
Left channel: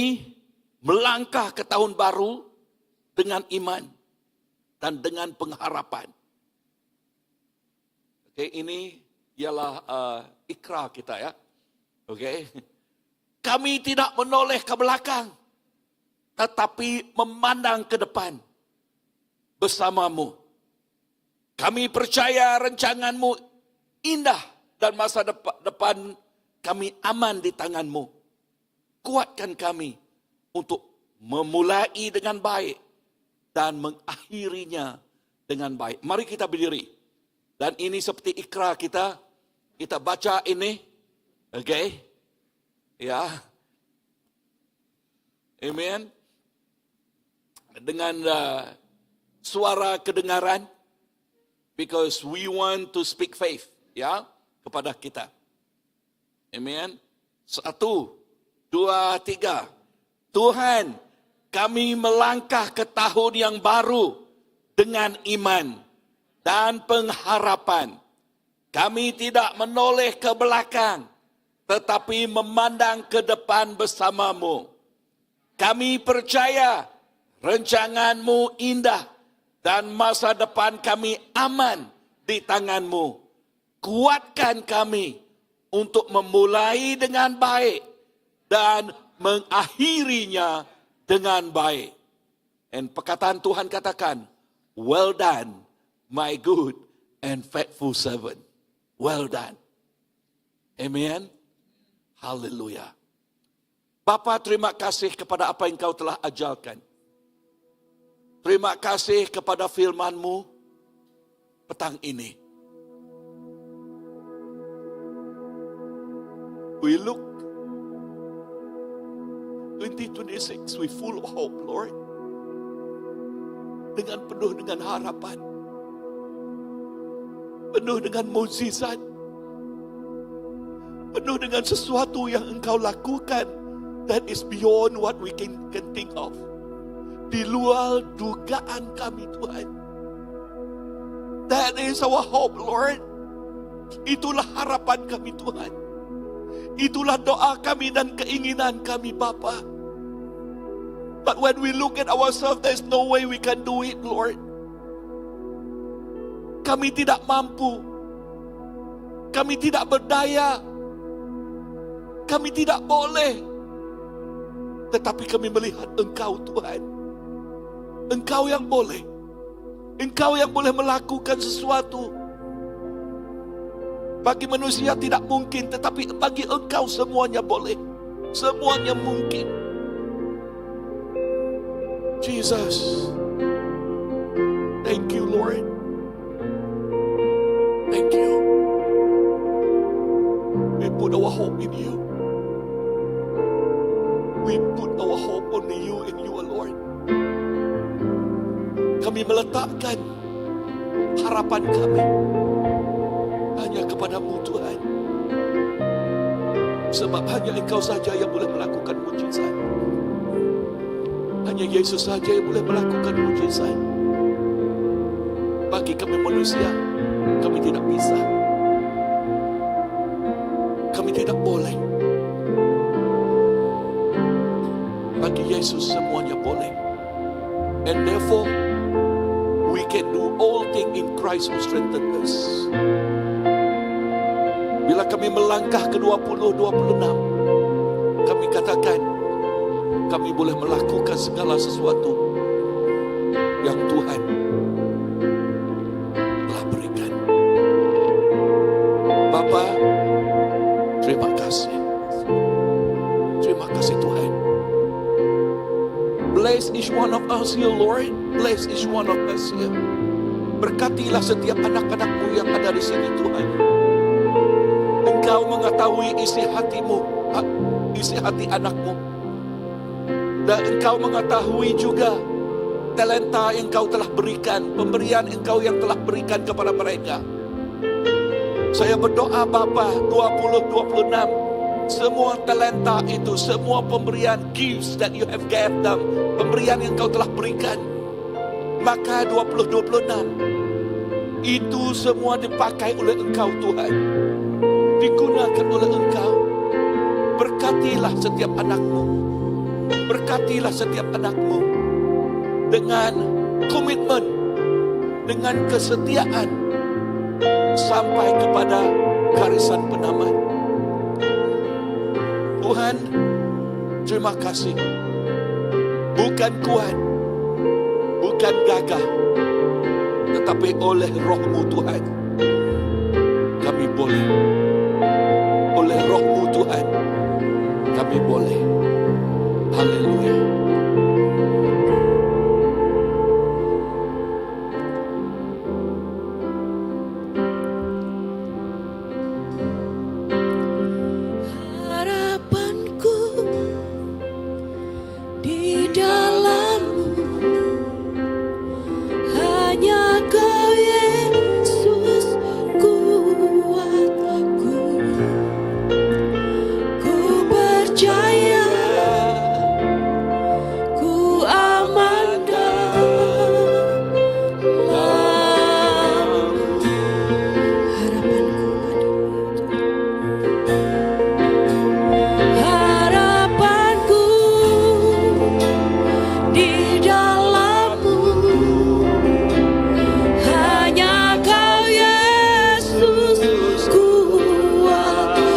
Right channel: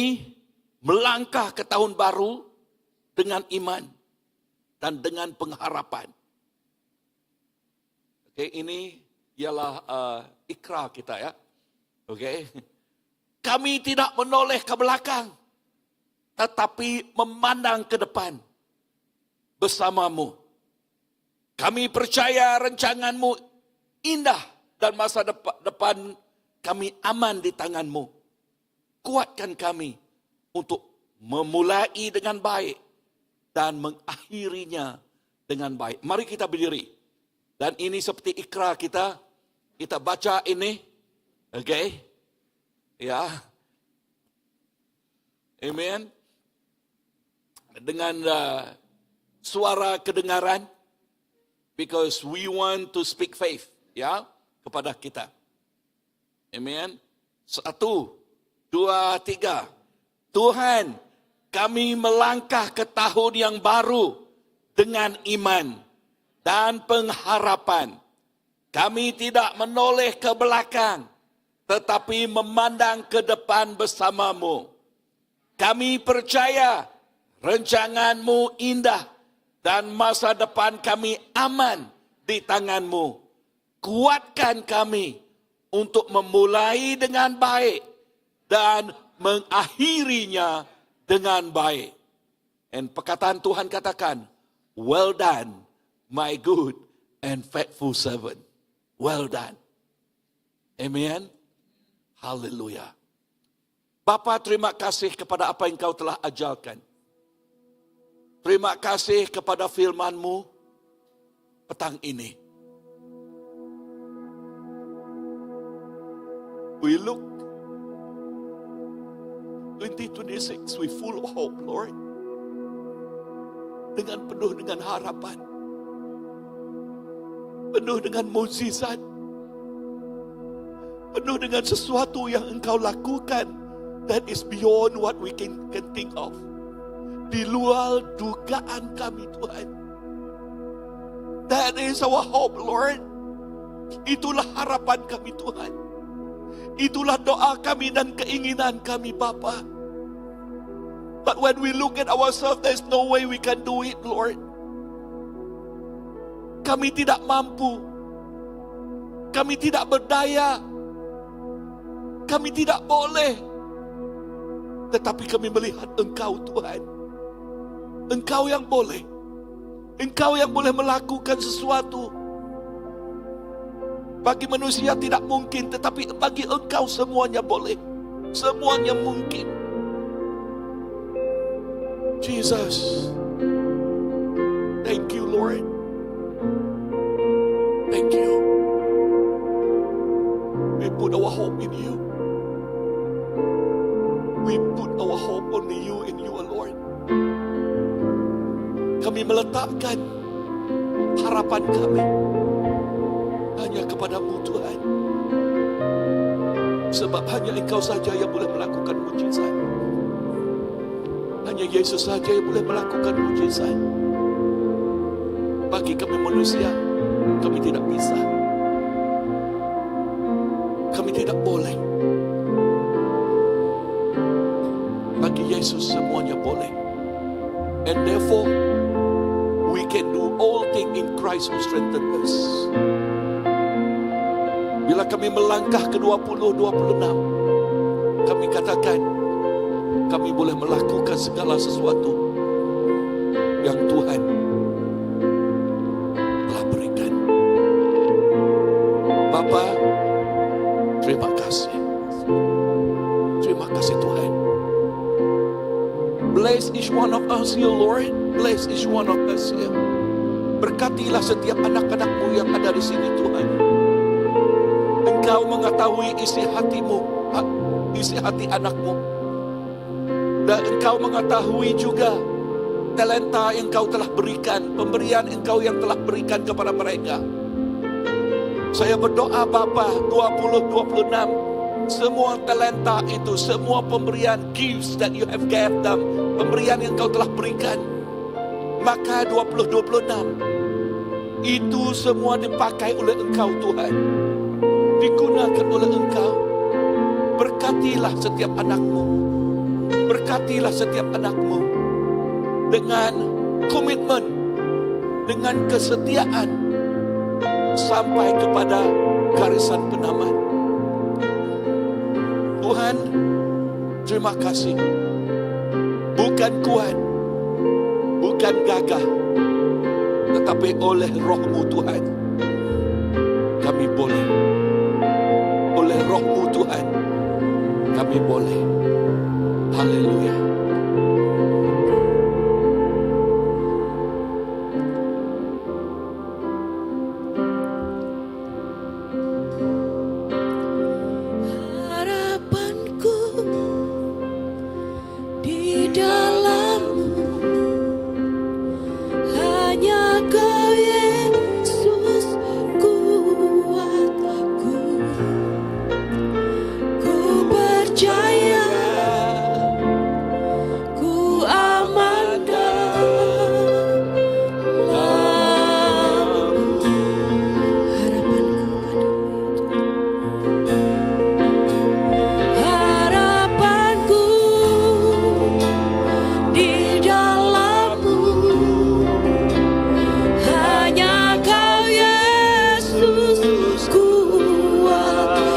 melangkah ke tahun baru dengan iman dan dengan pengharapan. Oke, ini ialah ikrar kita ya. Oke. Kami tidak menoleh ke belakang, tetapi memandang ke depan bersamamu. Kami percaya rancanganmu indah dan masa depan kami aman di tanganmu. Kuatkan kami untuk memulai dengan baik dan mengakhirinya dengan baik. Mari kita berdiri. Dan ini seperti ikrar kita. Kita baca ini. Okay. Ya. Amen. Dengan suara kedengaran. Because we want to speak faith. Ya. Kepada kita. Amen. 1, 2, 3. Tuhan, kami melangkah ke tahun yang baru dengan iman dan pengharapan. Kami tidak menoleh ke belakang, tetapi memandang ke depan bersamamu. Kami percaya rencangan-Mu indah dan masa depan kami aman di tangan-Mu. Kuatkan kami untuk memulai dengan baik dan mengakhirinya dengan baik. Dan perkataan Tuhan katakan, well done, my good and faithful servant. Well done. Amen. Haleluya. Bapa, terima kasih kepada apa yang Kau telah ajarkan. Terima kasih kepada firman-Mu petang ini. We look 2026 with full of hope, Lord. Dengan penuh dengan harapan. Penuh dengan mukjizat. Penuh dengan sesuatu yang Engkau lakukan that is beyond what we can think of. Di luar dugaan kami, Tuhan. That is our hope, Lord. Itulah harapan kami, Tuhan. Itulah doa kami dan keinginan kami, Bapa. But when we look at ourselves, there's no way we can do it, Lord. Kami tidak mampu. Kami tidak berdaya. Kami tidak boleh. Tetapi kami melihat Engkau, Tuhan. Engkau yang boleh. Engkau yang boleh melakukan sesuatu. Bagi manusia tidak mungkin, tetapi bagi Engkau semuanya boleh. Semuanya mungkin. Jesus. Thank you, Lord. Thank you. We put our hope in you. We put our hope only you and you alone. Kami meletakkan harapan kami hanya kepada-Mu, Tuhan. Sebab hanya Engkau saja yang boleh melakukan mukjizat. Hanya Yesus saja yang boleh melakukan mukjizat. Bagi kami manusia, kami tidak bisa. Kami tidak boleh. Bagi Yesus semuanya boleh. And therefore, we can do all things in Christ who strengthens us. Bila kami melangkah ke 2026, kami katakan, kami boleh melakukan segala sesuatu yang Tuhan telah berikan. Bapa, terima kasih. Terima kasih Tuhan. Bless each one of us here, Lord. Bless each one of us here. Berkatilah setiap anak-anak-Mu yang ada di sini, Tuhan. Engkau mengetahui isi hatimu, isi hati anak-Mu. Dan Engkau mengetahui juga talenta yang Engkau telah berikan, pemberian Engkau yang telah berikan kepada mereka. Saya berdoa Bapa, 2026, semua talenta itu, semua pemberian, gifts that you have given them, pemberian yang Engkau telah berikan, maka 2026 itu semua dipakai oleh Engkau, Tuhan. Digunakan oleh Engkau. Berkatilah setiap anak-Mu. Berkatilah setiap anak-Mu dengan komitmen, dengan kesetiaan sampai kepada garisan penamat. Tuhan, terima kasih. Bukan kuat, bukan gagah, tetapi oleh Roh-Mu Tuhan, kami boleh. Oleh Roh-Mu Tuhan, kami boleh. Haleluya. percaya, ku amankan harapanku di dalam-Mu. Hanya Kau Yesus kuatku,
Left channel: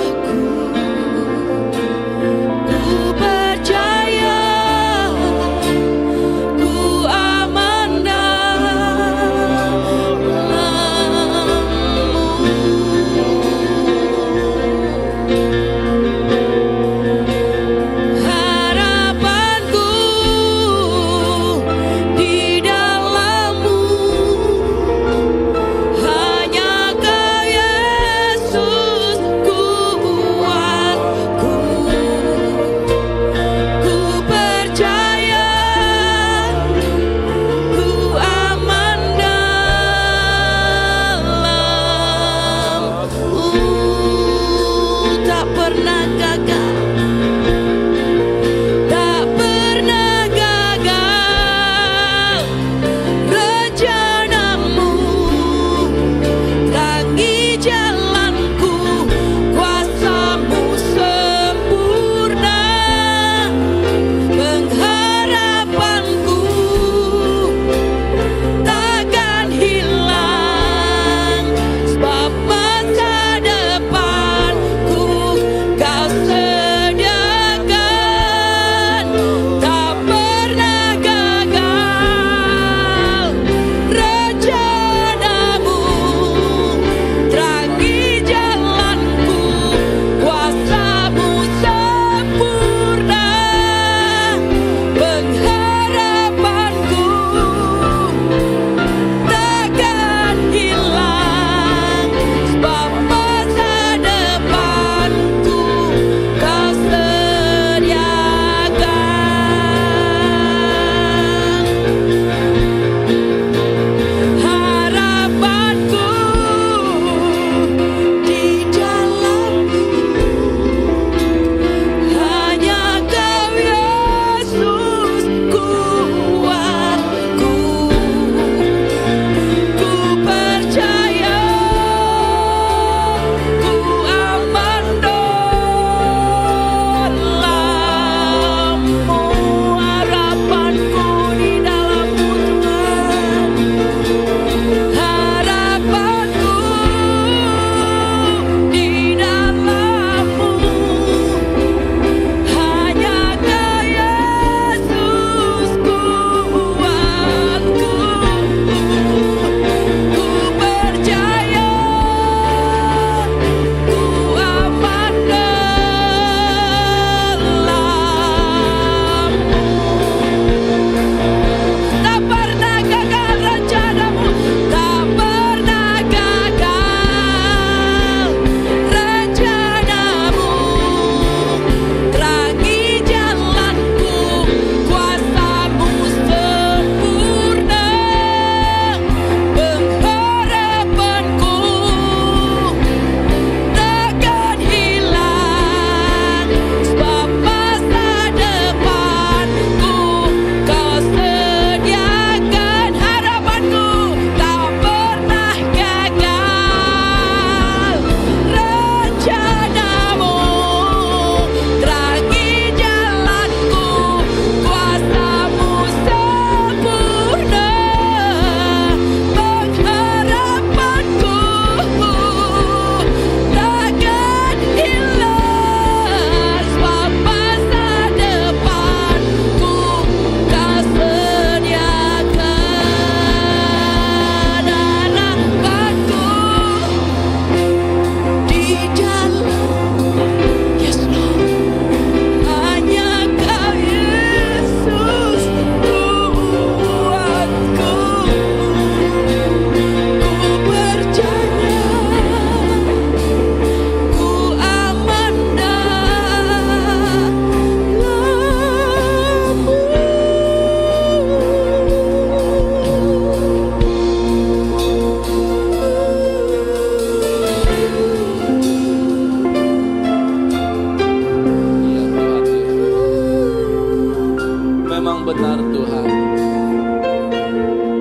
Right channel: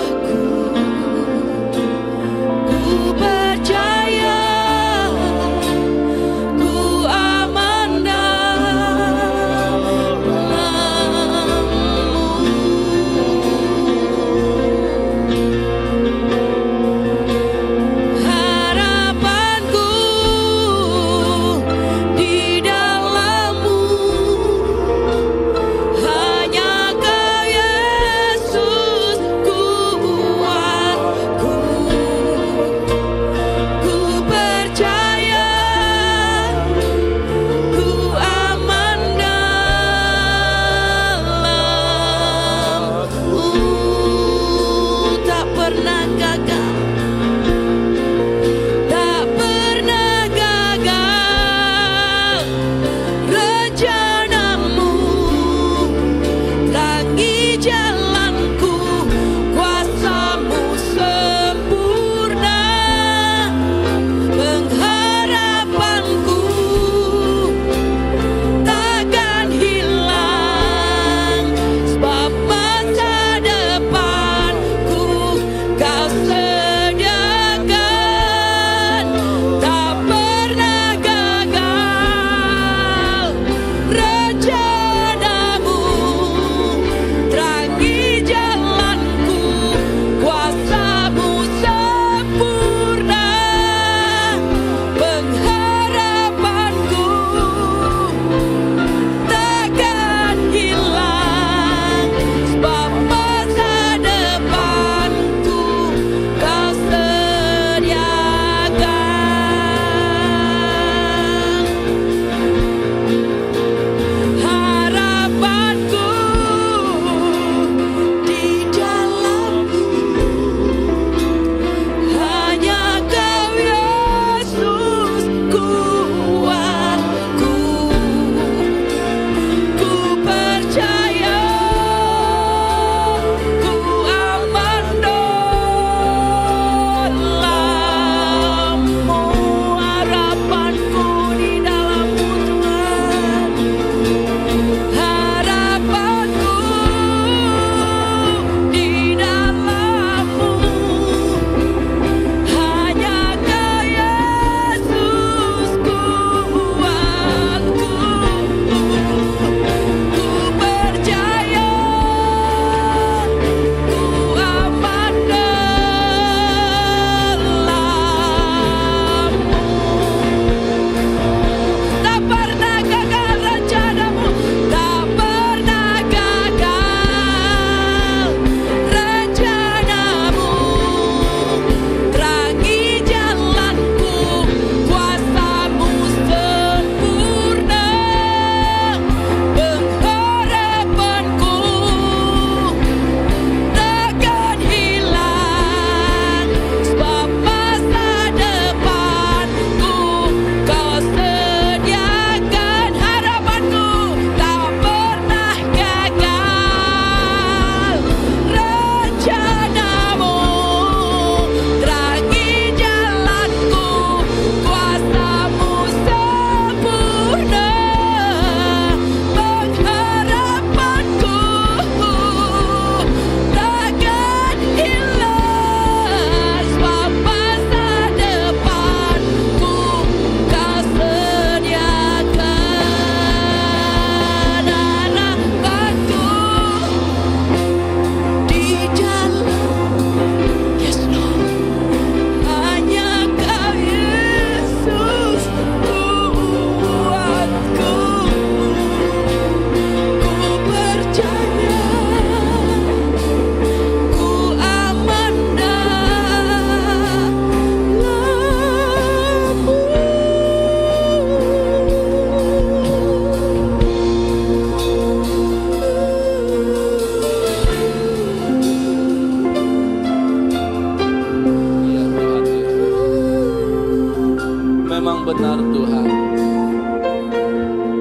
benar Tuhan.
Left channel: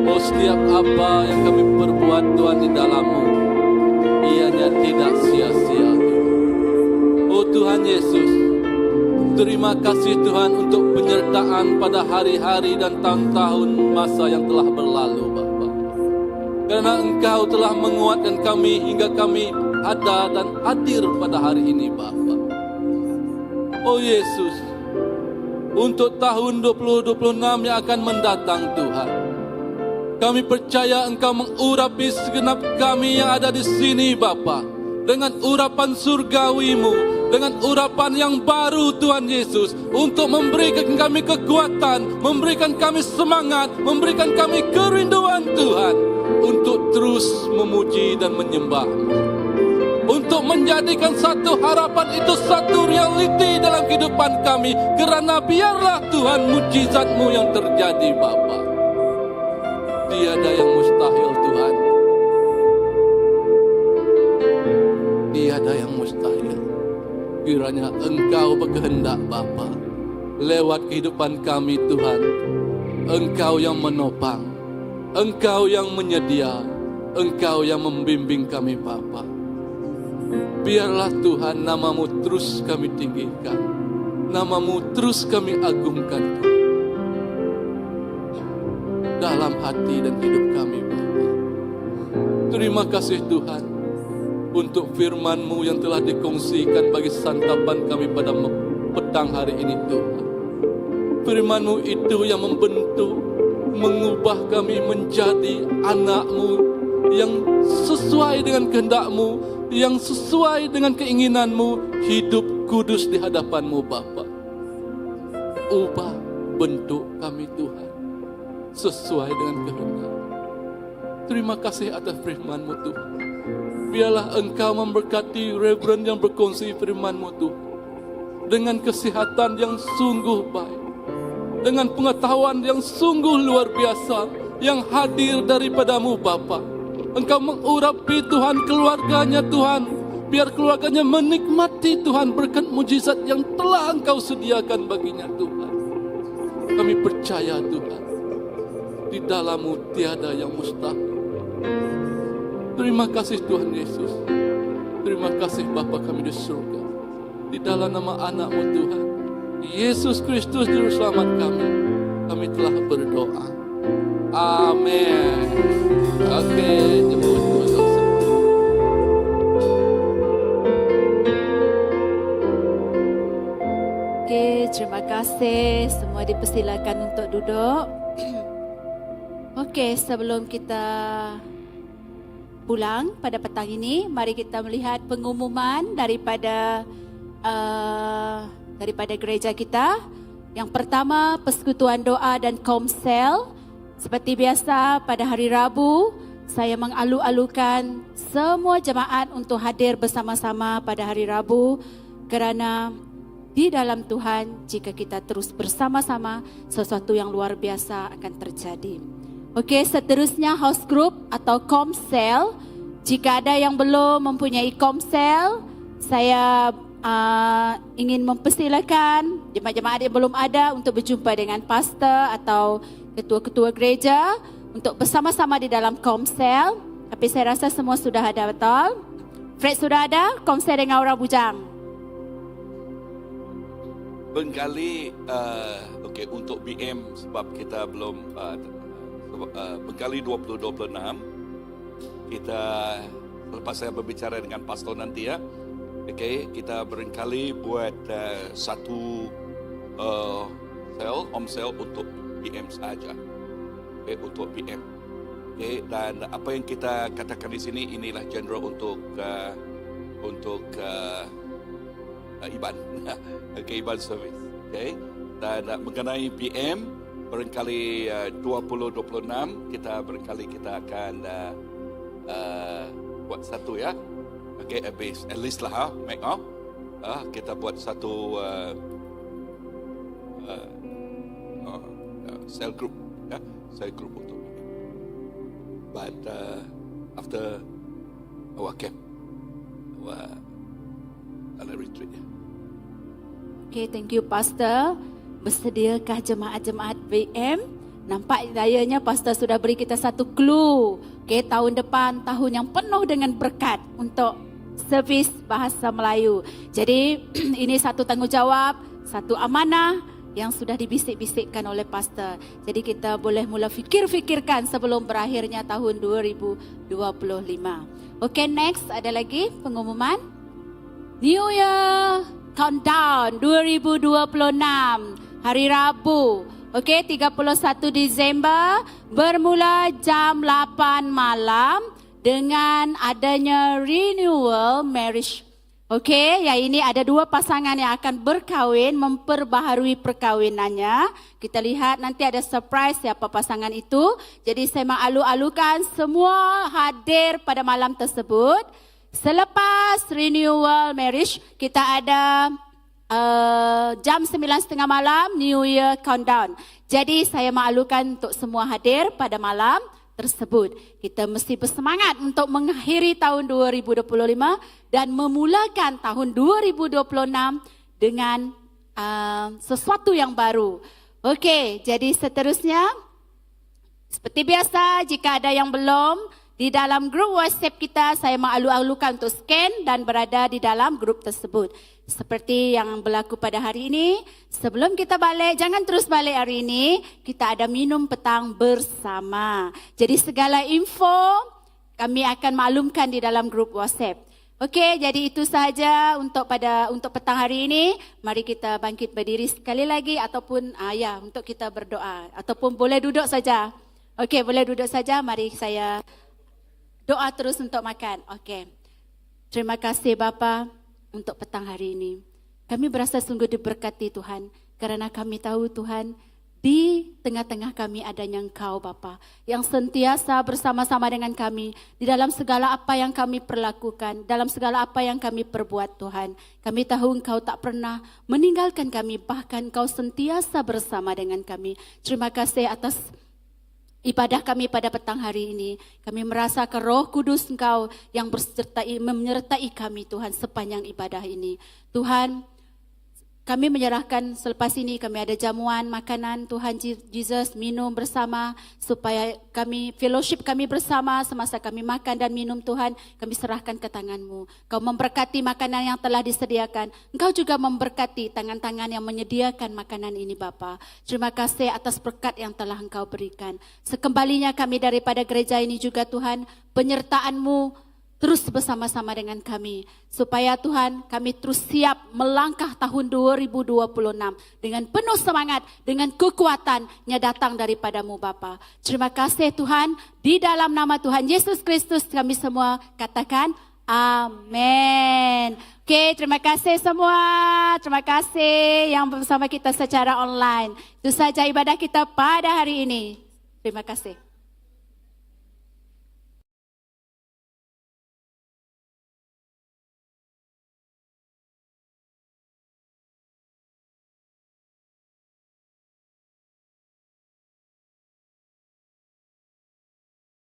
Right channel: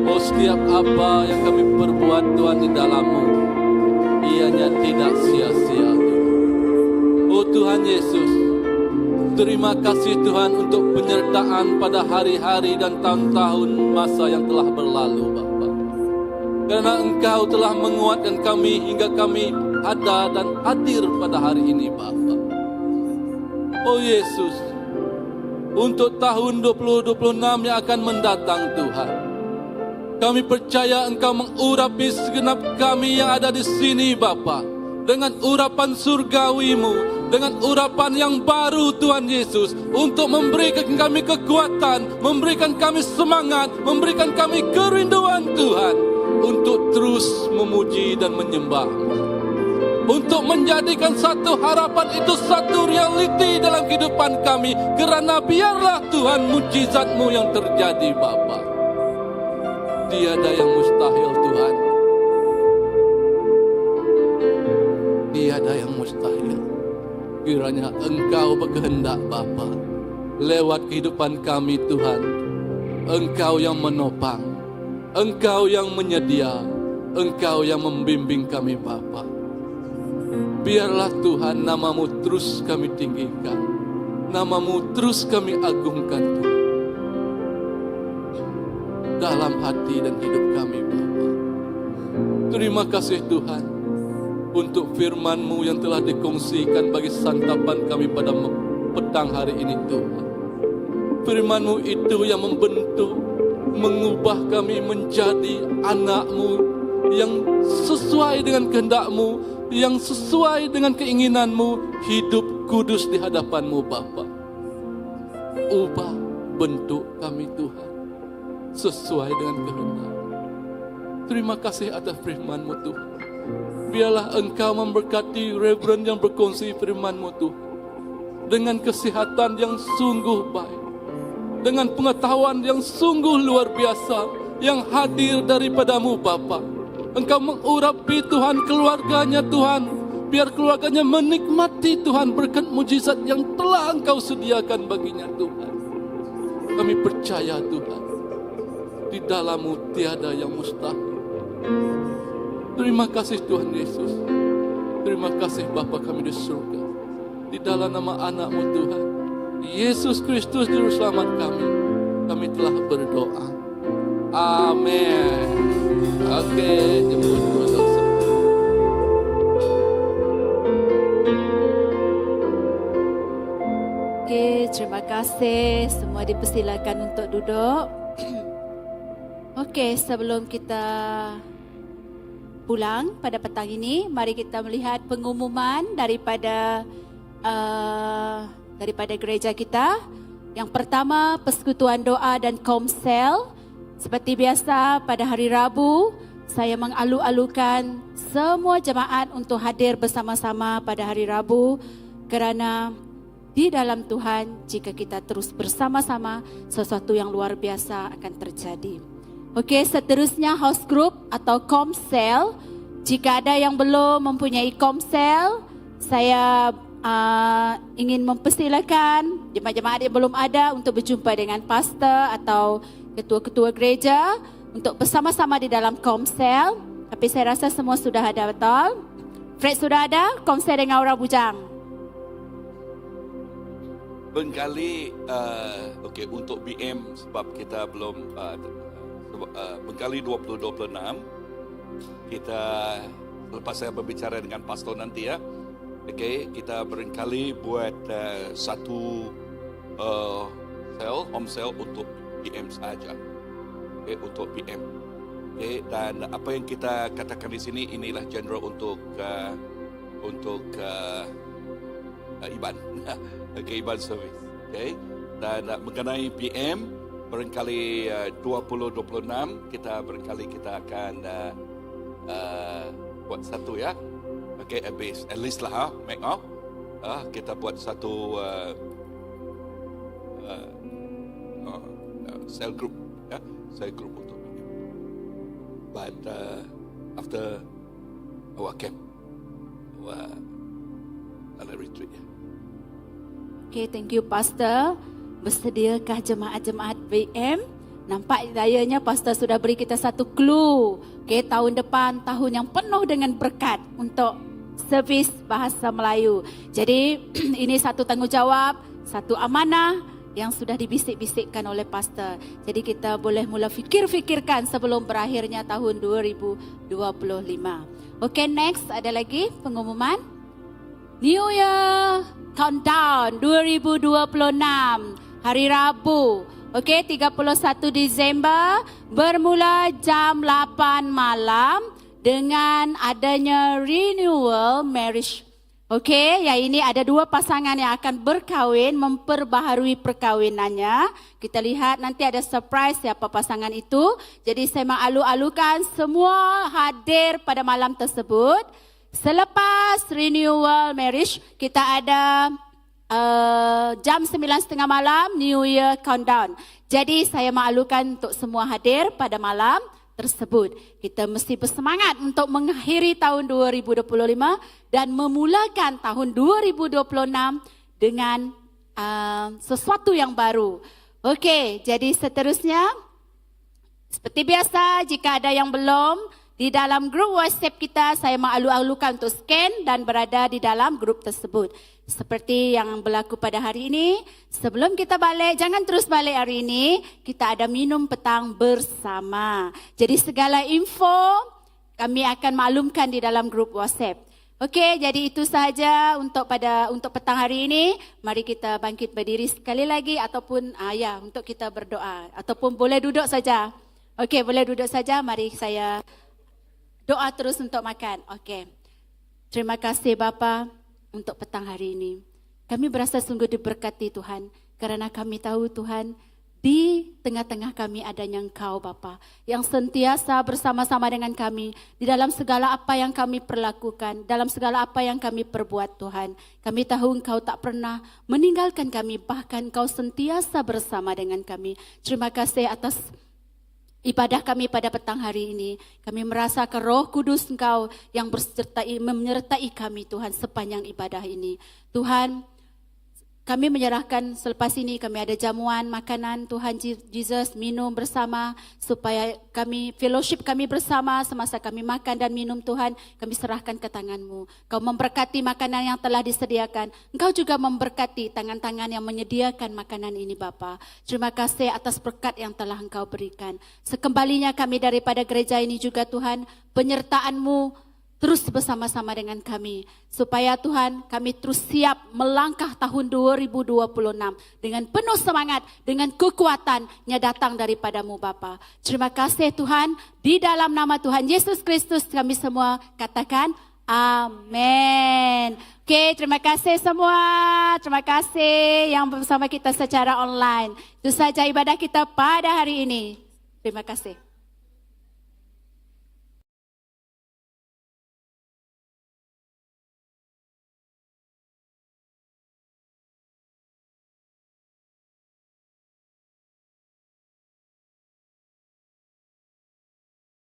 Oh, setiap apa yang kami perbuat Tuhan di dalam-Mu, ianya tidak sia-sia. Oh Tuhan Yesus, terima kasih Tuhan untuk penyertaan pada hari-hari dan tahun-tahun masa yang telah berlalu Bapa. Karena Engkau telah menguatkan kami hingga kami ada dan hadir pada hari ini Bapa. Oh Yesus, untuk tahun 2026 yang akan mendatang Tuhan, kami percaya Engkau mengurapi segenap kami yang ada di sini Bapa, dengan urapan surgawi-Mu, dengan urapan yang baru Tuhan Yesus, untuk memberikan kami kekuatan, memberikan kami semangat, memberikan kami kerinduan Tuhan, untuk terus memuji dan menyembah-Mu, untuk menjadikan satu harapan itu satu realiti dalam kehidupan kami, kerana biarlah Tuhan mujizat-Mu yang terjadi Bapa. Tiada yang mustahil Tuhan, tiada yang mustahil. Kiranya Engkau berkehendak Bapa, lewat kehidupan kami Tuhan, Engkau yang menopang, Engkau yang menyedia, Engkau yang membimbing kami Bapa. Biarlah Tuhan nama-Mu terus kami tinggikan, nama-Mu terus kami agungkan dalam hati dan hidup kami Bapa. Terima kasih Tuhan untuk firman-Mu yang telah dikongsikan bagi santapan kami pada petang hari ini Tuhan. Firman-Mu itu yang membentuk, mengubah kami menjadi anak-Mu yang sesuai dengan kehendak-Mu, yang sesuai dengan keinginan-Mu, hidup kudus di hadapan-Mu Bapa. Ubah bentuk kami Tuhan sesuai dengan kehendak. Terima kasih atas firman-Mu Tuhan. Biarlah Engkau memberkati Reverend yang berkongsi firman-Mu Tuhan, dengan kesehatan yang sungguh baik, dengan pengetahuan yang sungguh luar biasa yang hadir daripada-Mu Bapa. Engkau mengurapi Tuhan keluarganya Tuhan, biar keluarganya menikmati Tuhan berkat mujizat yang telah Engkau sediakan baginya Tuhan. Kami percaya Tuhan, di dalam-Mu tiada yang mustahil. Terima kasih Tuhan Yesus. Terima kasih Bapa kami di surga. Di dalam nama anak-Mu Tuhan, Yesus Kristus Juru Selamat kami telah berdoa. Amin. Oke, Oke, terima kasih. Semua dipersilakan untuk duduk. Oke, sebelum kita pulang pada petang ini, mari kita melihat pengumuman daripada gereja kita. Yang pertama, persekutuan doa dan komsel. Seperti biasa pada hari Rabu, saya mengalu-alukan semua jemaat untuk hadir bersama-sama pada hari Rabu, kerana di dalam Tuhan, jika kita terus bersama-sama, sesuatu yang luar biasa akan terjadi. Okey, seterusnya house group atau komsel. Jika ada yang belum mempunyai komsel, saya ingin mempersilakan jemaat-jemaat yang belum ada untuk berjumpa dengan pastor atau ketua-ketua gereja untuk bersama-sama di dalam komsel. Tapi saya rasa semua sudah ada, betul? Fred sudah ada komsel dengan orang bujang? Bengkali, okey, untuk BM sebab kita belum Bengkali 2026, kita lepas saya berbicara dengan pastor nanti ya, okey, kita barangkali buat satu home sale untuk PM saja, okey, untuk PM, okey, dan apa yang kita katakan di sini inilah general untuk Iban, okey, Iban service, okey, dan mengenai PM. Barangkali 2026 kita akan buat satu ya. Okay, at least lah make up. Kita buat satu cell group ya, cell group untuk. But after our camp, our retreat. Okay, thank you Pastor. Bersediakah jemaat-jemaat BM? Nampak dayanya pastor sudah beri kita satu clue. Okay, tahun depan tahun yang penuh dengan berkat untuk servis bahasa Melayu. Jadi ini satu tanggungjawab, satu amanah yang sudah dibisik-bisikkan oleh pastor. Jadi kita boleh mula fikir-fikirkan sebelum berakhirnya tahun 2025. Okay, next ada lagi pengumuman. New Year Countdown 2026 hari Rabu. Okey, 31 Disember bermula jam 8 malam dengan adanya renewal marriage. Okey, yang ini ada dua pasangan yang akan berkahwin, memperbaharui perkahwinannya. Kita lihat nanti ada surprise siapa pasangan itu. Jadi saya mengalu-alukan semua hadir pada malam tersebut. Selepas renewal marriage, kita ada jam 9.30 malam New Year Countdown. Jadi saya maklumkan untuk semua hadir pada malam tersebut. Kita mesti bersemangat untuk mengakhiri tahun 2025 dan memulakan tahun 2026 dengan sesuatu yang baru. Okey, jadi seterusnya seperti biasa jika ada yang belum di dalam grup WhatsApp kita, saya mengalu-alukan untuk scan dan berada di dalam grup tersebut. Seperti yang berlaku pada hari ini, sebelum kita balik, jangan terus balik hari ini, kita ada minum petang bersama. Jadi segala info kami akan maklumkan di dalam grup WhatsApp. Okey, jadi itu sahaja untuk petang hari ini. Mari kita bangkit berdiri sekali lagi ataupun untuk kita berdoa ataupun boleh duduk saja. Okey, boleh duduk saja. Mari saya doa terus untuk makan. Okey. Terima kasih Bapa untuk petang hari ini. Kami berasa sungguh diberkati Tuhan kerana kami tahu Tuhan di tengah-tengah kami adanya Engkau Bapa yang sentiasa bersama-sama dengan kami di dalam segala apa yang kami perlakukan, dalam segala apa yang kami perbuat Tuhan. Kami tahu Engkau tak pernah meninggalkan kami, bahkan Engkau sentiasa bersama dengan kami. Terima kasih atas ibadah kami pada petang hari ini. Kami merasakan Roh Kudus Engkau yang menyertai kami Tuhan sepanjang ibadah ini. Tuhan, kami menyerahkan selepas ini kami ada jamuan makanan Tuhan Jesus, minum bersama supaya kami fellowship kami bersama semasa kami makan dan minum Tuhan, kami serahkan ke tangan-Mu. Kau memberkati makanan yang telah disediakan. Engkau juga memberkati tangan-tangan yang menyediakan makanan ini Bapa. Terima kasih atas berkat yang telah Engkau berikan. Sekembalinya kami daripada gereja ini juga Tuhan, penyertaan-Mu terus bersama-sama dengan kami. Supaya Tuhan kami terus siap melangkah tahun 2026 dengan penuh semangat, dengan kekuatannya datang daripada-Mu Bapa. Terima kasih Tuhan, di dalam nama Tuhan Yesus Kristus kami semua katakan amin. Okey, terima kasih semua. Terima kasih yang bersama kita secara online. Itu saja ibadah kita pada hari ini. Terima kasih.